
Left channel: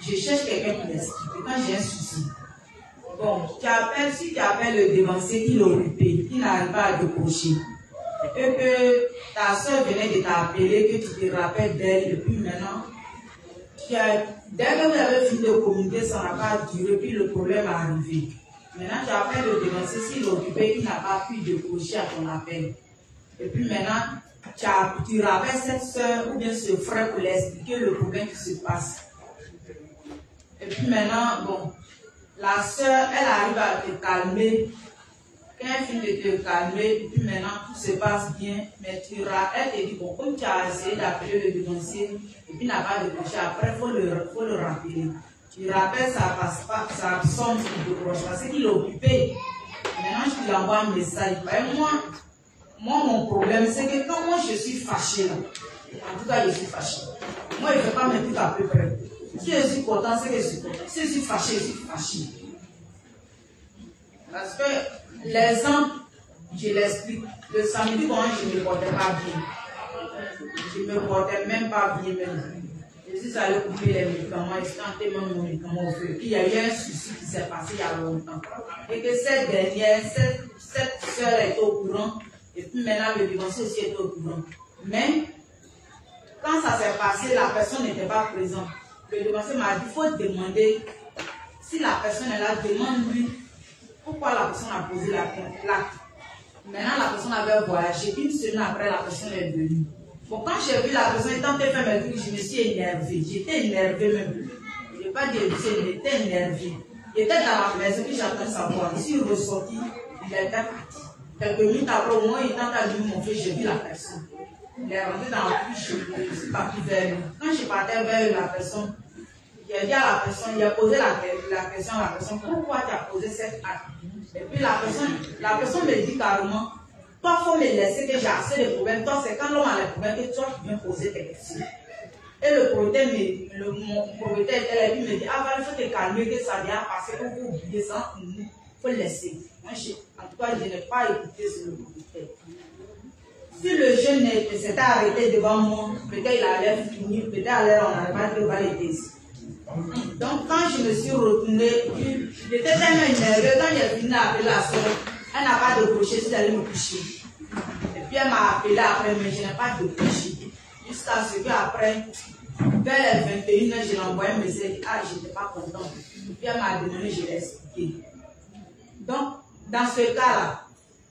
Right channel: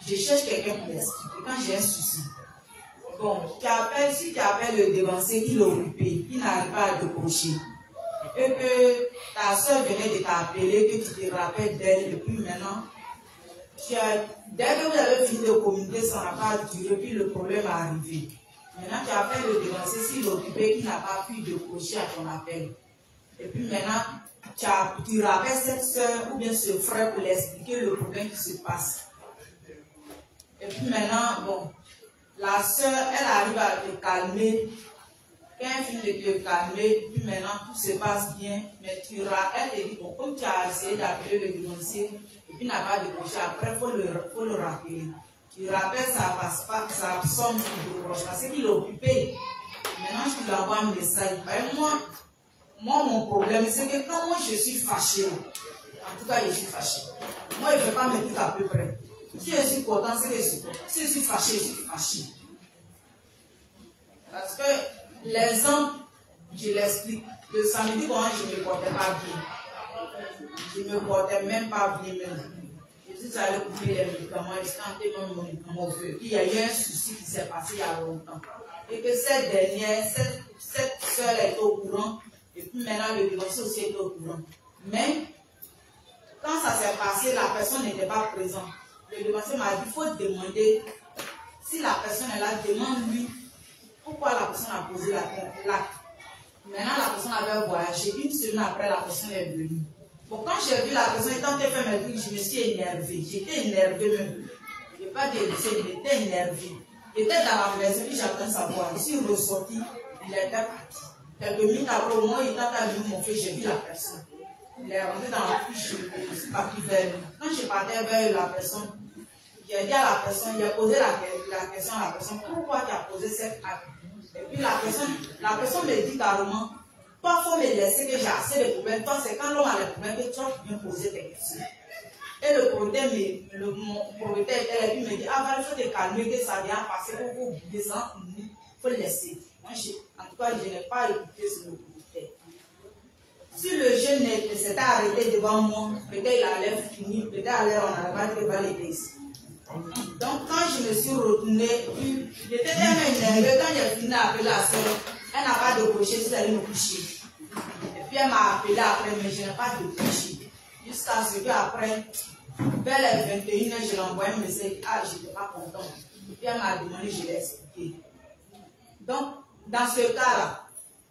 je cherche quelqu'un pour m'expliquer. Quand j'ai un souci, bon, si tu appelles le dévancier, il est occupé, il n'arrive pas à décrocher, et que ta soeur venait de t'appeler, que tu te rappelles d'elle, et puis maintenant, dès que vous avez fini de communiquer, ça n'a pas duré, puis le problème est arrivé. Maintenant, tu appelles le dévancier, s'il est occupé, qu'il n'a pas pu décrocher à ton appel. Et puis maintenant, tu rappelles cette soeur ou bien ce frère pour lui expliquer le problème qui se passe. Et puis maintenant, bon, la soeur, elle arrive à te calmer. Quand elle finit de te calmer, puis maintenant tout se passe bien, mais elle te dit, bon, comme tu as essayé d'appeler le dévancier, et puis n'a pas décroché, après, il faut le rappeler. Tu rappelles, ça passe pas, ça sonne, il décroche, parce qu'il est occupé. Maintenant, je lui envoie un message. Moi, mon problème, c'est que quand moi je suis fâché, en tout cas, je suis fâché. Moi, il ne faut pas me dire à peu près. Si je suis content, c'est que je suis content. Si je suis fâché, je suis fâché. Parce que l'exemple, je l'explique. Le samedi, quand je ne me portais pas bien. Je ne me portais même pas bien. Je suis allé couper les médicaments, je suis entré même mon médicament au feu. Puis il y a eu un souci qui s'est passé il y a longtemps. Et que cette dernière, cette soeur est au courant. Et puis maintenant, le dévancier aussi est au courant. Mais, quand ça s'est passé, la personne n'était pas présente. Le dévancier m'a dit, il faut demander, si la personne est là, demande-lui pourquoi la personne a posé l'acte. Maintenant, la personne avait voyagé. Une semaine après, la personne est venue. Bon, quand j'ai vu la personne étant fait mes trucs, je me suis énervée. J'étais énervée même. Je ne vais pas dire que j'étais énervée. J'étais dans la maison, puis j'attends savoir. Je suis ressortie, il était parti. Quelques minutes après, moi, il était en train de mon fils, j'ai vu la personne. Il est rentré dans la couche, je suis parti vers lui. Quand je partais vers la personne, j'ai dit à la personne, il a posé la question à la personne, pourquoi tu as posé cette acte? Et puis la personne me dit carrément, toi, il faut me laisser que j'ai assez de problèmes. Toi, c'est quand l'homme a les problèmes que toi, tu viens poser tes questions. Et le propriétaire était là, puis me dit, ah, il faut te calmer, que ça vient passer, pour vous oublier ça, il faut le laisser. Moi, en tout cas, je n'ai pas écouté ce propriétaire. Si le jeune s'était arrêté devant moi, peut-être il allait finir, peut-être on n'allait pas dire va l'aider ici. Donc, quand je me suis retournée, j'étais tellement énervée, quand j'ai fini d'appeler la soeur, elle n'a pas décroché, si j'allais me coucher. Et puis elle m'a appelé après, mais je n'ai pas décroché. Jusqu'à ce qu'après, vers les 21h, je lui ai envoyé un message, ah, je n'étais pas contente. Puis elle m'a demandé, je l'ai expliqué. Donc, dans ce cas-là,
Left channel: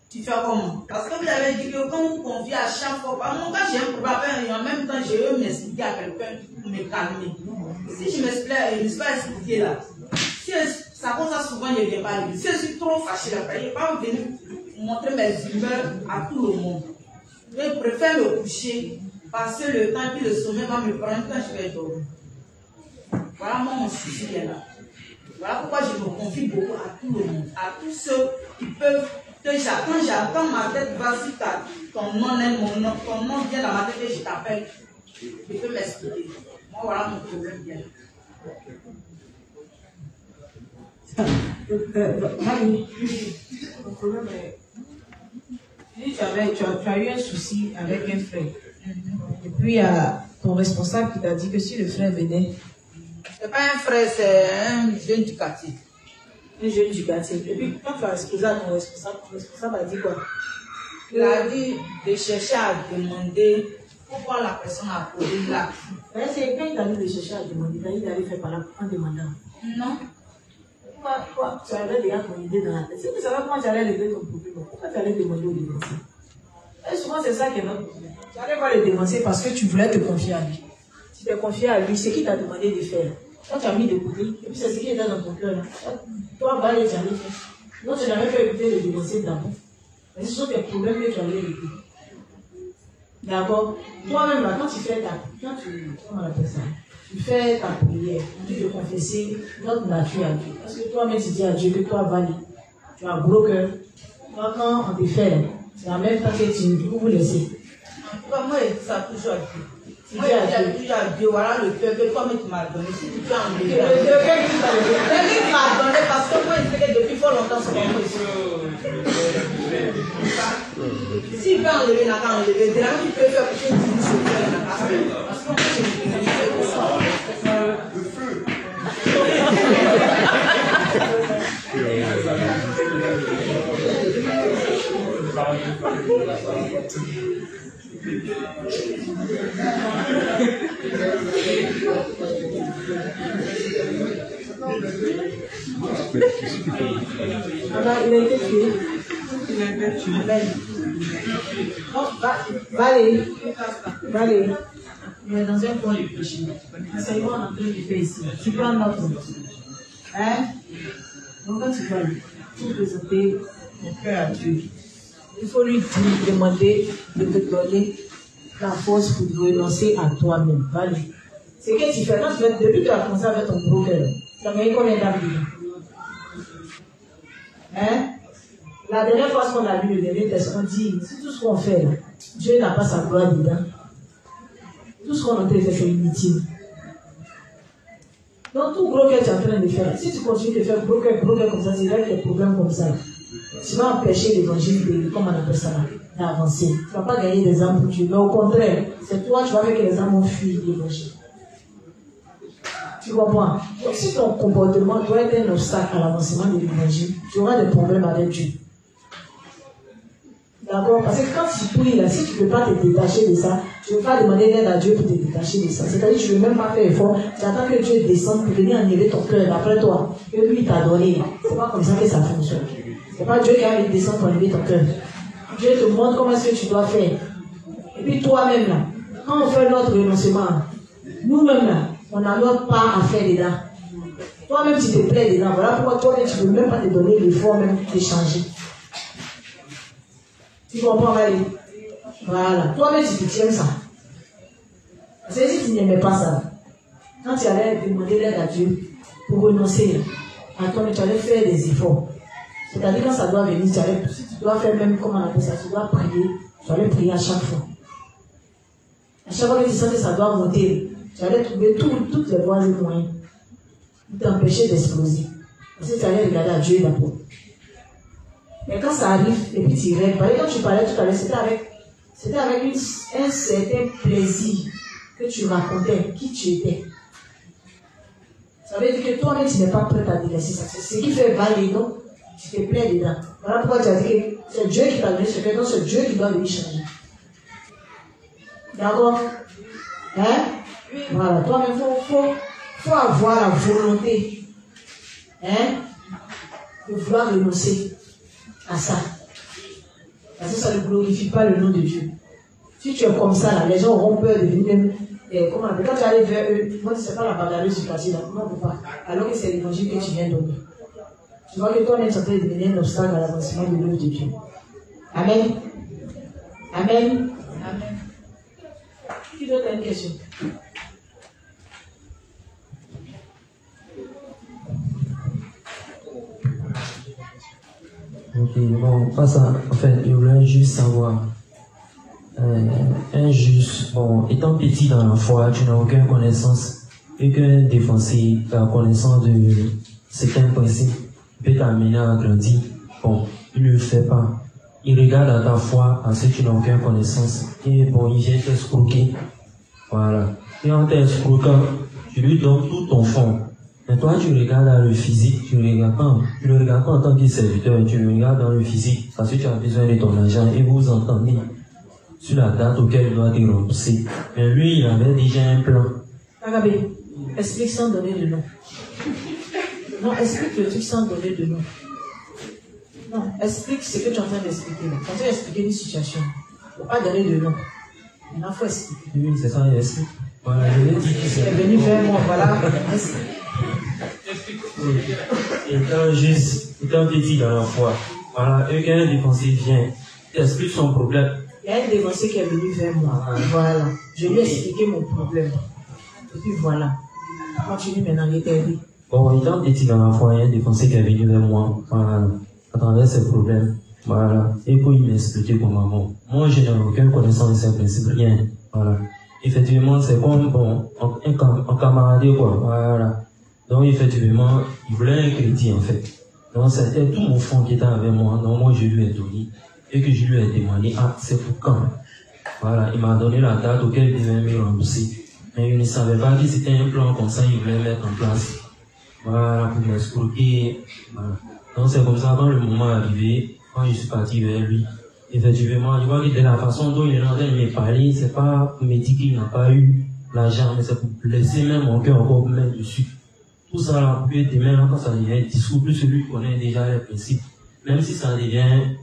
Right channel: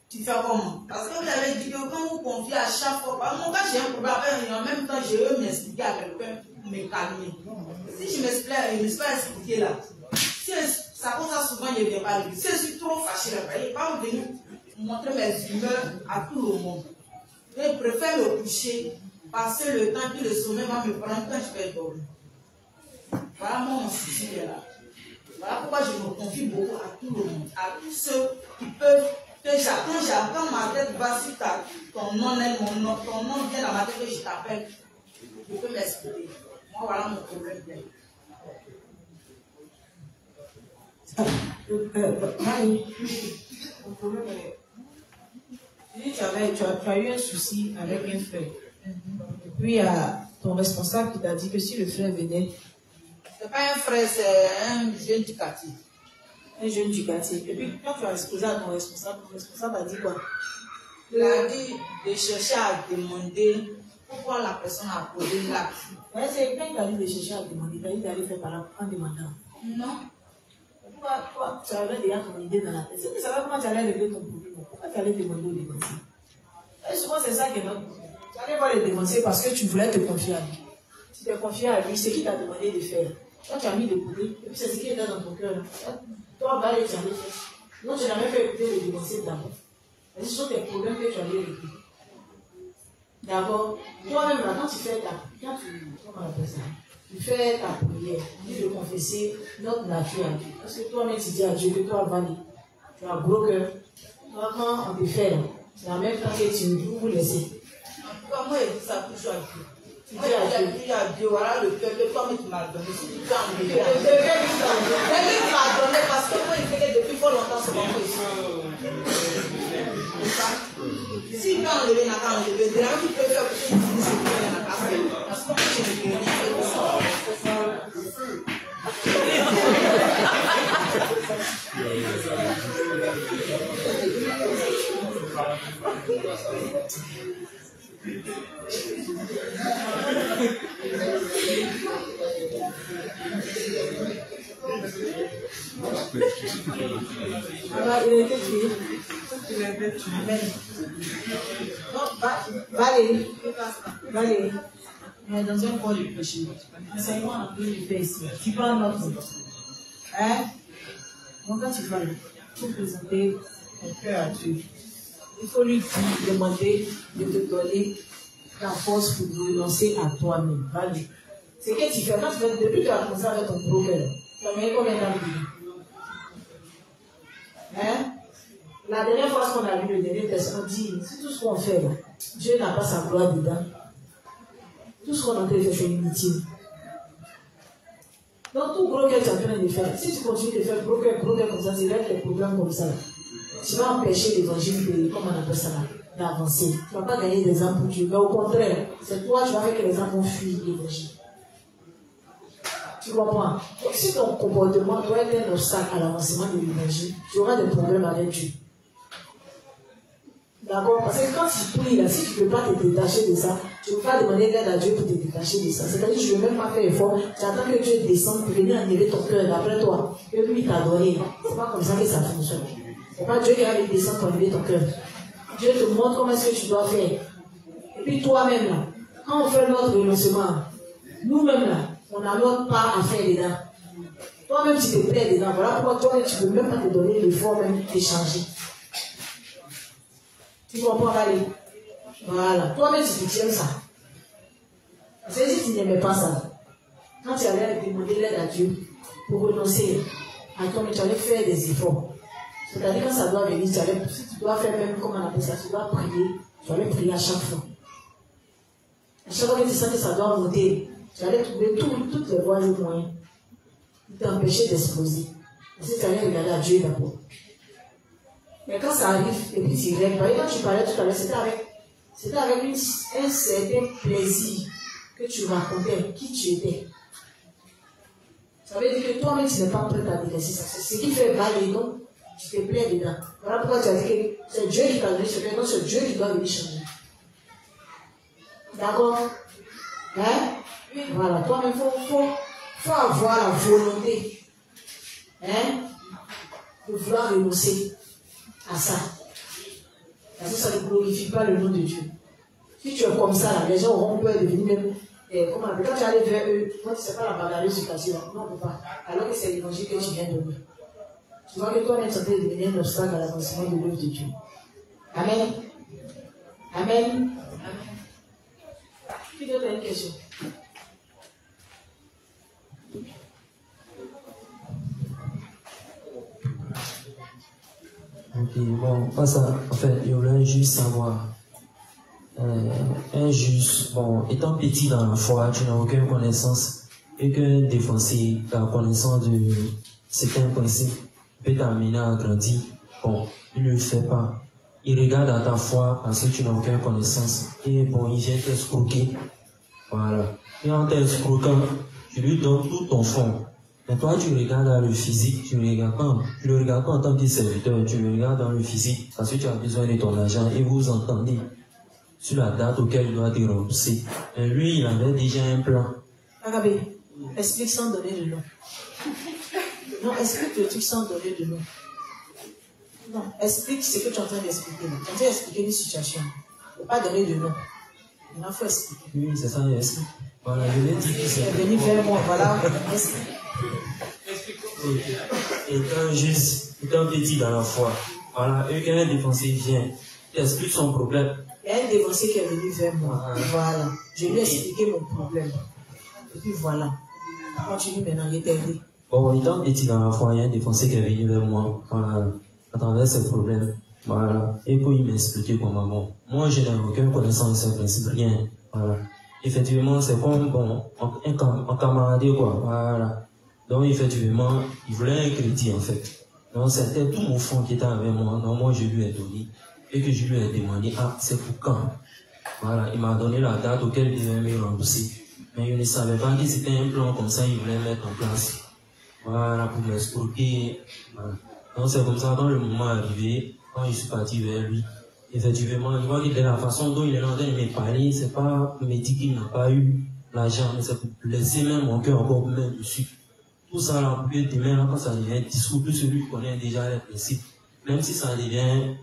tu fais comment? Parce que vous avez dit que quand vous confiez à chaque fois, moi, quand j'ai un problème, en même temps, je veux m'expliquer à quelqu'un pour me calmer. Si je m'explique, je ne suis pas expliqué là. Si ça comme ça, souvent, je ne viens pas lui. Si je suis trop fâché là, je ne vais pas venir montrer mes humeurs à tout le monde. Je préfère me coucher passer le temps, puis le sommeil va me prendre quand je vais dormir. Voilà mon souci est là. Voilà pourquoi je me confie beaucoup à tout le monde, à tous ceux qui peuvent, quand j'attends ma tête, voici ton nom est mon nom, ton nom vient dans ma tête et je t'appelle. Je peux m'expliquer. Moi, voilà mon problème bien. Marie, mon problème est. Tu as eu un souci avec un frère. Et puis il y a ton responsable qui t'a dit que si le frère venait. C'est pas un frère, c'est un jeune du quartier. Un jeune du quartier. Et puis quand tu as exposé à ton responsable a dit quoi? Il a dit de chercher à demander pourquoi la personne a posé là. C'est quand il t'a dit de chercher à demander, il t'a dit d'aller faire par là en demandant. Non. Pourquoi tu avais déjà ton idée dans la tête? Si tu savais comment tu allais régler ton problème, pourquoi tu allais demander au dénoncé? Et souvent c'est ça qui est notre problème. Tu allais pas le dénoncer parce que tu voulais te confier à lui. Tu t'es confié à lui, c'est qui t'a demandé de faire. Quand tu as mis de côté, et puis c'est ce qui était dans ton cœur là. Toi, bah, tu allais faire. Non, tu n'avais pas écouté le dénoncer d'abord. Mais ce sont tes problèmes que tu allais régler. D'accord? Toi-même, là, quand tu fais comment on appelle ça? Tu fais ta prière, tu te confesser notre nature à Dieu. Parce que toi-même, tu dis à Dieu que toi, Vali, tu as gros cœur. Toi, quand on te fait, c'est la même chose que tu peux vous laisser. En tout cas, moi, ça touche à Dieu. Moi, je dis à Dieu, voilà le cœur que toi-même tu m'as donné. Si tu peux enlever là. Quelqu'un qui m'a donné parce que moi, il fait depuis fort longtemps, c'est pas moi ici. S'il peut enlever, il n'a qu'à enlever. Dès là, tu peux faire quelque chose de ce cœur, il n'a qu'à faire. Parce que moi, je ne peux rien faire de ça. Alors, il a été tué. Il a été tué. Non, Valérie. On est dans un corps de péché. L'enseignement en train de faire ici. Tu prends notre nom. Hein? Donc, quand tu vas aller, pour présenter ton cœur à Dieu, il faut lui dire, demander de te donner la force pour te renoncer à toi-même. Valérie. C'est que tu fais. Quand tu fais, depuis que tu as commencé avec ton gros cœur, tu as mis combien d'années? Hein? La dernière fois qu'on a lu le dernier texte, on dit, c'est tout ce qu'on fait là. Dieu n'a pas sa gloire dedans. Tout ce qu'on a fait, c'est inutile. Donc, tout gros cœur tu es en train de faire, si tu continues de faire gros cœur comme ça, c'est vrai que des problèmes comme ça. Tu vas empêcher l'évangile de, comment on appelle ça, d'avancer. Tu ne vas pas gagner des âmes pour Dieu. Mais au contraire, c'est toi, tu vas faire que les âmes vont fuir l'évangile. Tu comprends? Donc, si ton comportement doit être un obstacle à l'avancement de l'évangile, tu auras des problèmes avec Dieu. D'accord? Parce que quand tu pries, là, si tu ne peux pas te détacher de ça, tu ne peux pas demander l'aide à Dieu pour te détacher de ça. C'est-à-dire que tu ne veux même pas faire effort, tu attends que Dieu descende pour venir enlever ton cœur d'après toi, que lui t'a donné. Ce n'est pas comme ça que ça fonctionne. Ce n'est pas Dieu qui va descendre pour enlever ton cœur. Dieu te montre comment est-ce que tu dois faire. Et puis toi-même, là, quand on fait notre renoncement, nous-mêmes, là, on a notre part à faire dedans. Toi-même, tu te plais dedans. Voilà pourquoi toi-même, tu ne peux même pas te donner l'effort même de changer. Tu comprends, Valérie? Voilà. Toi-même, tu tiens ça. C'est si tu n'aimais pas ça. Quand tu allais demander l'aide à Dieu pour renoncer à toi, tu allais faire des efforts. C'est-à-dire quand ça doit venir, si tu dois faire même, comment on appelle ça, tu dois prier. Tu allais prier à chaque fois. À chaque fois que tu sens que ça doit monter, tu allais trouver toutes les voies et moyens pour t'empêcher d'exploser. Parce que tu allais regarder à Dieu d'abord. Mais quand ça arrive, et puis tu rêves, par exemple, quand tu parlais tout à l'heure, c'était avec un certain plaisir que tu racontais qui tu étais. Ça veut dire que toi-même, tu n'es pas prêt à délaisser ça. C'est ce qui fait valer, donc tu te plais dedans. Voilà pourquoi tu as dit que c'est Dieu qui t'a donné ce cœur, donc c'est Dieu qui doit venir changer. D'accord? Hein? Voilà, toi-même, faut avoir la volonté, hein, de vouloir renoncer à ça. Parce que ça ne glorifie pas le nom de Dieu. Si tu es comme ça, là, les gens auront peur de venir même. Comment on appelle? Quand tu arrives vers eux, moi, c'est pas la bagarreuse du quartier, non, on ne peut pas. Alors que c'est l'évangile que tu viens donner. Tu vois que toi-même, ça peut devenir un obstacle à l'avancement de l'œuvre de Dieu. Amen. Amen. Amen. Qui d'autre a une question? Ok, bon, pas ça. En fait, je voulais juste savoir. Bon, étant petit dans la foi, tu n'as aucune connaissance, aucun défoncé, la connaissance de certains principes peut t'amener à grandir. Bon, il ne le fait pas. Il regarde à ta foi parce que tu n'as aucune connaissance. Et bon, il vient t'escroquer. Voilà. Et en t'escroquant, tu lui donnes tout ton fond. Mais toi, tu regardes dans le physique, tu ne le regardes pas en tant que serviteur, tu le regardes dans le physique parce que tu as besoin de ton argent et vous entendez sur la date auquel il doit te rembourser. Mais lui, il avait déjà un plan. Agabé, explique sans donner de nom. Non, explique le truc sans donner de nom. Non, explique ce que tu es en train d'expliquer. Tu es en train d'expliquer une situation. Il ne faut pas donner de nom. Maintenant, il faut expliquer. Oui, c'est ça, il explique. Voilà, je l'ai dit. Il est venu vers moi, voilà. Étant petit dans la foi, voilà, et qu'un défoncé vient, il explique son problème. Il y a un défoncé qui est venu vers moi. Voilà. Je lui ai expliqué mon problème. Et puis voilà. Continue maintenant, il est perdu. Bon, étant petit dans la foi, il y a un défoncé qui est venu vers moi, voilà, à travers ses problèmes. Voilà. Et puis il m'a expliqué comment, bon, moi je n'ai aucune connaissance de ces principes, rien. Voilà. Effectivement, c'est comme, bon, en camarade, quoi. Voilà. Donc, effectivement, il voulait un crédit, en fait. Donc, c'était tout mon fond qui était avec moi. Donc, moi, je lui ai donné. Et que je lui ai demandé, ah, c'est pour quand? Voilà, il m'a donné la date auquel il devait me rembourser. Mais il ne savait pas que c'était un plan comme ça, il voulait mettre en place. Voilà, pour m'escroquer. Voilà. Donc, c'est comme ça, quand le moment est arrivé, quand je suis parti vers lui, effectivement, je vois que de la façon dont il est en train de me parler, c'est pas pour me dire qu'il n'a pas eu l'argent, mais c'est pour blesser même mon cœur encore même dessus. Tout ça, là, puis demain, quand ça devient discours, plus celui qui connaît déjà les principes, même si ça devient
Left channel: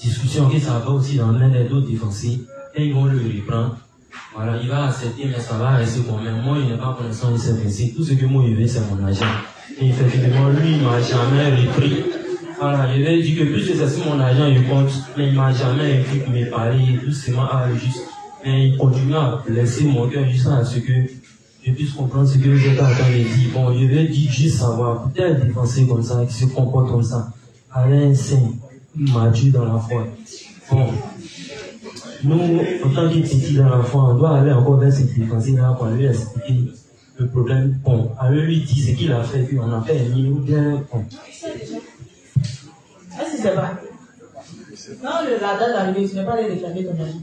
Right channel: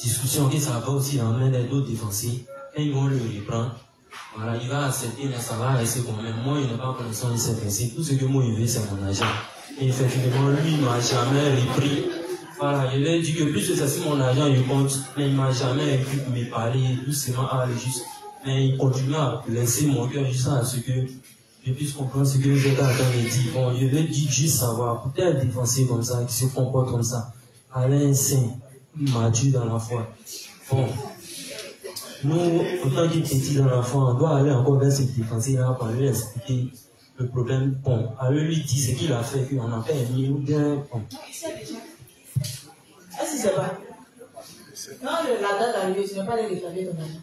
discussion, que ça va aussi dans l'un des d'autres défoncés, et ils vont le reprendre. Voilà, il va accepter, mais ça va rester quand même. Moi, il n'est pas connaissant de ces principes. Tout ce que moi, je veux, c'est mon argent. Et effectivement, lui, il ne m'a jamais repris. Voilà, je vais dire que plus c'est sur mon argent, je compte, mais il ne m'a jamais repris pour me parler, doucement, juste. Et il continue à laisser mon cœur jusqu'à ce que je puisse comprendre ce que vous êtes en train de dire. Bon, je vais dire juste savoir, peut-être défenseur comme ça, qui se comporte comme ça, à un saint, mature dans la foi. Bon, nous, en tant que petits dans la foi, on doit aller encore vers ce défenseur-là pour lui expliquer le problème. Bon, à lui dire ce qu'il a fait, qu'on a permis, ou bien, bon. Est-ce que c'est vrai? Non, la date d'arrivée, tu n'as pas les réclamer ton ami.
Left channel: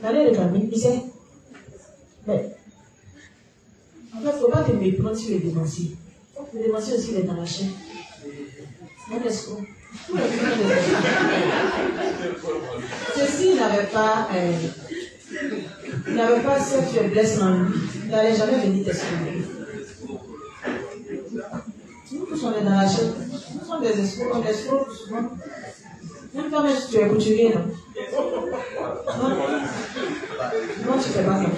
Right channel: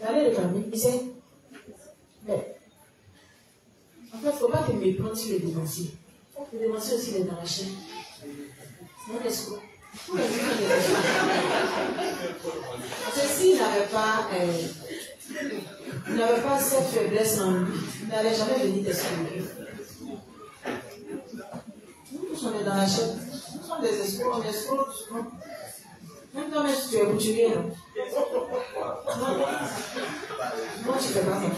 Tu allais réclamer, il sait. Mais, en fait, il ne faut pas te méprendre sur les dénonciers. Les dénonciers aussi, il est dans la chaîne. C'est un escroc. Parce que s'il n'avait pas cette faiblesse en lui, il n'allait jamais venir t'escroquer. Nous tous, on est dans la chaîne. Nous sommes des escrocs, on escrocs souvent. Même toi-même, tu es couturier, non? Non, tu fais pas ça.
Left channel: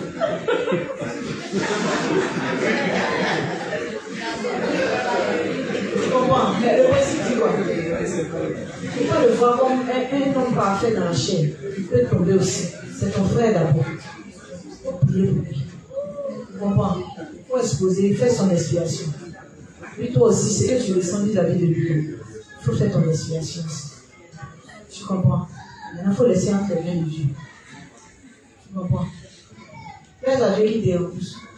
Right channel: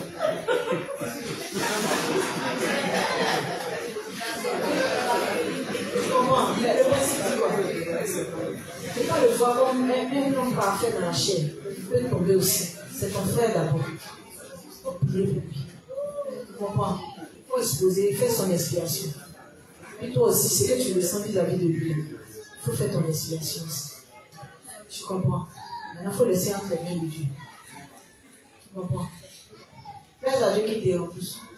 Tu comprends? Mais le principe, tu vois. Il faut pas le voir comme un homme parfait dans la chaîne. Il peut tomber aussi. C'est ton frère d'abord. Il faut prier pour lui. Tu comprends? Il faut exposer, faire son expiation. Et toi aussi, c'est que tu le sens vis-à-vis de lui. Il faut faire ton expiation aussi. Tu comprends? Maintenant, il faut laisser entre les mains de Dieu. Tu comprends? Très âgé qui déroule.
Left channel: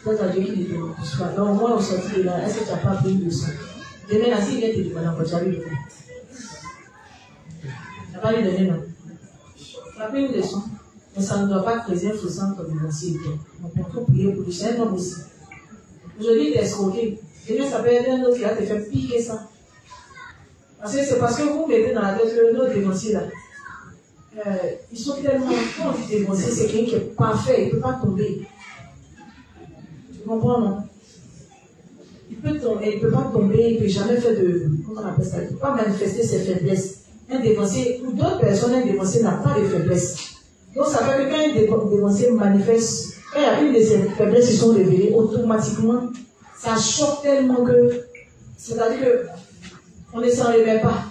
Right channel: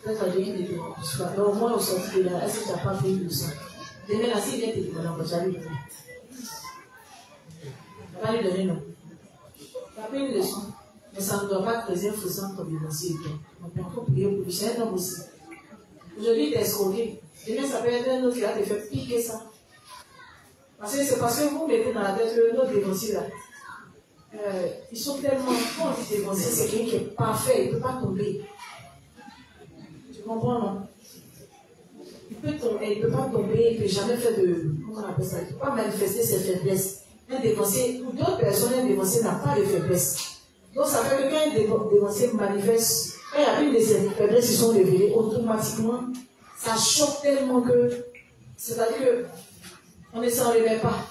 Très âgé qui déroule. Alors, au moins, au sortir de là, est-ce que tu n'as pas pris le sang? Demain, là, s'il vient te demander encore, tu vas lui donner. Tu n'as pas lui donner, non? Tu as pris une leçon. Mais ça ne doit pas creuser un faussant comme il a aussi. Donc, il faut prier pour lui. C'est un homme aussi. Aujourd'hui, il est escroqué. Demain, ça peut être un autre qui va te faire piquer ça. Parce que c'est parce que vous mettez dans la tête que l'autre défoncé là, ils sont tellement, quand on dit défoncé, c'est quelqu'un qui est parfait, il ne peut pas tomber. Tu comprends, non? Il peut tomber, il ne peut pas tomber, il ne peut jamais faire de, comment on appelle ça, il ne peut pas manifester ses faiblesses. Un défoncé, ou d'autres personnes, un défoncé n'a pas de faiblesse. Donc ça fait que quand un défoncé manifeste, quand il y a une de ses faiblesses qui sont révélées, automatiquement, ça choque tellement que, c'est-à-dire que, on ne s'en réveille pas.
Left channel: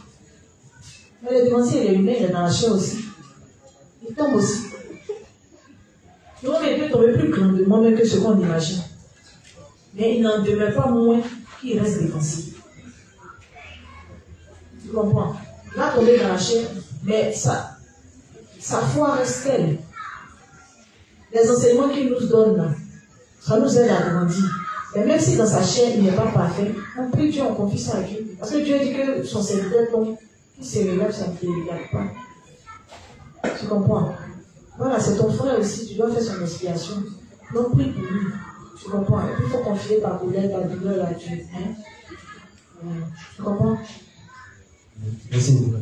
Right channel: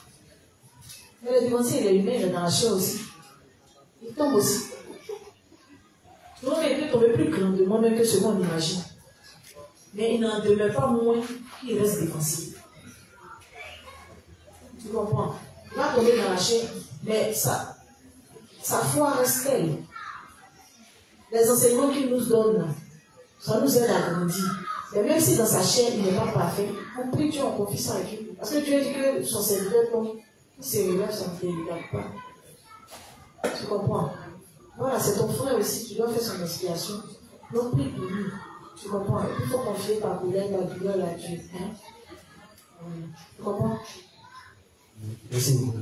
Mais le défoncé, il est humain, il est dans la chair aussi. Il tombe aussi. Le monde peut tomber plus grandement même que ce qu'on imagine. Mais il n'en demeure pas moins qu'il reste défensif. Tu comprends? Il va tomber dans la chair, mais sa foi reste telle. Les enseignements qu'il nous donne là, ça nous aide à grandir. Et même si dans sa chair il n'est pas parfait, on prie Dieu, on confie ça à Dieu. Parce que Dieu dit que son serviteur tombe, il se relève, ça ne te regarde pas. Tu comprends? Voilà, c'est ton frère aussi, tu dois faire son expiation. Donc prie pour lui. Tu comprends? Et puis il faut confier ta colère, ta douleur à Dieu. Hein? Tu comprends? Merci beaucoup.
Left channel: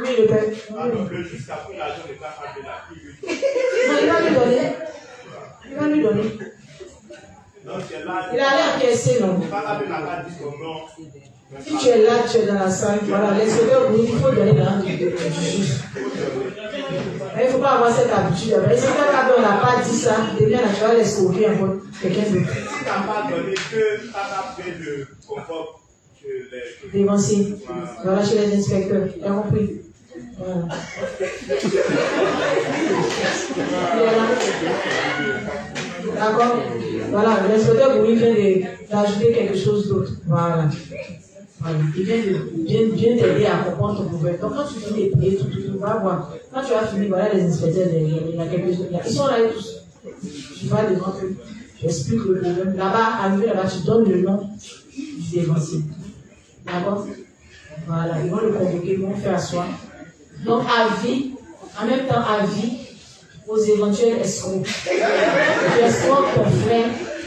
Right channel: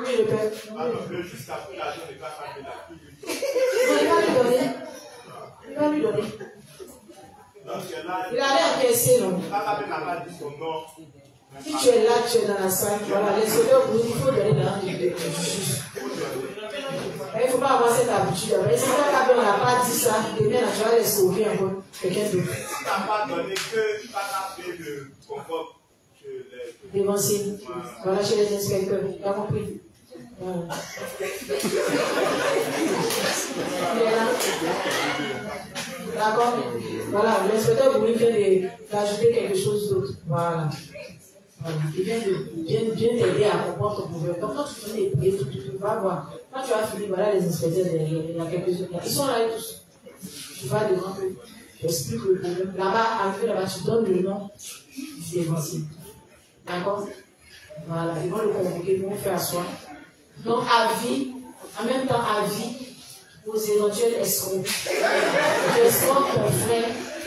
Oui, le père. Le juge a pris l'argent de la femme de la fille. Non, il va lui donner. Il va lui donner. Il allait encaisser, non? Si tu es là, tu es dans la salle, voilà, l'inspecteur, il faut donner l'argent du juge. Il ne faut pas avoir cette habitude. Mais si quelqu'un n'a pas dit ça, demain, tu vas l'escroquer encore quelqu'un d'autre. Si tu n'as pas donné que tu as fait le confort. Dévancier. Voilà, chez les inspecteurs. Tu as compris? Voilà. D'accord? Voilà, l'inspecteur pour lui vient d'ajouter quelque chose d'autre. Voilà. Voilà. Il vient t'aider à comprendre ton problème. Donc quand tu finis de prier, tout va voir. Quand tu as fini, voilà les inspecteurs, il y a quelque chose. Ils sont là tous. Tu vas devant eux. Tu expliques le problème. Là-bas, arrivé là-bas, tu donnes le nom du dévancier. D'accord? Voilà, ils vont le convoquer, ils vont faire asseoir. Donc, avis, en même temps, avis aux éventuels escrocs. Tu escroques ton frère,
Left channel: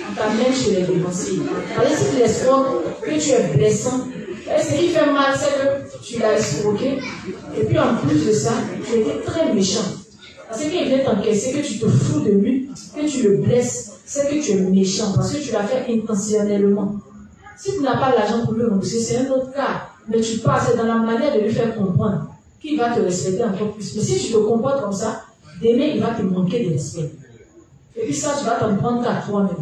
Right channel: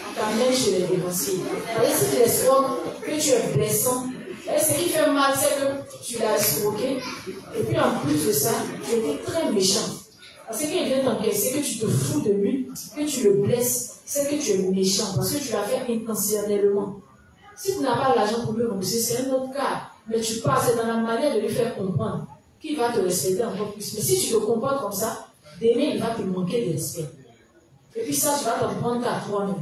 on t'amène chez les dévanciers. Parce que si tu escroques, que tu es blessant, ce qui fait mal, c'est que tu l'as escroqué, et puis en plus de ça, tu étais très méchant. Parce qu'il vient t'encaisser, que tu te fous de lui, que tu le blesses, c'est que tu es méchant, parce que tu l'as fait intentionnellement. Si tu n'as pas l'argent pour lui rembourser, c'est un autre cas. Mais tu passes dans la manière de lui faire comprendre qu'il va te respecter encore plus. Mais si tu te comportes comme ça, demain, il va te manquer de respect. Et puis ça, tu vas t'en prendre qu'à toi-même.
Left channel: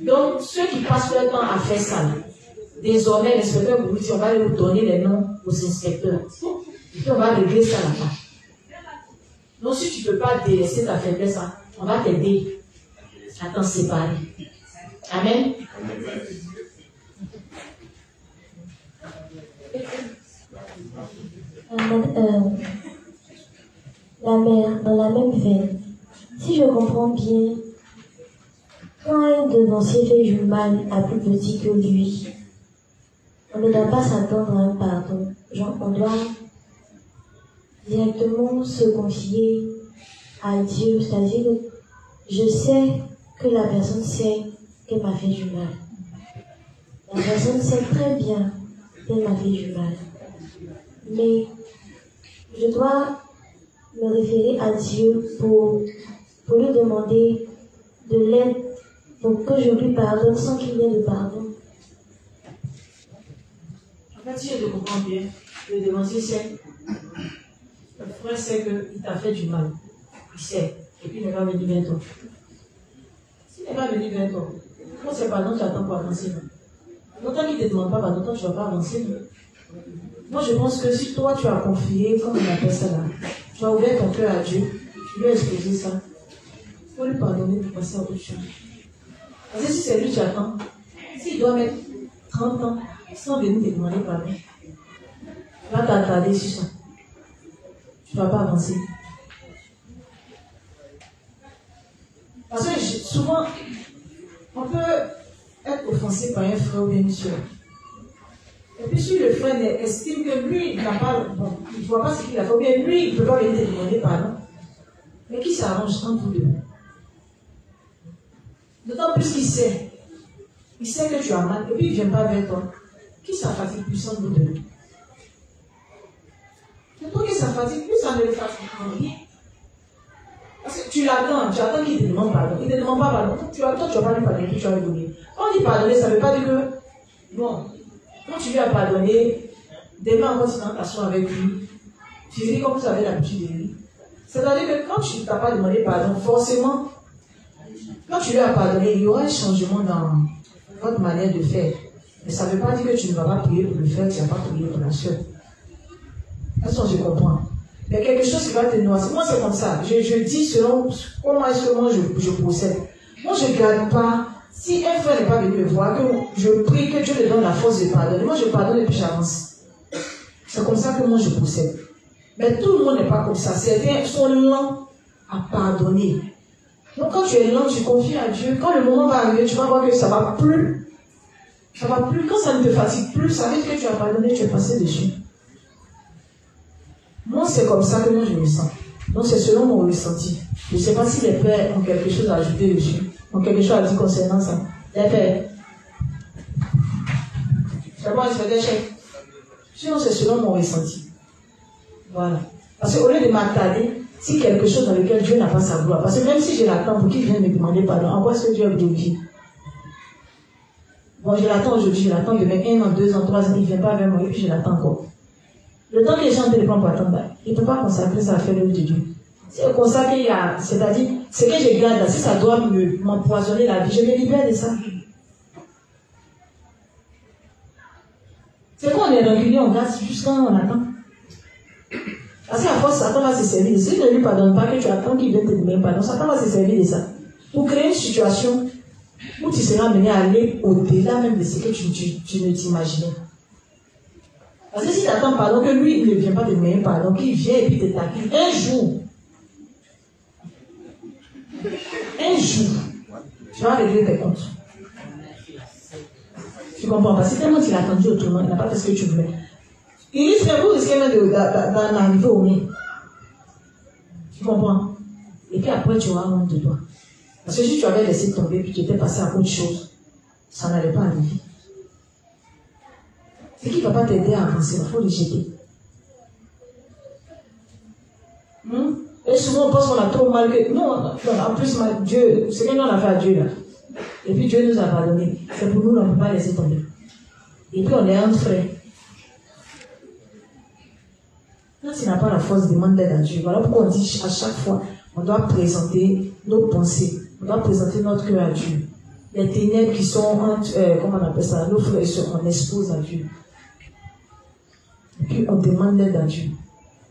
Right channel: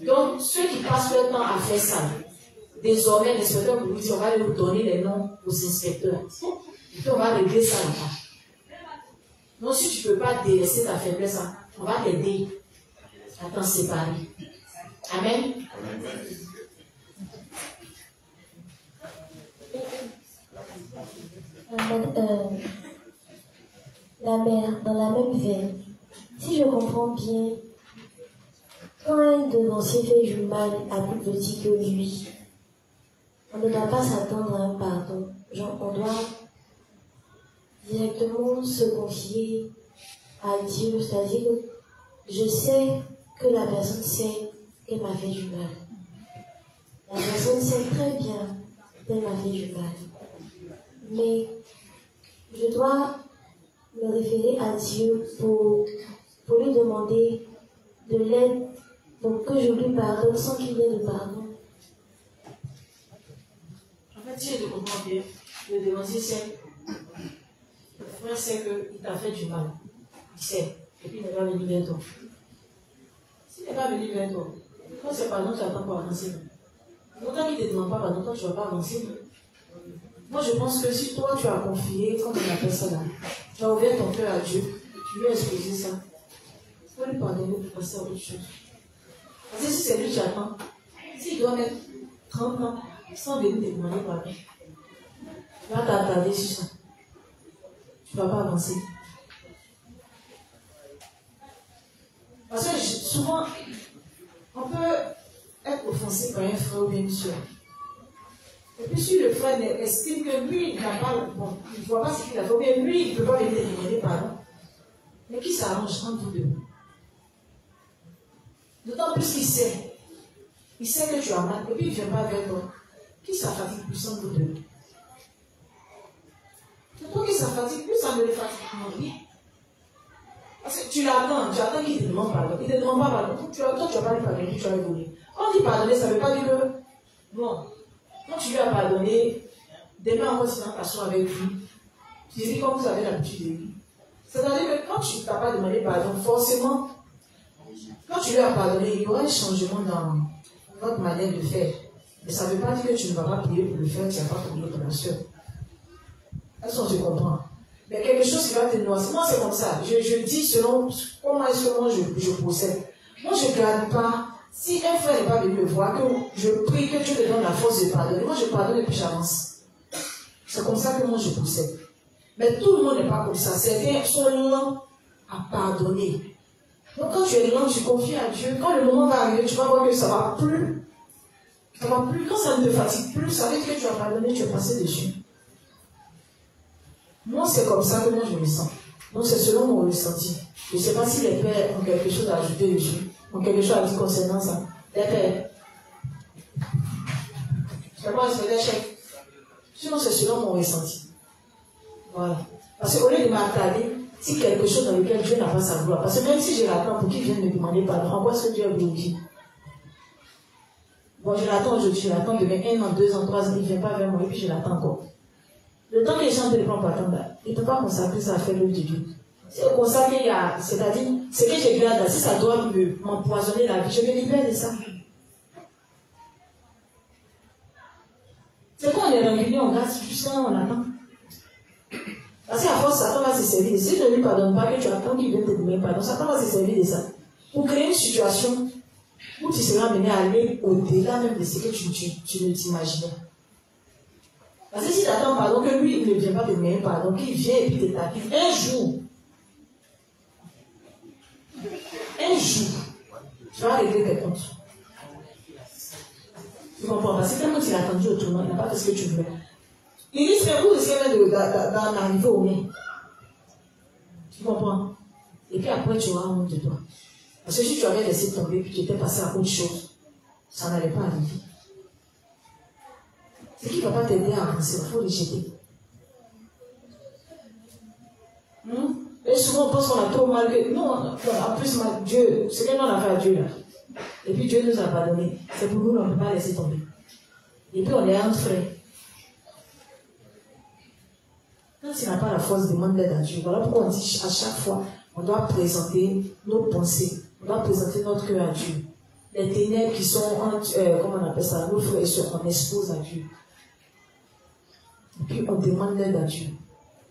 Donc, ceux qui passent leur temps à faire ça, désormais, l'inspecteur vous dit, on va leur donner les noms aux inspecteurs. Et puis, on va régler ça là-bas. Donc, si tu ne peux pas délaisser ta faiblesse, on va t'aider à t'en séparer. Amen. Dans la même veine, si je comprends bien, quand un devancier fait du mal à plus petit que lui, on ne doit pas s'attendre à un pardon. Genre, on doit directement se confier à Dieu, c'est-à-dire que je sais que la personne sait qu'elle m'a fait du mal. La personne sait très bien qu'elle m'a fait du mal. Mais je dois me référer à Dieu pour lui demander de l'aide pour que je lui pardonne sans qu'il y ait de pardon. En fait, si je te comprends bien, le devancier sait, le frère sait qu'il t'a fait du mal. Il sait. Et puis il ne va venir vers toi. S'il n'est pas venu vers toi, quand c'est pardon, tu attends pour avancer. Autant qu'il ne te demande pas pardon, toi tu ne vas pas avancer. Moi je pense que si toi tu as confié, comme on appelle ça là, tu as ouvert ton cœur à Dieu, tu lui as exposé ça, il faut lui pardonner pour passer à autre chose. Parce que si c'est lui qui attend, s'il doit mettre 30 ans sans venir te demander pardon, tu vas t'attarder sur ça. Tu ne vas pas avancer. Parce que souvent, on peut être offensé par un frère ou une soeur. Et puis si le frère estime que lui, il n'a pas, bon, il ne voit pas ce qu'il a fait, mais lui, il ne peut pas venir te demander pardon. Mais qui s'arrange entre vous deux? D'autant plus qu'il sait. Il sait que tu as mal, et puis il ne vient pas vers toi. Qui ça fatigue plus entre vous deux? C'est toi qui ça fatigue, plus ça ne le fatigue rien. Parce que tu attends qu'il te demande pardon. Il ne te demande pas pardon. Tu attends, tu ne vas pas lui pardonner, tu vas lui donner. Quand il pardonner, ça ne veut pas dire que, non. Quand tu lui as pardonné, demain encore, tu t'assois avec lui. Tu dis comme vous avez l'habitude de lui. C'est-à-dire que quand tu ne t'as pas demandé pardon, forcément, quand tu lui as pardonné, il y aura un changement dans votre manière de faire. Mais ça ne veut pas dire que tu ne vas pas prier pour le faire, tu ne vas pas prier pour la soeur. Est-ce que tu comprends? Il y a quelque chose qui va te noyer. Moi, c'est comme ça. Je dis selon comment est-ce que moi je procède. Moi, je ne garde pas. Si un frère n'est pas venu me voir, que je prie que Dieu lui donne la force de pardonner. Moi, je pardonne et puis j'avance. C'est comme ça que moi je procède. Mais tout le monde n'est pas comme ça. Certains sont lents à pardonner. Donc quand tu es lent, tu confies à Dieu. Quand le moment va arriver, tu vas voir que ça ne va plus. Ça ne va plus. Quand ça ne te fatigue plus, ça veut dire que tu as pardonné, tu es passé dessus. Moi, c'est comme ça que moi je me sens. Donc c'est selon mon ressenti. Je ne sais pas si les pères ont quelque chose à ajouter dessus. Ont quelque chose à dire concernant ça. Les pères. C'est bon, c'est des chèques. Sinon, c'est selon mon ressenti. Voilà. Parce qu'au lieu de m'attarder, si quelque chose dans lequel Dieu n'a pas sa gloire, parce que même si je l'attends pour qu'il vienne me demander pardon, en quoi est-ce que Dieu est glorifié? Bon, je l'attends aujourd'hui, je l'attends demain, 1 an, 2 ans, 3 ans, il ne vient pas vers moi, et puis je l'attends encore. Le temps que les gens ne prennent pas pour attendre, il ne peut pas consacrer ça à faire l'œuvre de Dieu. C'est consacré à, c'est-à-dire, ce que je garde là, si ça doit m'empoisonner la vie, je me libère de ça. C'est quoi on est rancunier, on garde jusqu'à quand on attend. Parce qu'à force, Satan va se servir. Si je ne lui pardonne pas, que tu attends qu'il vienne te demander pardon, Satan va se servir de ça. Pour créer une situation où tu seras mené à aller au-delà même de ce que tu ne t'imaginais. Parce que si tu attends pardon, que lui, il ne vient pas te demander pardon, qu'il vient et puis te taquine, un jour, tu vas régler tes comptes. Tu comprends? Parce que tellement tu l'as attendu autrement, il n'a pas fait ce que tu voulais. Il risque vous risquez même d'en arriver au nez. Tu comprends? Et puis après, tu auras honte de toi. Parce que si tu avais laissé tomber puis tu étais passé à autre chose, ça n'allait pas arriver. Ce qui ne va pas t'aider à avancer, il faut le jeter. Et souvent, on pense qu'on a trop mal que. Non, en plus, Dieu, ce que nous on a fait à Dieu là. Et puis Dieu nous a pardonné. C'est pour nous, on ne peut pas laisser tomber. Et puis on est entre frères. Quand tu n'as pas la force, demande d'aide à Dieu. Voilà pourquoi on dit à chaque fois, on doit présenter nos pensées, on doit présenter notre cœur à Dieu. Les ténèbres qui sont, comment on appelle ça, nos frères et sœurs, on expose à Dieu. Et puis on demande d'aide à Dieu.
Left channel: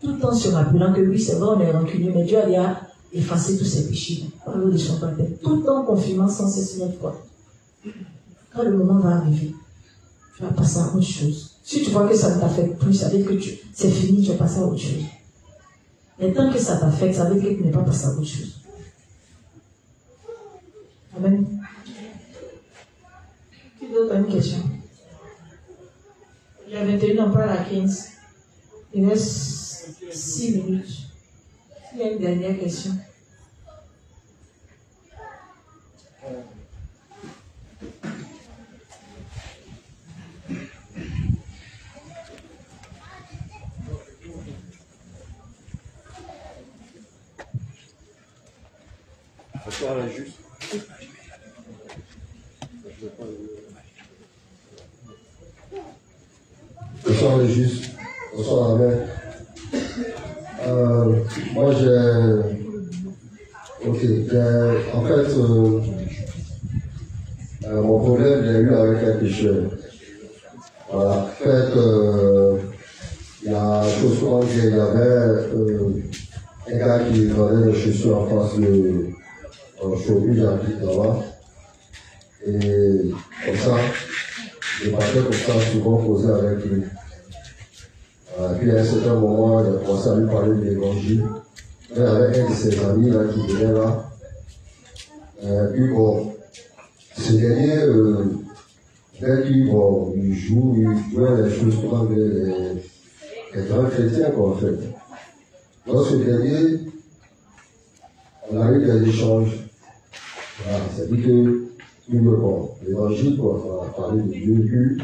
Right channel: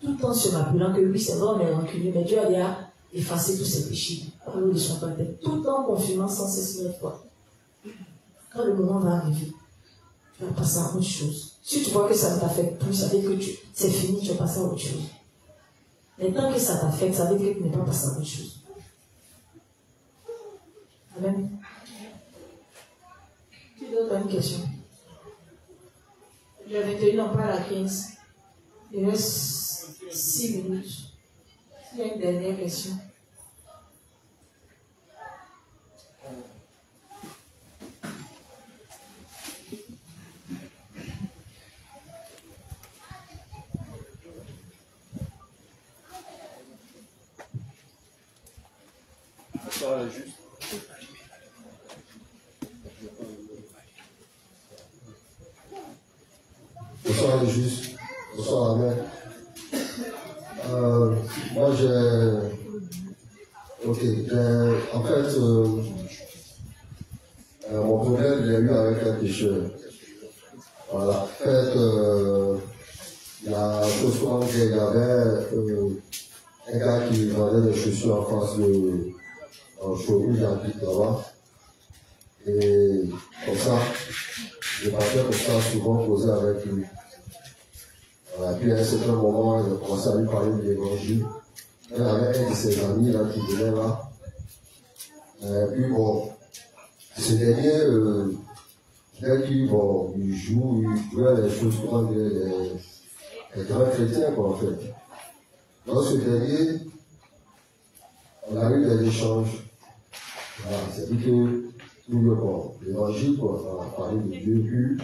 Tout en se rappelant que oui, c'est vrai, on est rancunier, mais Dieu a déjà effacé tous ses péchés. Tout en confirmant sans cesse notre foi. Quand le moment va arriver, tu vas passer à autre chose. Si tu vois que ça ne t'affecte plus, ça veut dire que c'est fini, tu vas passer à autre chose. Mais tant que ça t'affecte, ça veut dire que tu n'es pas passé à autre chose. Amen. Qui d'autre a une question? Le 21, on parle à 15. Il reste 6 minutes. Il y a une dernière question. Bonsoir la juste. Bonsoir les justes. Bonsoir la mère. Moi en fait, mon problème, j'ai eu avec un pécheur. Voilà. En fait, la chose souvent qu'il y avait un gars qui vendait des chaussures en face de showroom, j'habite là-bas. Et comme ça, je partais comme ça, souvent posé avec lui. Puis à un certain moment, il a commencé à lui parler de l'évangile. Il y avait un de ses amis là, qui venait là. Puis bon, ce dernier, il jouait les choses comme les grands chrétiens, quoi, en fait. Dans ce dernier, on a eu des échanges. Voilà, ça dit que l'évangile, quoi, on a parlé de Dieu.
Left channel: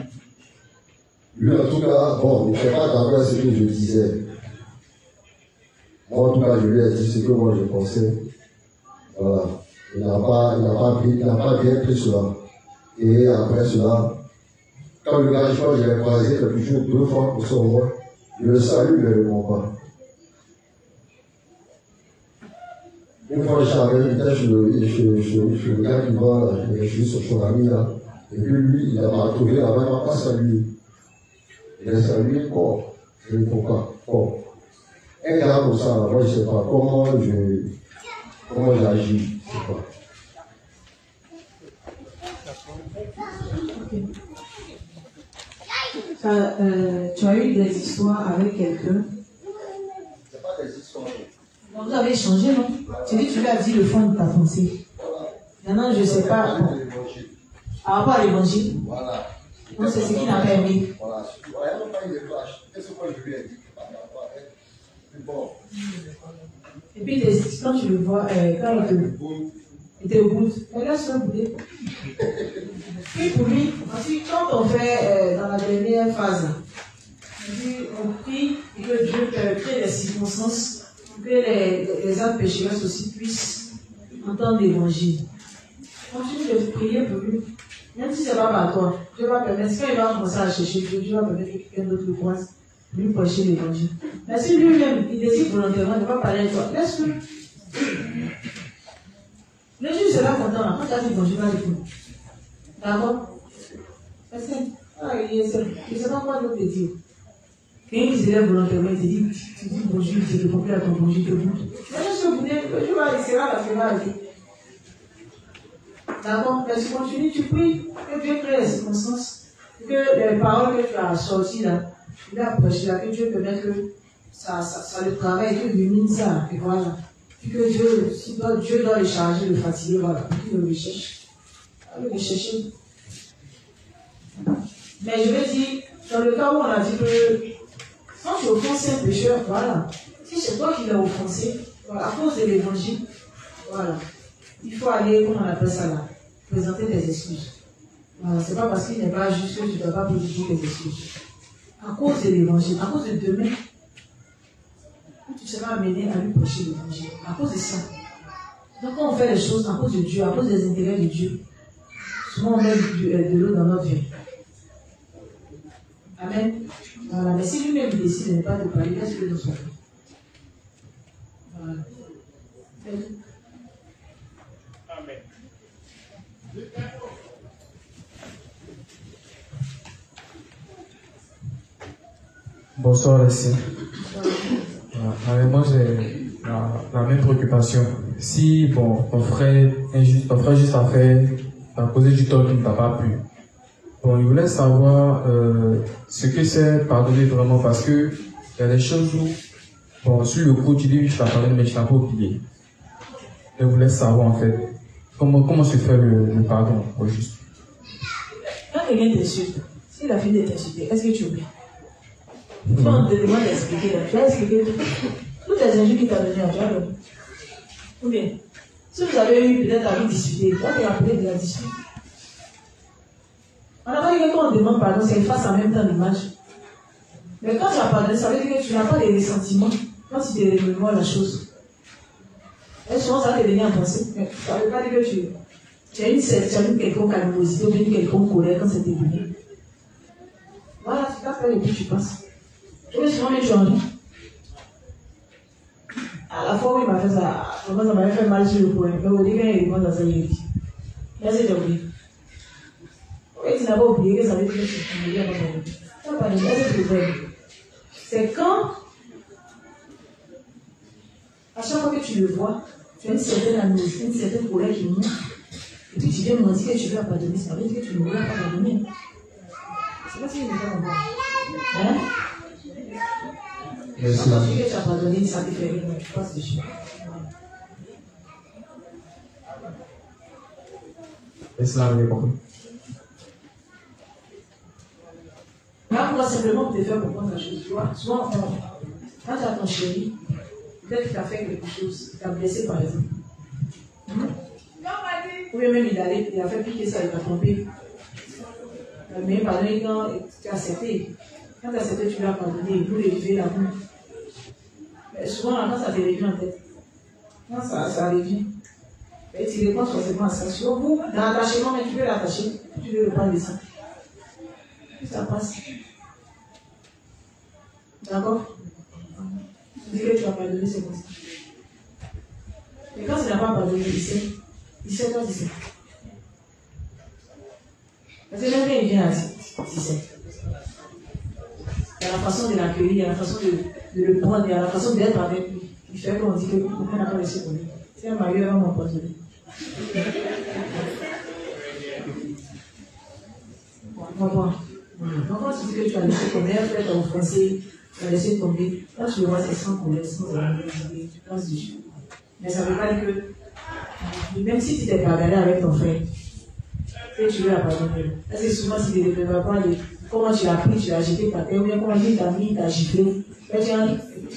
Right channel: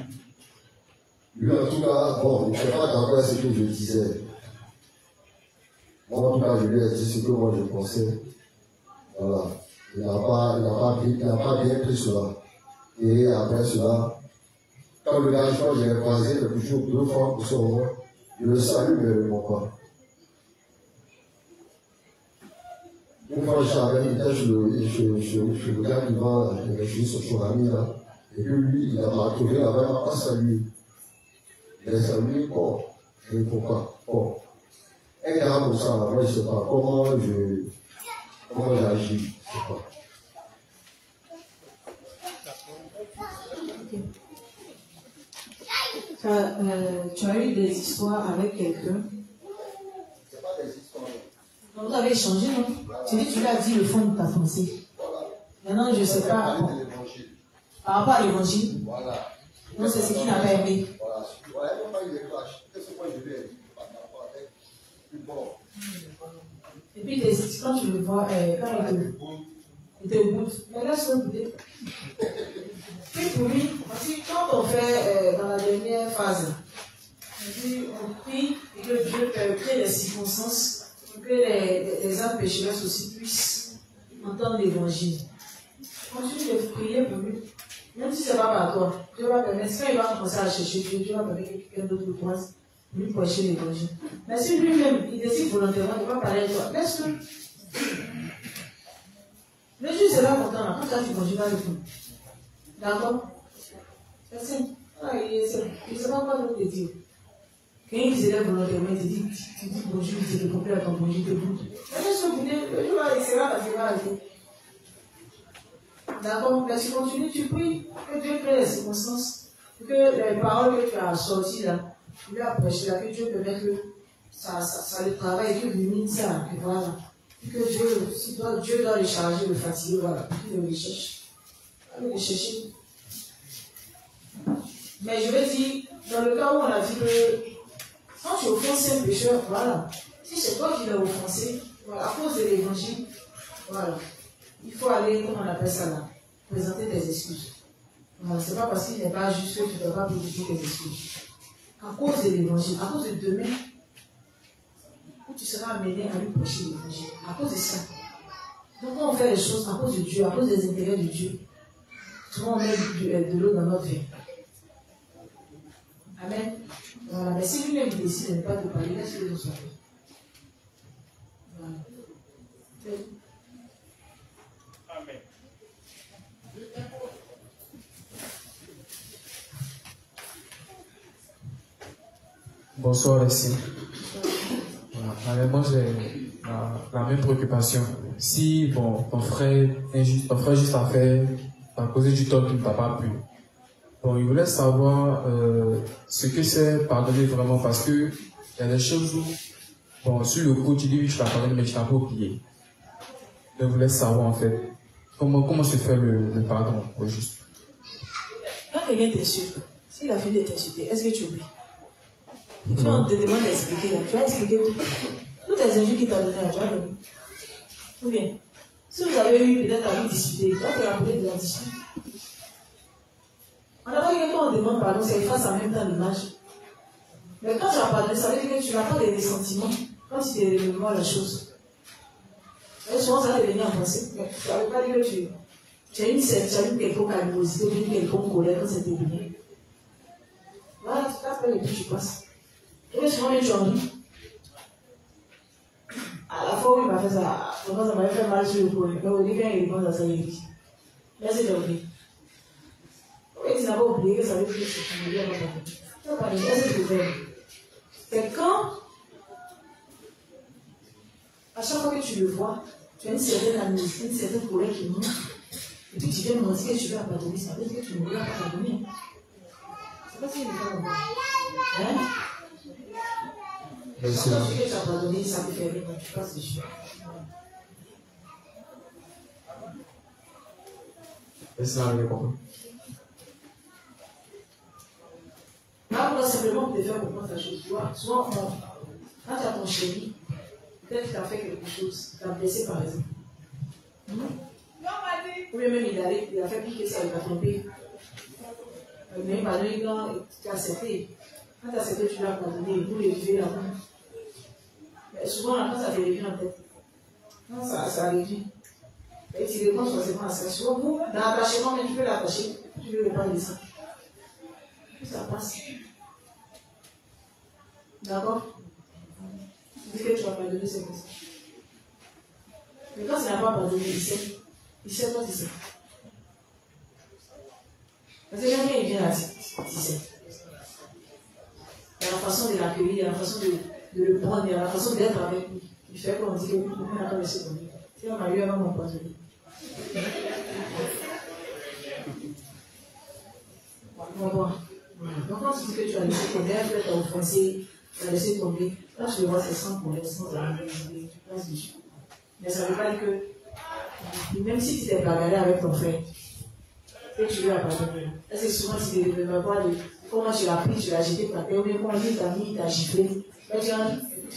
Lui, en tout cas, bon, il ne fait pas attention à ce que je disais. Moi, en tout cas, je lui ai dit ce que moi je pensais. Voilà. Il n'a pas bien pris cela. Et après cela, quand le gars, je crois, j'ai croisé quelque chose 2 fois pour son roi, je le salue, mais il ne répond pas. Une fois, j'étais chez le gars qui vend, je suis sur son ami là, et puis lui, il m'a trouvé là-bas, il ne m'a pas salué. Il a salué, bon, je ne réponds pas. Bon. un gars comme ça, moi je ne sais pas comment j'agis. Je sais pas. Tu as eu des histoires avec quelqu'un. C'est pas des histoires. Donc vous avez échangé, non? Tu dis, tu lui as dit le fond de ta pensée. Maintenant, je ne sais pas. Par rapport à l'évangile. Voilà. Donc c'est ce qui n'a pas aimé. Voilà. Qu'est-ce que je lui ai dit? Bon. Et puis quand tu le vois, quand il te goûte, laisse-le goûter. Puis pour lui, ensuite, quand on fait dans la dernière phase, on prie que Dieu crée des circonstances pour que les âmes pécheresses aussi puissent entendre l'évangile. Continue de prier pour lui. Même si ce n'est pas par toi, Dieu va permettre, quand il va commencer à chercher Dieu, Dieu va permettre que quelqu'un d'autre le croise, lui prêcher l'évangile. Mais si lui-même, il décide volontairement, il va parler avec toi, laisse-le. Le juge sera content, quand tu as dit bon, je vais avec nous. D'accord? Merci. Il ne sait pas quoi d'autre te dire. Quand il se lève volontairement, il te dit, tu dis bonjour, tu réponds plus à ton bonjour, te goûte. Laisse-le goûter, il sera parce qu'il va arrêter. D'accord? Mais tu continues, tu pries, que Dieu crée les circonstances, que les paroles que tu as sorties là, tu vas prêcher là, que Dieu permette que ça le travaille, que lui ça, et voilà. Puis que Dieu, si Dieu doit les charger, le fatiguer, voilà, qu'il le cherche. Il va le chercher. Mais je vais dire, dans le cas où on a dit que quand tu offenses un pécheur, voilà. Si c'est toi qui l'as offensé, voilà, à cause de l'évangile, voilà. Il faut aller, comment on appelle ça là, présenter tes excuses. Voilà, c'est pas parce qu'il n'est pas juste que tu ne peux pas présenter tes excuses. À cause de l'évangile, à cause de demain, où tu seras amené à lui prêcher l'évangile. À cause de ça. Donc quand on fait les choses à cause de Dieu, à cause des intérêts de Dieu, souvent on met de l'eau dans notre vie. Amen. Voilà. Mais si lui-même décide de ne pas te parler, laisse que nous soyons. Voilà. Amen. Bonsoir, merci. Voilà. Moi, j'ai la même préoccupation. Si bon, ton frère juste a causé du tort qu'il ne t'a pas plu. Bon, il voulait savoir ce que c'est pardonner vraiment, parce que il y a des choses où, bon, sur le coup, tu dis oui, je t'ai pardonné, mais je n'ai pas oublié. Il voulait savoir en fait comment se fait le pardon au juste. Quand quelqu'un t'insulte, s'il a fini de t'insulter, est-ce que tu oublies? Quand on te demande d'expliquer, tu vas expliquer toutes les injures qu'il t'a données, tu vas donner. Ou bien, si vous avez eu peut-être à lui discuter, toi tu as appelé de la dispute. On n'a pas dit que quand on demande pardon, c'est efface en même temps l'image. Mais quand tu as pardonné, ça veut dire que tu n'as pas de ressentiment quand tu te remémores la chose. Et souvent, ça va te venir en pensée. Mais ça ne veut pas dire que tu as une quelconque animosité ou une quelconque colère quand c'est terminé. Voilà, tu t'appelles et puis tu passes. Et souvent, les gens, à la fois où il m'a fait ça, comment ça m'avait fait mal sur le point, mais au début, il demande à ça, il dit. Merci d'oublier. Oui, tu n'as pas oublié que ça veut dire que tu oublies avant de tu n'as pas dit, laisse le problème. C'est quand, à chaque fois que tu le vois, tu as une certaine animosité, une certaine colère qui monte, et puis tu viens me dire que tu lui as pardonné, ça veut dire que tu ne lui as pas pardonné. C'est pas si je ne veux pas comprendre. Hein? Quand tu dis que tu as pardonné, ça te fait rire, mais tu passes dessus. Et ça, on est compris. Là, moi, simplement pour te faire comprendre la chose, tu vois, souvent, quand tu as ton chéri, peut-être qu'il t'a fait quelque chose, il t'a blessé par exemple. Ou bien même il a fait piquer ça, il t'a trompé. Mais pardon, quand tu as accepté, quand tu as accepté, tu l'as pardonné, vous l'élever la main. Mais souvent, quand ça te revient en tête, quand ça revient, et tu réponds forcément à ça. Sur vous, dans l'attachement, mais tu peux l'attacher, tu veux le prendre de ça. Puis ça passe. D'accord? Tu dis que tu vas pardonner, c'est comme ça. Mais quand tu n'as pas pardonné, il sait quand il sait. Parce que jamais il vient à 17. Il y a la façon de l'accueillir. l'accueillir, il y a la façon de le prendre, il y a la façon d'être avec lui. Il fait qu'on dit que on n'a pas laissé pour lui. C'est un mari, elle va m'empoisonner. Bon. Donc quand tu dis que tu as laissé tomber, tu as offensé, tu as laissé tomber, quand tu le vois, c'est sans colère, sans amour, sans dessus. Mais ça ne veut pas dire que, même si tu t'es pardonné avec ton frère, tu veux la pardonner. Parce que souvent, si tu ne te rappelles pas de comment tu l'as pris, tu l'as jeté par terre, ou bien comment il t'a mis, il t'a giflé, mais tu n'as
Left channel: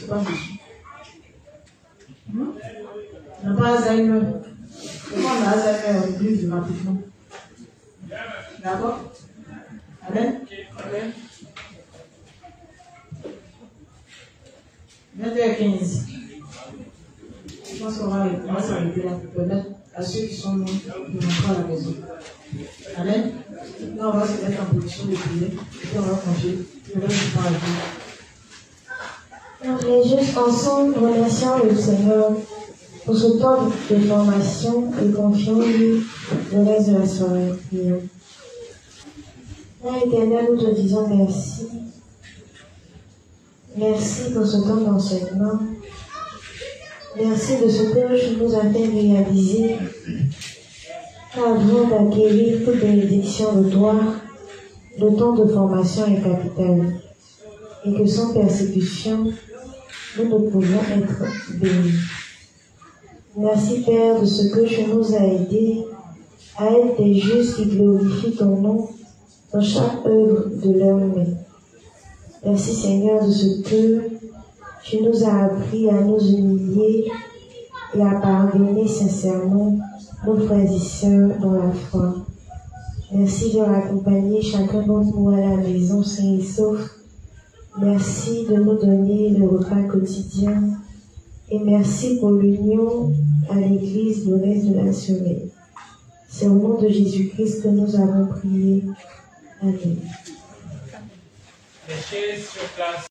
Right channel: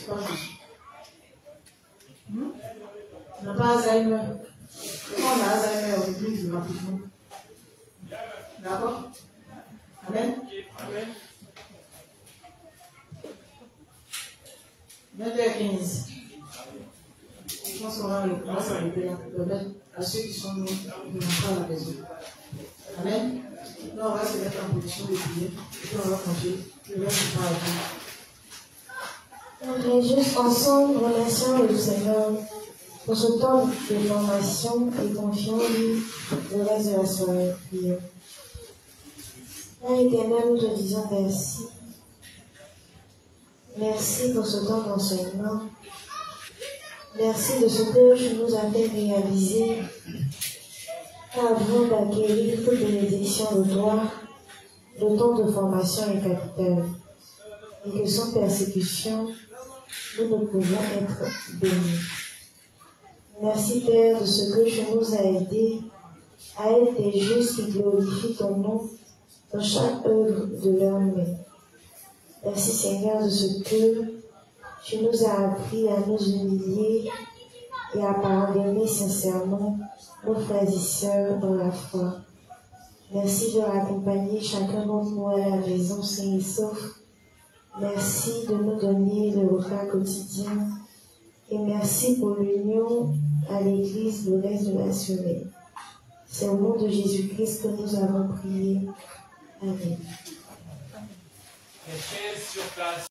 pas dessus. On n'a pas Alzheimer. Comment on a Alzheimer, on oublie rapidement. D'accord? Amen? Amen. 9h15. Je pense qu'on va s'arrêter là pour permettre à ceux qui sont loin de rentrer à la maison. Amen. Là, on va se mettre en position de prier et puis on va confier le reste du temps à Dieu. On est juste ensemble, remerciant le Seigneur pour ce temps de formation et confions-lui le reste de la soirée. Père éternel, nous te disons merci. Merci pour ce temps d'enseignement. Merci de ce que tu nous as fait réaliser qu'avant d'acquérir toute bénédiction de toi, le temps de formation est capital et que sans persécution, nous ne pouvons être bénis. Merci Père de ce que tu nous as aidés à être des justes qui glorifient ton nom dans chaque œuvre de leur main. Merci Seigneur de ce que tu nous as appris à nous humilier et à pardonner sincèrement nos frères et sœurs dans la foi. Merci de raccompagner chacun d'entre nous à la maison sain et sauf. Merci de nous donner le repas quotidien et merci pour l'union à l'Église le reste de la semaine. C'est au nom de Jésus-Christ que nous avons prié. Amen. Les chaises sur place.